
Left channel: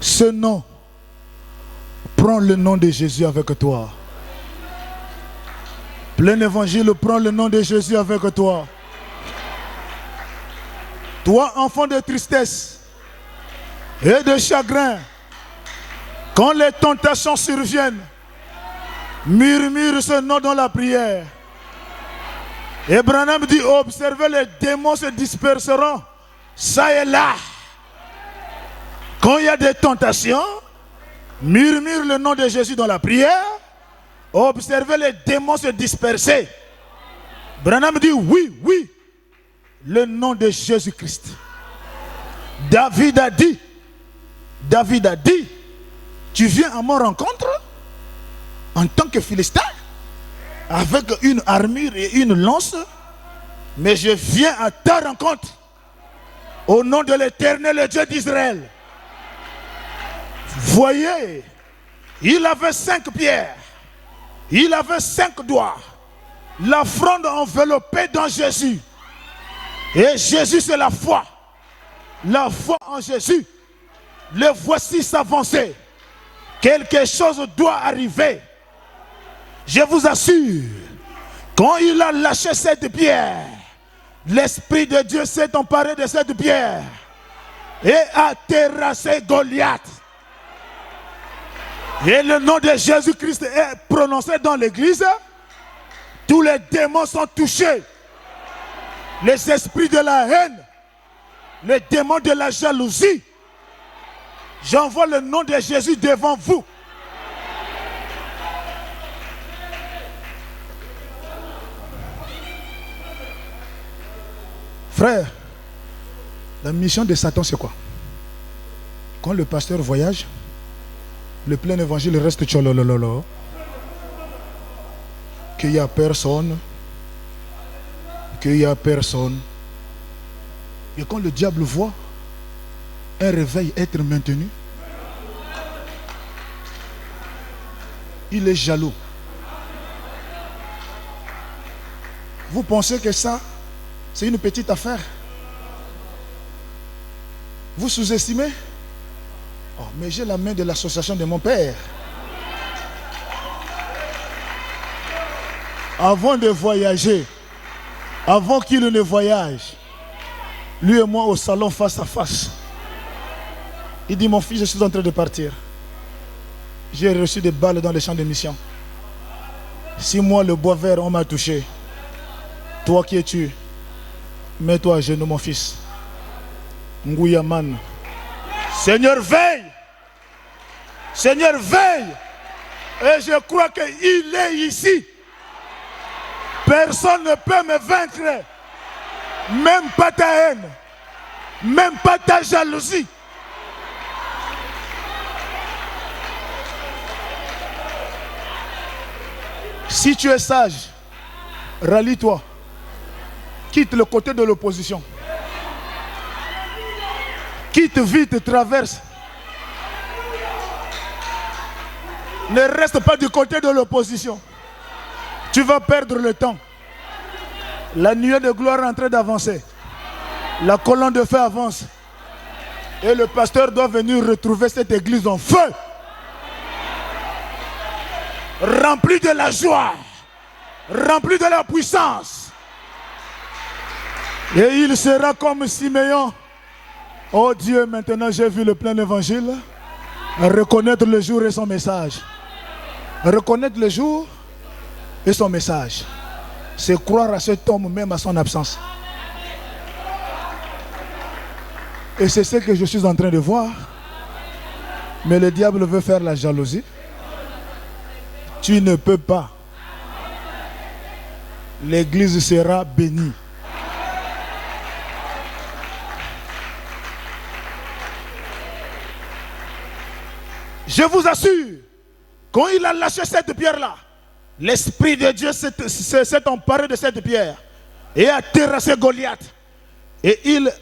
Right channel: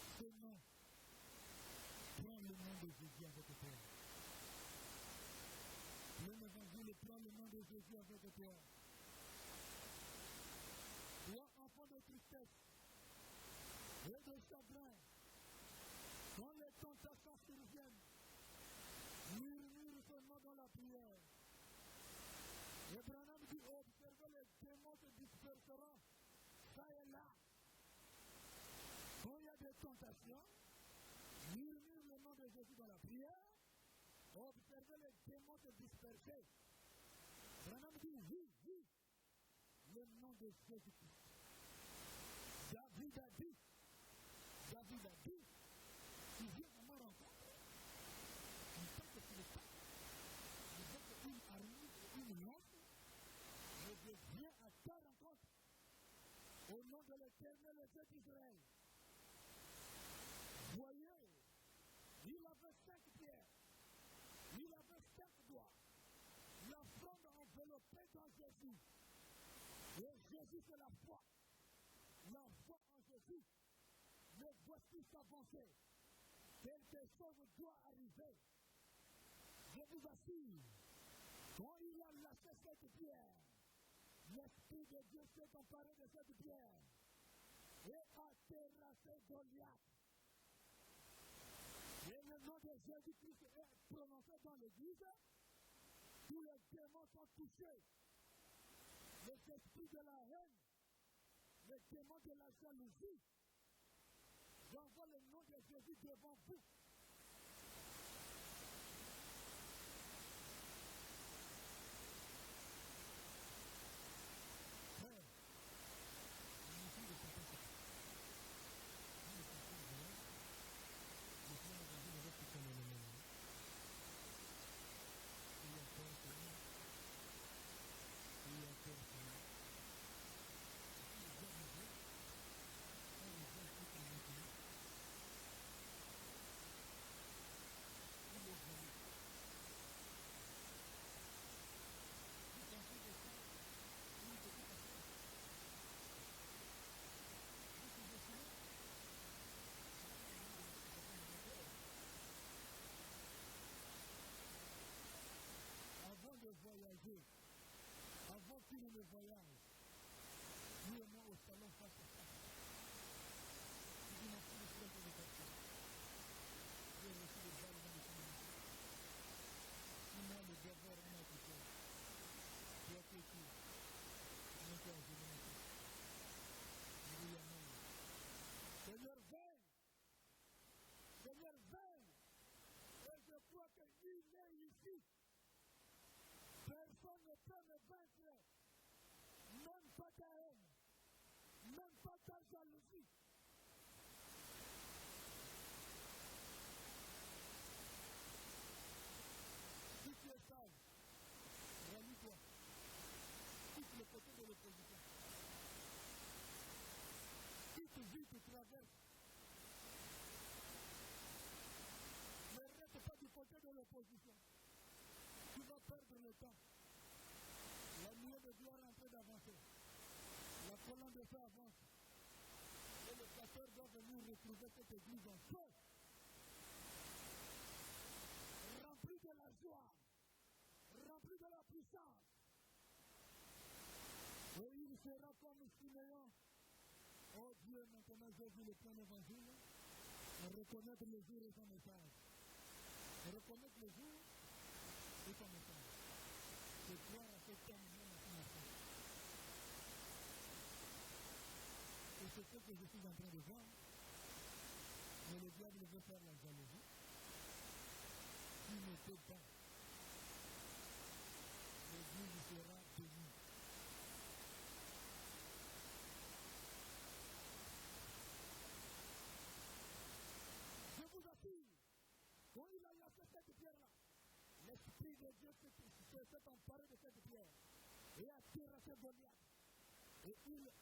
ce nom, prends le nom de Jésus avec toi. Plein évangile, prends le nom de Jésus avec toi. Toi, enfant de tristesse et de chagrin, quand les tentations surviennent, murmure ce nom dans la prière. Et Branham dit, observez, les démons se disperseront, ça et là. Quand il y a des tentations, murmure le nom de Jésus dans la prière. Observez les démons se disperser. Branham dit oui, oui, le nom de Jésus-Christ. David a dit, tu viens à mon rencontre en tant que Philistin, avec une armure et une lance, mais je viens à ta rencontre au nom de l'Éternel, le Dieu d'Israël. Voyez, il avait 5 pierres. Il avait 5 doigts. La fronde enveloppée dans Jésus. Et Jésus, c'est la foi. La foi en Jésus. Le voici s'avancer. Quelque chose doit arriver. Je vous assure, quand il a lâché cette pierre, l'Esprit de Dieu s'est emparé de cette pierre et a terrassé Goliath. Et le nom de Jésus-Christ est prononcé dans l'église. Tous les démons sont touchés. Les esprits de la haine, les démons de la jalousie. J'envoie le nom de Jésus devant vous. Frère, la mission de Satan, c'est quoi? Quand le pasteur voyage, le plein évangile reste tcholololo. Qu'il n'y a personne. Qu'il n'y a personne. Et quand le diable voit un réveil être maintenu, il est jaloux. Vous pensez que ça, c'est une petite affaire? Vous sous-estimez? Oh, mais j'ai la main de l'association de mon père. Avant de voyager, avant qu'il ne voyage, lui et moi au salon face à face, il dit, mon fils, je suis en train de partir. J'ai reçu des balles dans les champs de mission. Si moi, le bois vert, on m'a touché, toi qui es-tu, mets-toi à genoux, mon fils. Ngouyaman. Seigneur, veille. Seigneur, veille. Et je crois qu'il est ici. Personne ne peut me vaincre. Même pas ta haine. Même pas ta jalousie. Si tu es sage, rallie-toi. Quitte le côté de l'opposition. Quitte vite, traverse. Ne reste pas du côté de l'opposition. Tu vas perdre le temps. La nuée de gloire est en train d'avancer. La colonne de feu avance. Et le pasteur doit venir retrouver cette église en feu. Rempli de la joie, rempli de la puissance. Et il sera comme Siméon. Oh Dieu, maintenant j'ai vu le plein évangile. Reconnaître le jour et son message. Reconnaître le jour et son message. C'est croire à cet homme même à son absence. Et c'est ce que je suis en train de voir. Mais le diable veut faire la jalousie. Tu ne peux pas. L'église sera bénie. Je vous assure, quand il a lâché cette pierre-là, l'Esprit de Dieu s'est emparé de cette pierre et a terrassé Goliath. Et il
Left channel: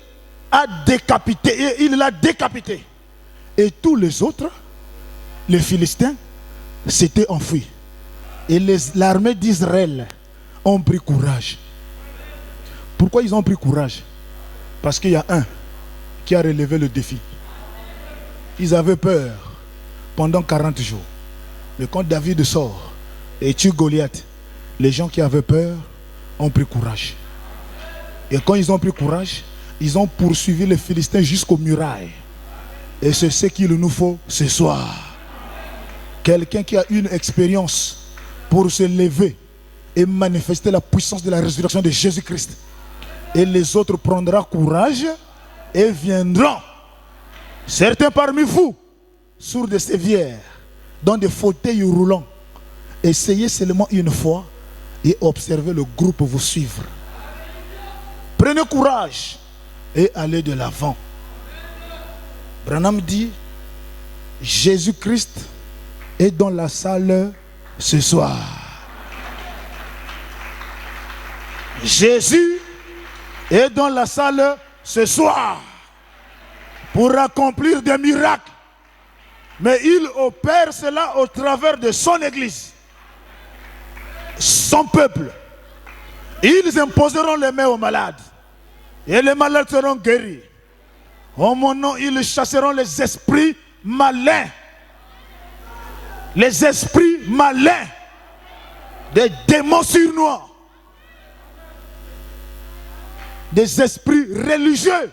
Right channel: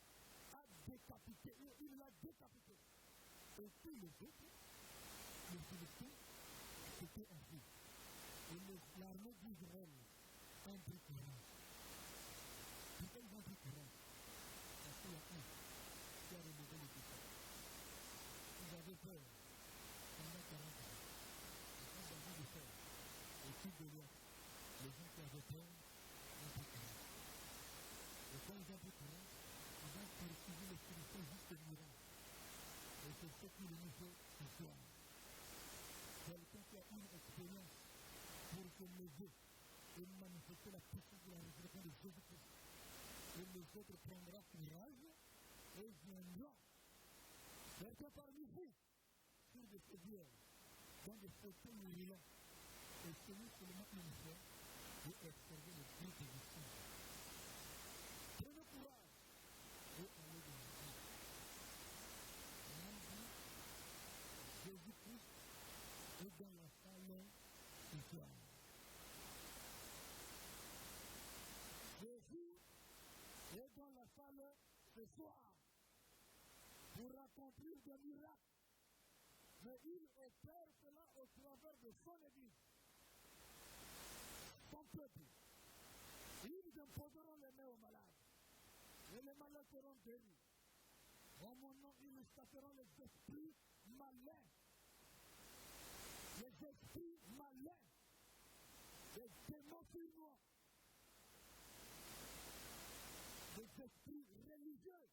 a décapité, et il l'a décapité. Et tous les autres, les Philistins, s'étaient enfuis. Et l'armée d'Israël ont pris courage. Pourquoi ils ont pris courage? Parce qu'il y a un qui a relevé le défi. Ils avaient peur pendant 40 jours. Mais quand David sort et tue Goliath, les gens qui avaient peur ont pris courage. Et quand ils ont pris courage, ils ont poursuivi les Philistins jusqu'aux murailles. Et c'est ce qu'il nous faut ce soir. Quelqu'un qui a une expérience pour se lever et manifester la puissance de la résurrection de Jésus-Christ. Et les autres prendront courage et viendront. Certains parmi vous, sourds de sévières, dans des fauteuils roulants, essayez seulement une fois et observez le groupe vous suivre. Prenez courage et allez de l'avant. Branham dit, Jésus-Christ est dans la salle ce soir. Jésus est dans la salle ce soir pour accomplir des miracles. Mais il opère cela au travers de son église, son peuple. Ils imposeront les mains aux malades et les malades seront guéris. En mon nom, ils chasseront les esprits malins. Les esprits malins, des démons surnois, des esprits religieux.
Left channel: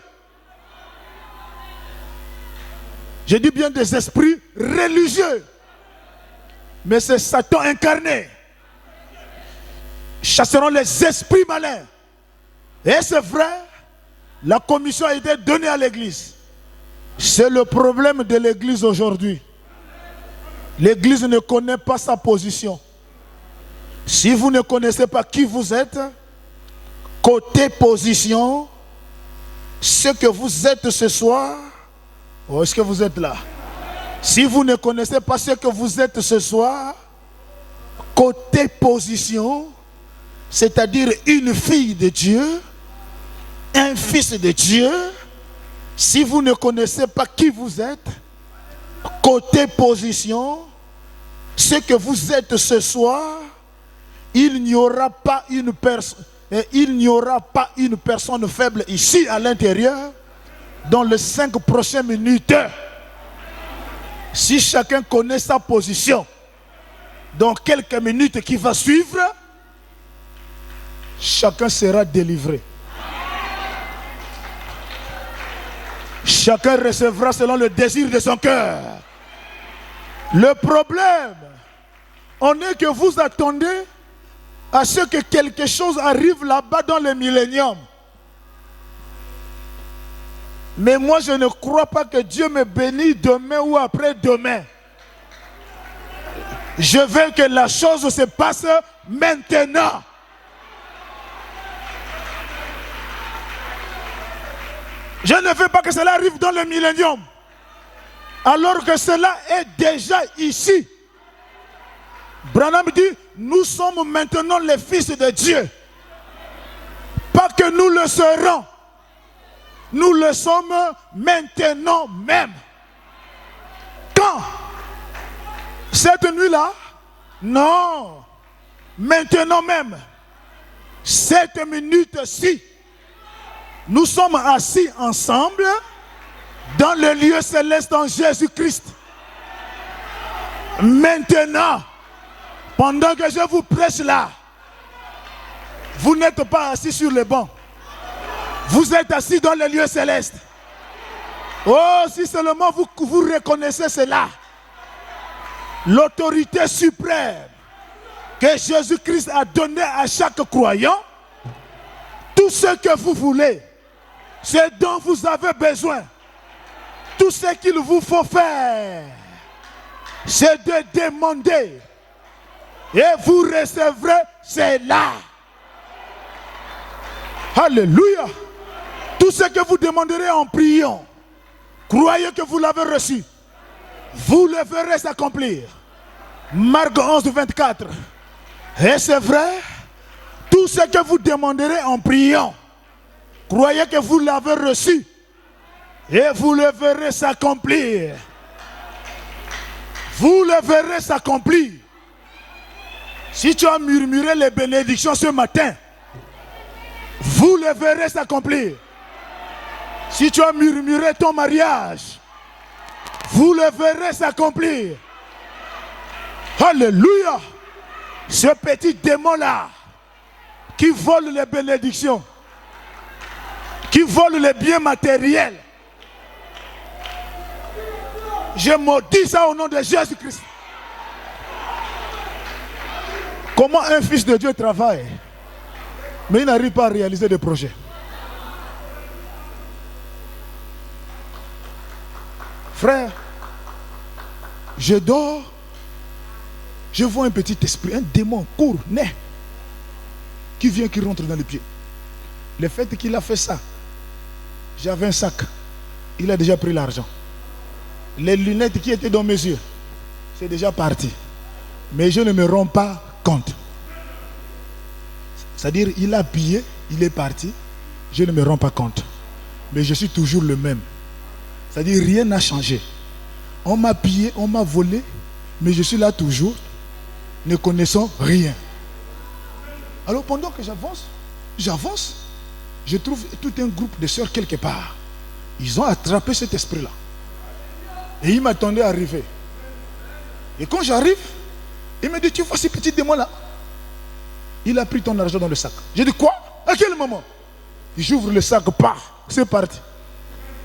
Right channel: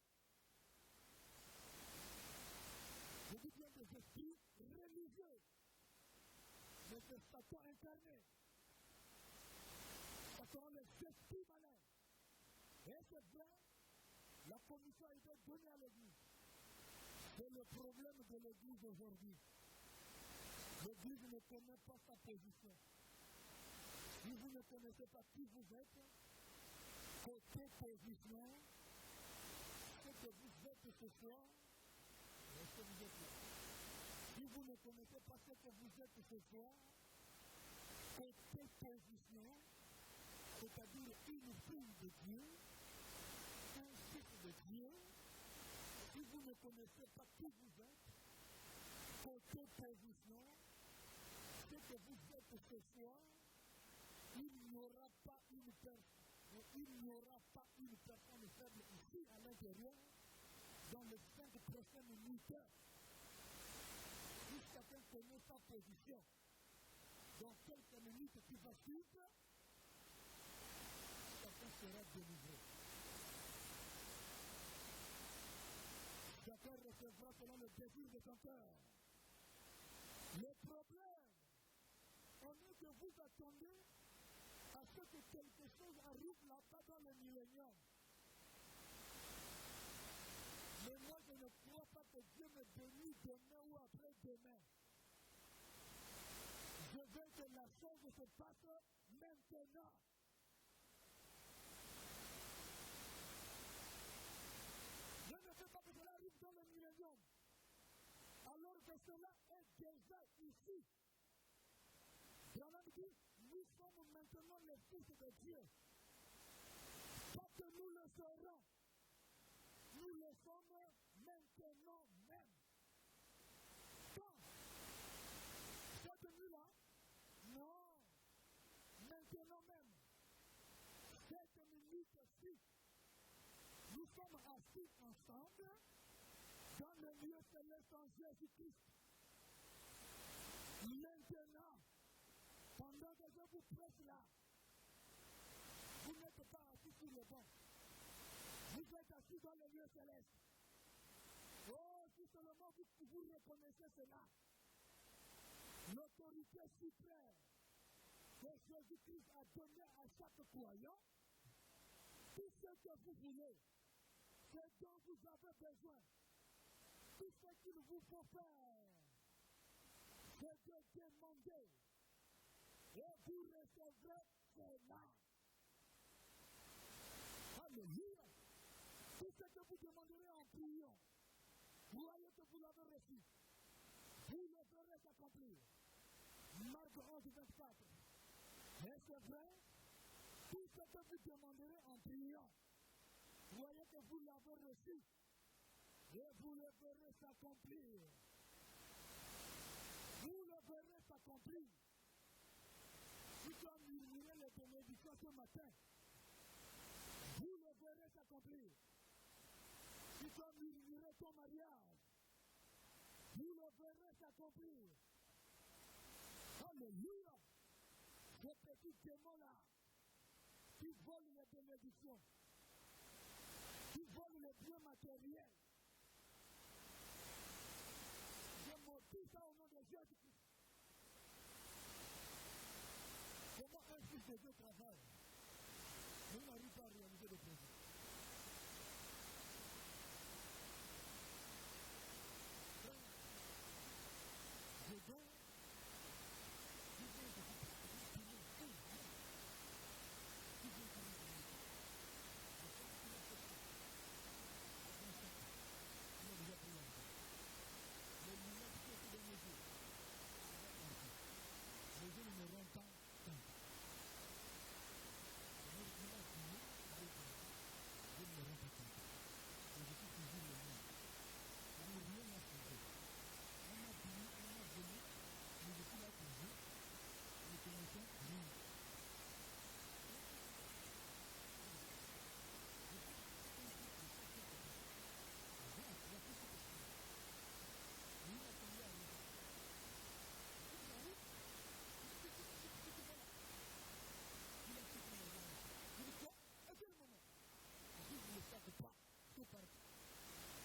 Je dis bien des esprits religieux. Mais c'est Satan incarné. Chasseront les esprits malins. Et c'est vrai, la commission a été donnée à l'église. C'est le problème de l'église aujourd'hui. L'église ne connaît pas sa position. Si vous ne connaissez pas qui vous êtes, côté position, ce que vous êtes ce soir, oh, est-ce que vous êtes là? Si vous ne connaissez pas ce que vous êtes ce soir, côté position, c'est-à-dire une fille de Dieu, un fils de Dieu, si vous ne connaissez pas qui vous êtes, côté position, ce que vous êtes ce soir, il n'y aura pas une personne faible ici à l'intérieur dans les 5 prochaines minutes. Si chacun connaît sa position, dans quelques minutes qui va suivre, chacun sera délivré. Chacun recevra selon le désir de son cœur. Le problème, on est que vous attendez à ce que quelque chose arrive là-bas dans le millénium. Mais moi, je ne crois pas que Dieu me bénisse demain ou après-demain. Je veux que la chose se passe maintenant. Je ne veux pas que cela arrive dans le millénium, alors que cela est déjà ici. Branham dit, nous sommes maintenant les fils de Dieu. Pas que nous le serons. Nous le sommes maintenant même. Quand? Cette nuit-là? Non. Maintenant même. Cette minute-ci. Nous sommes assis ensemble dans le lieu céleste en Jésus-Christ. Maintenant, pendant que je vous prêche là, vous n'êtes pas assis sur le banc. Vous êtes assis dans le lieu céleste. Oh, si seulement vous reconnaissez cela. L'autorité suprême que Jésus-Christ a donnée à chaque croyant, tout ce que vous voulez, ce dont vous avez besoin, tout ce qu'il vous faut faire, c'est de demander. Et vous recevrez cela. Alléluia. Tout ce que vous demanderez en priant, croyez que vous l'avez reçu. Vous le verrez s'accomplir. Marc 11, 24. Et c'est vrai, tout ce que vous demanderez en priant, croyez que vous l'avez reçu. Et vous le verrez s'accomplir. Vous le verrez s'accomplir. Si tu as murmuré les bénédictions ce matin, vous le verrez s'accomplir. Si tu as murmuré ton mariage, vous le verrez s'accomplir. Alléluia. Ce petit démon-là, qui vole les bénédictions, qui vole les biens matériels, je maudis ça au nom de Jésus-Christ. Comment un fils de Dieu travaille, mais il n'arrive pas à réaliser des projets. Frère, je dors, je vois un petit esprit, un démon court, né, qui vient, qui rentre dans les pieds. Le fait qu'il a fait ça, j'avais un sac, il a déjà pris l'argent. Les lunettes qui étaient dans mes yeux, c'est déjà parti. Mais je ne me rends pas compte. C'est-à-dire, il a pillé, il est parti, je ne me rends pas compte. Mais je suis toujours le même. C'est-à-dire, rien n'a changé. On m'a pillé, on m'a volé, mais je suis là toujours, ne connaissant rien. Alors, pendant que j'avance, je trouve tout un groupe de sœurs quelque part. Ils ont attrapé cet esprit-là. Et ils m'attendaient à arriver. Et quand j'arrive, il me dit, tu vois ce petit démon-là? Il a pris ton argent dans le sac. J'ai dit, quoi? À quel moment? J'ouvre le sac, c'est parti.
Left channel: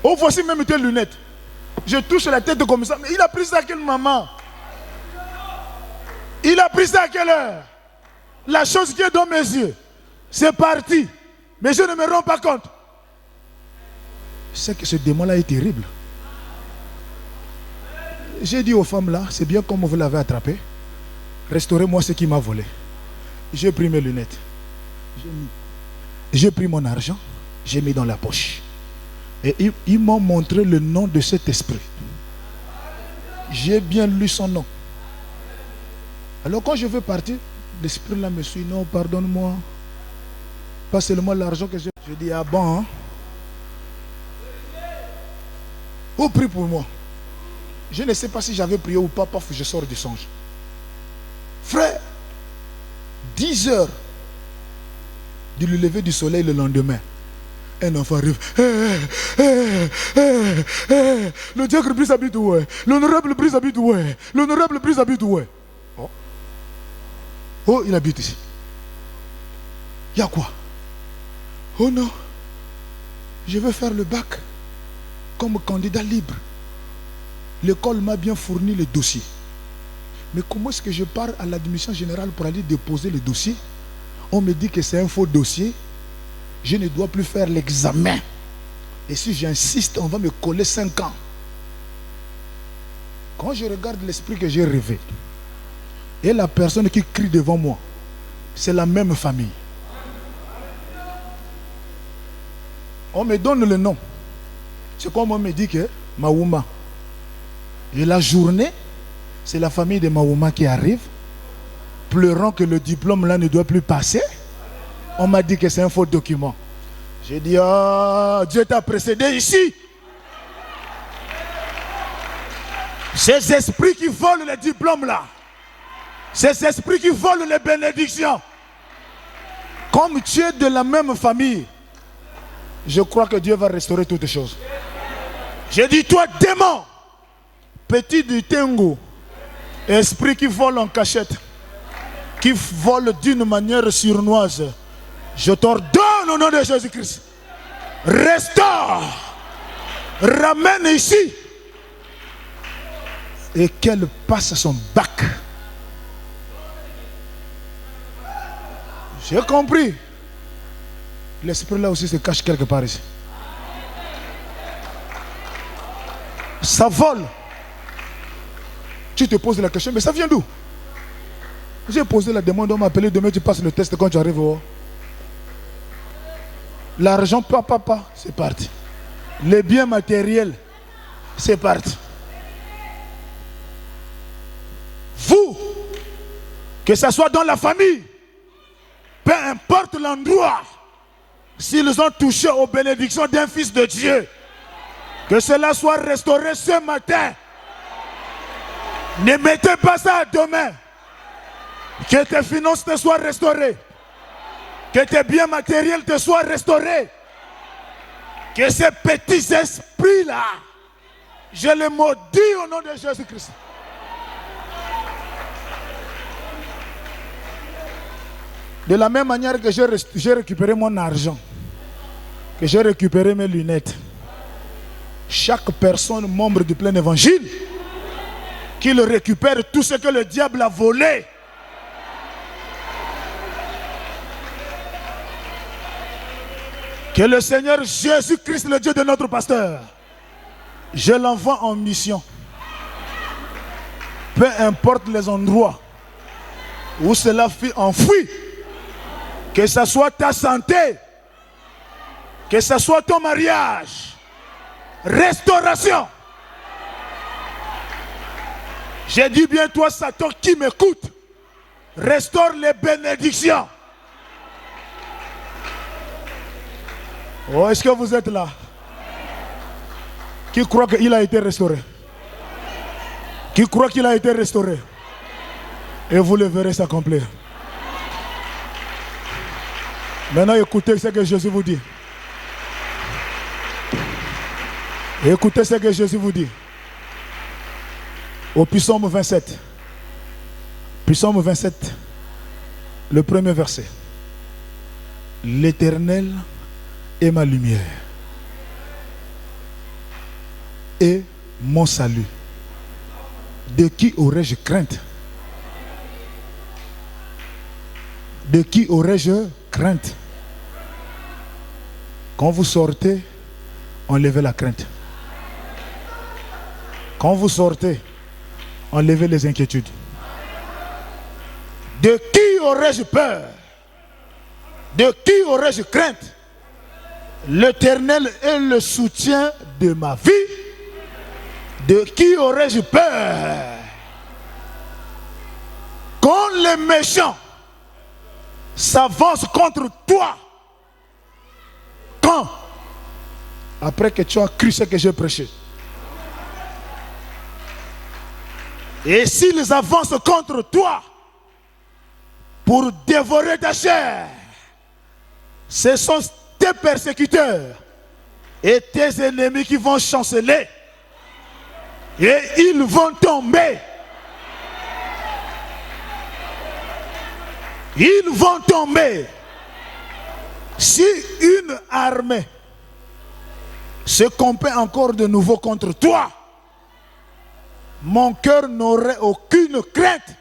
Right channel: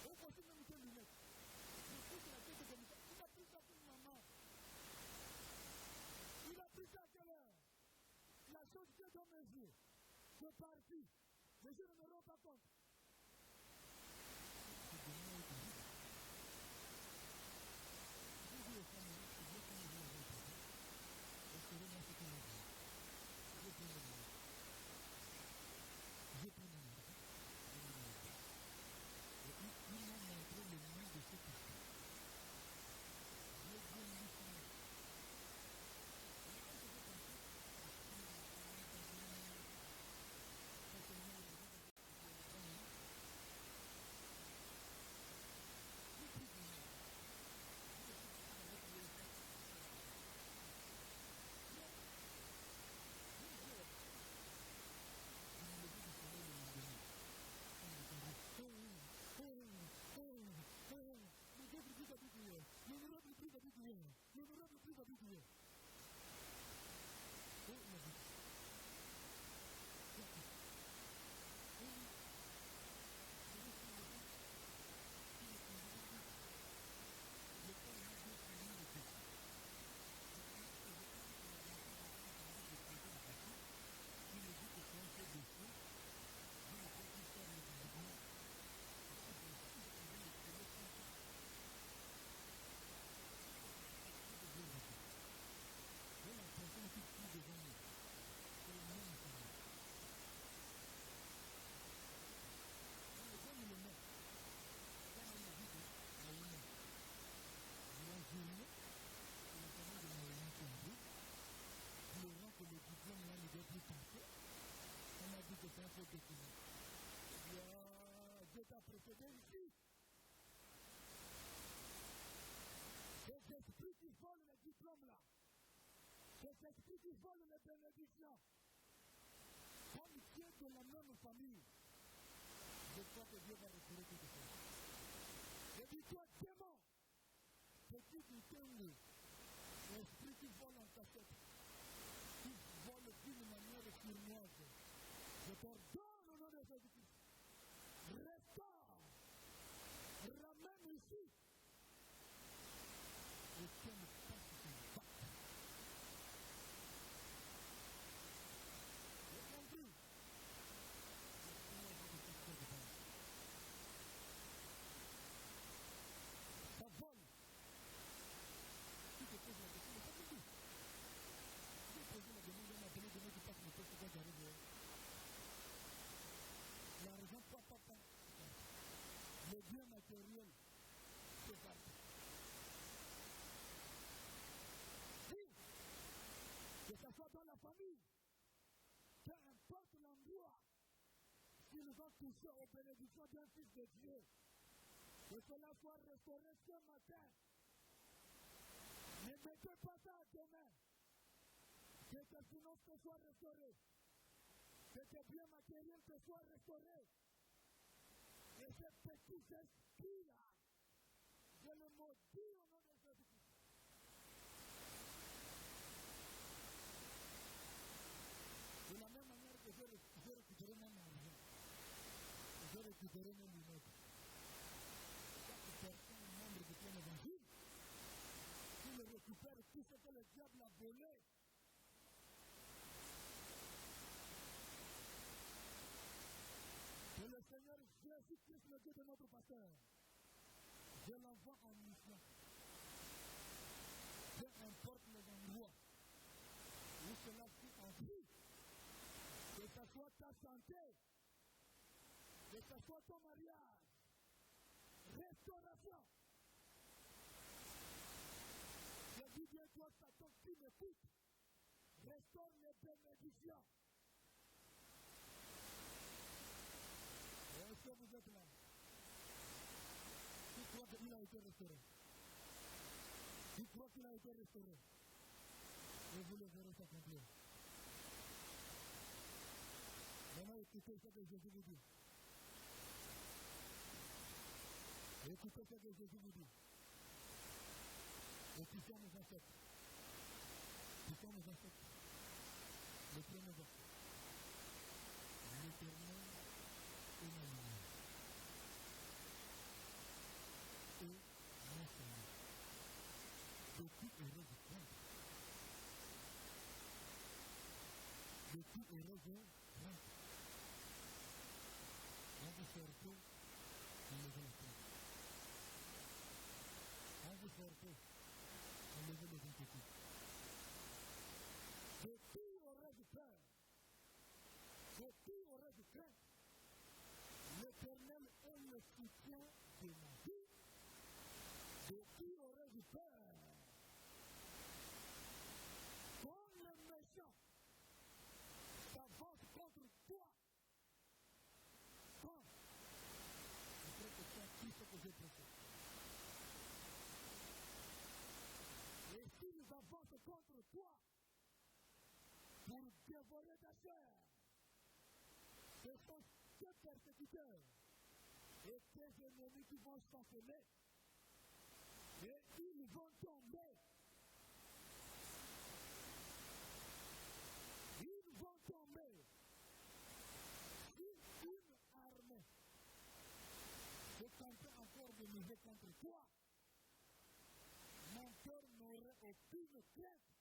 Oh, voici même tes lunettes. Je touche la tête comme ça. Mais il a pris ça à quelle moment? Il a pris ça à quelle heure? La chose qui est dans mes yeux, c'est parti. Mais je ne me rends pas compte. C'est que ce démon-là est terrible. J'ai dit aux femmes là, c'est bien comme vous l'avez attrapé. Restaurez-moi ce qui m'a volé. J'ai pris mes lunettes. J'ai pris mon argent. J'ai mis dans la poche. Et ils m'ont montré le nom de cet esprit. J'ai bien lu son nom. Alors quand je veux partir, l'esprit là me suit. Non, pardonne-moi. Pas seulement l'argent que j'ai. Je dis, ah bon, hein? Oh, prie pour moi. Je ne sais pas si j'avais prié ou pas, parce que je sors du songe. Frère, 10 heures du lever du soleil le lendemain, un enfant arrive. Le diacre Brice habite où est? L'honorable Brice habite où est? L'honorable Brice habite où est? Oh, il habite ici. Il y a quoi? Oh non, je veux faire le bac comme candidat libre. L'école m'a bien fourni le dossier. Mais comment est-ce que je pars à l'admission générale pour aller déposer le dossier? On me dit que c'est un faux dossier. Je ne dois plus faire l'examen. Et si j'insiste, on va me coller 5 ans. Quand je regarde l'esprit que j'ai rêvé, et la personne qui crie devant moi, c'est la même famille. On me donne le nom. C'est comme on me dit que Maouma. Et la journée, c'est la famille de Maouma qui arrive, pleurant que le diplôme là ne doit plus passer. On m'a dit que c'est un faux document. J'ai dit, ah, Dieu t'a précédé ici. Ces esprits qui volent les diplômes là, ces esprits qui volent les bénédictions, comme tu es de la même famille, je crois que Dieu va restaurer toutes choses. J'ai dit, toi démon, petit du Tengo, esprit qui vole en cachette, qui vole d'une manière sournoise, je t'ordonne au nom de Jésus-Christ, restaure, ramène ici, et qu'elle passe son bac. J'ai compris. L'esprit là aussi se cache quelque part ici. Ça vole. Tu te poses la question, mais ça vient d'où? J'ai posé la demande, on m'a appelé, demain tu passes le test quand tu arrives au... L'argent, papa, c'est parti. Les biens matériels, c'est parti. Vous, que ce soit dans la famille, peu importe l'endroit, s'ils ont touché aux bénédictions d'un fils de Dieu, que cela soit restauré ce matin. Ne mettez pas ça à demain. Que tes finances te soient restaurées. Que tes biens matériels te soient restaurés. Que ces petits esprits-là, je les maudis au nom de Jésus-Christ. De la même manière que j'ai récupéré mon argent, que j'ai récupéré mes lunettes, chaque personne membre du plein évangile, qu'il récupère tout ce que le diable a volé. Que le Seigneur Jésus-Christ, le Dieu de notre pasteur, je l'envoie en mission. Peu importe les endroits où cela fut enfoui, que ce soit ta santé, que ce soit ton mariage, restauration. J'ai dit bien, toi Satan qui m'écoute, restaure les bénédictions. Oh, est-ce que vous êtes là? Qui croit qu'il a été restauré? Qui croit qu'il a été restauré? Et vous le verrez s'accomplir. Maintenant, écoutez ce que Jésus vous dit. Écoutez ce que Jésus vous dit. Au psaume 27. Psaume 27, le premier verset. L'Éternel est ma lumière et mon salut. De qui aurais-je crainte? De qui aurais-je crainte? Quand vous sortez, enlevez la crainte. Quand vous sortez, enlevez les inquiétudes. De qui aurais-je peur? De qui aurais-je crainte? L'Éternel est le soutien de ma vie. De qui aurais-je peur? Quand les méchants s'avancent contre toi, quand? Après que tu as cru ce que j'ai prêché. Et s'ils avancent contre toi pour dévorer ta chair, ce sont tes persécuteurs et tes ennemis qui vont chanceler. Et ils vont tomber. Ils vont tomber. Si une armée se compait encore de nouveau contre toi, mon cœur n'aurait aucune crainte.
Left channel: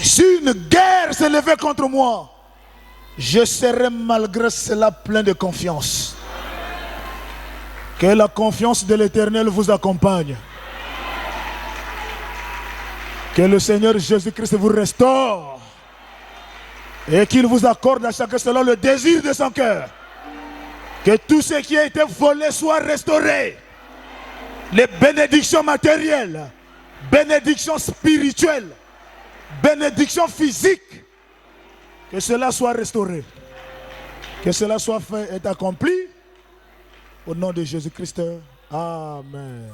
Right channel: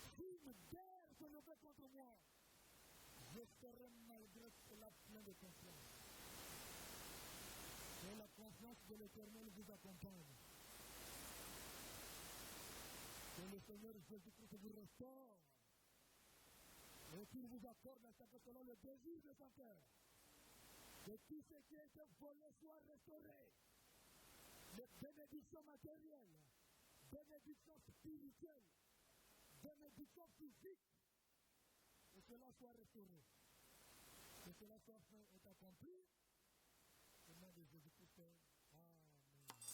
Si une guerre s'élevait contre moi, je serais malgré cela plein de confiance. Que la confiance de l'Éternel vous accompagne. Que le Seigneur Jésus-Christ vous restaure. Et qu'il vous accorde à chacun selon le désir de son cœur. Que tout ce qui a été volé soit restauré. Les bénédictions matérielles, bénédictions spirituelles, bénédictions physiques. Que cela soit restauré. Que cela soit fait et accompli. Au nom de Jésus-Christ. Amen.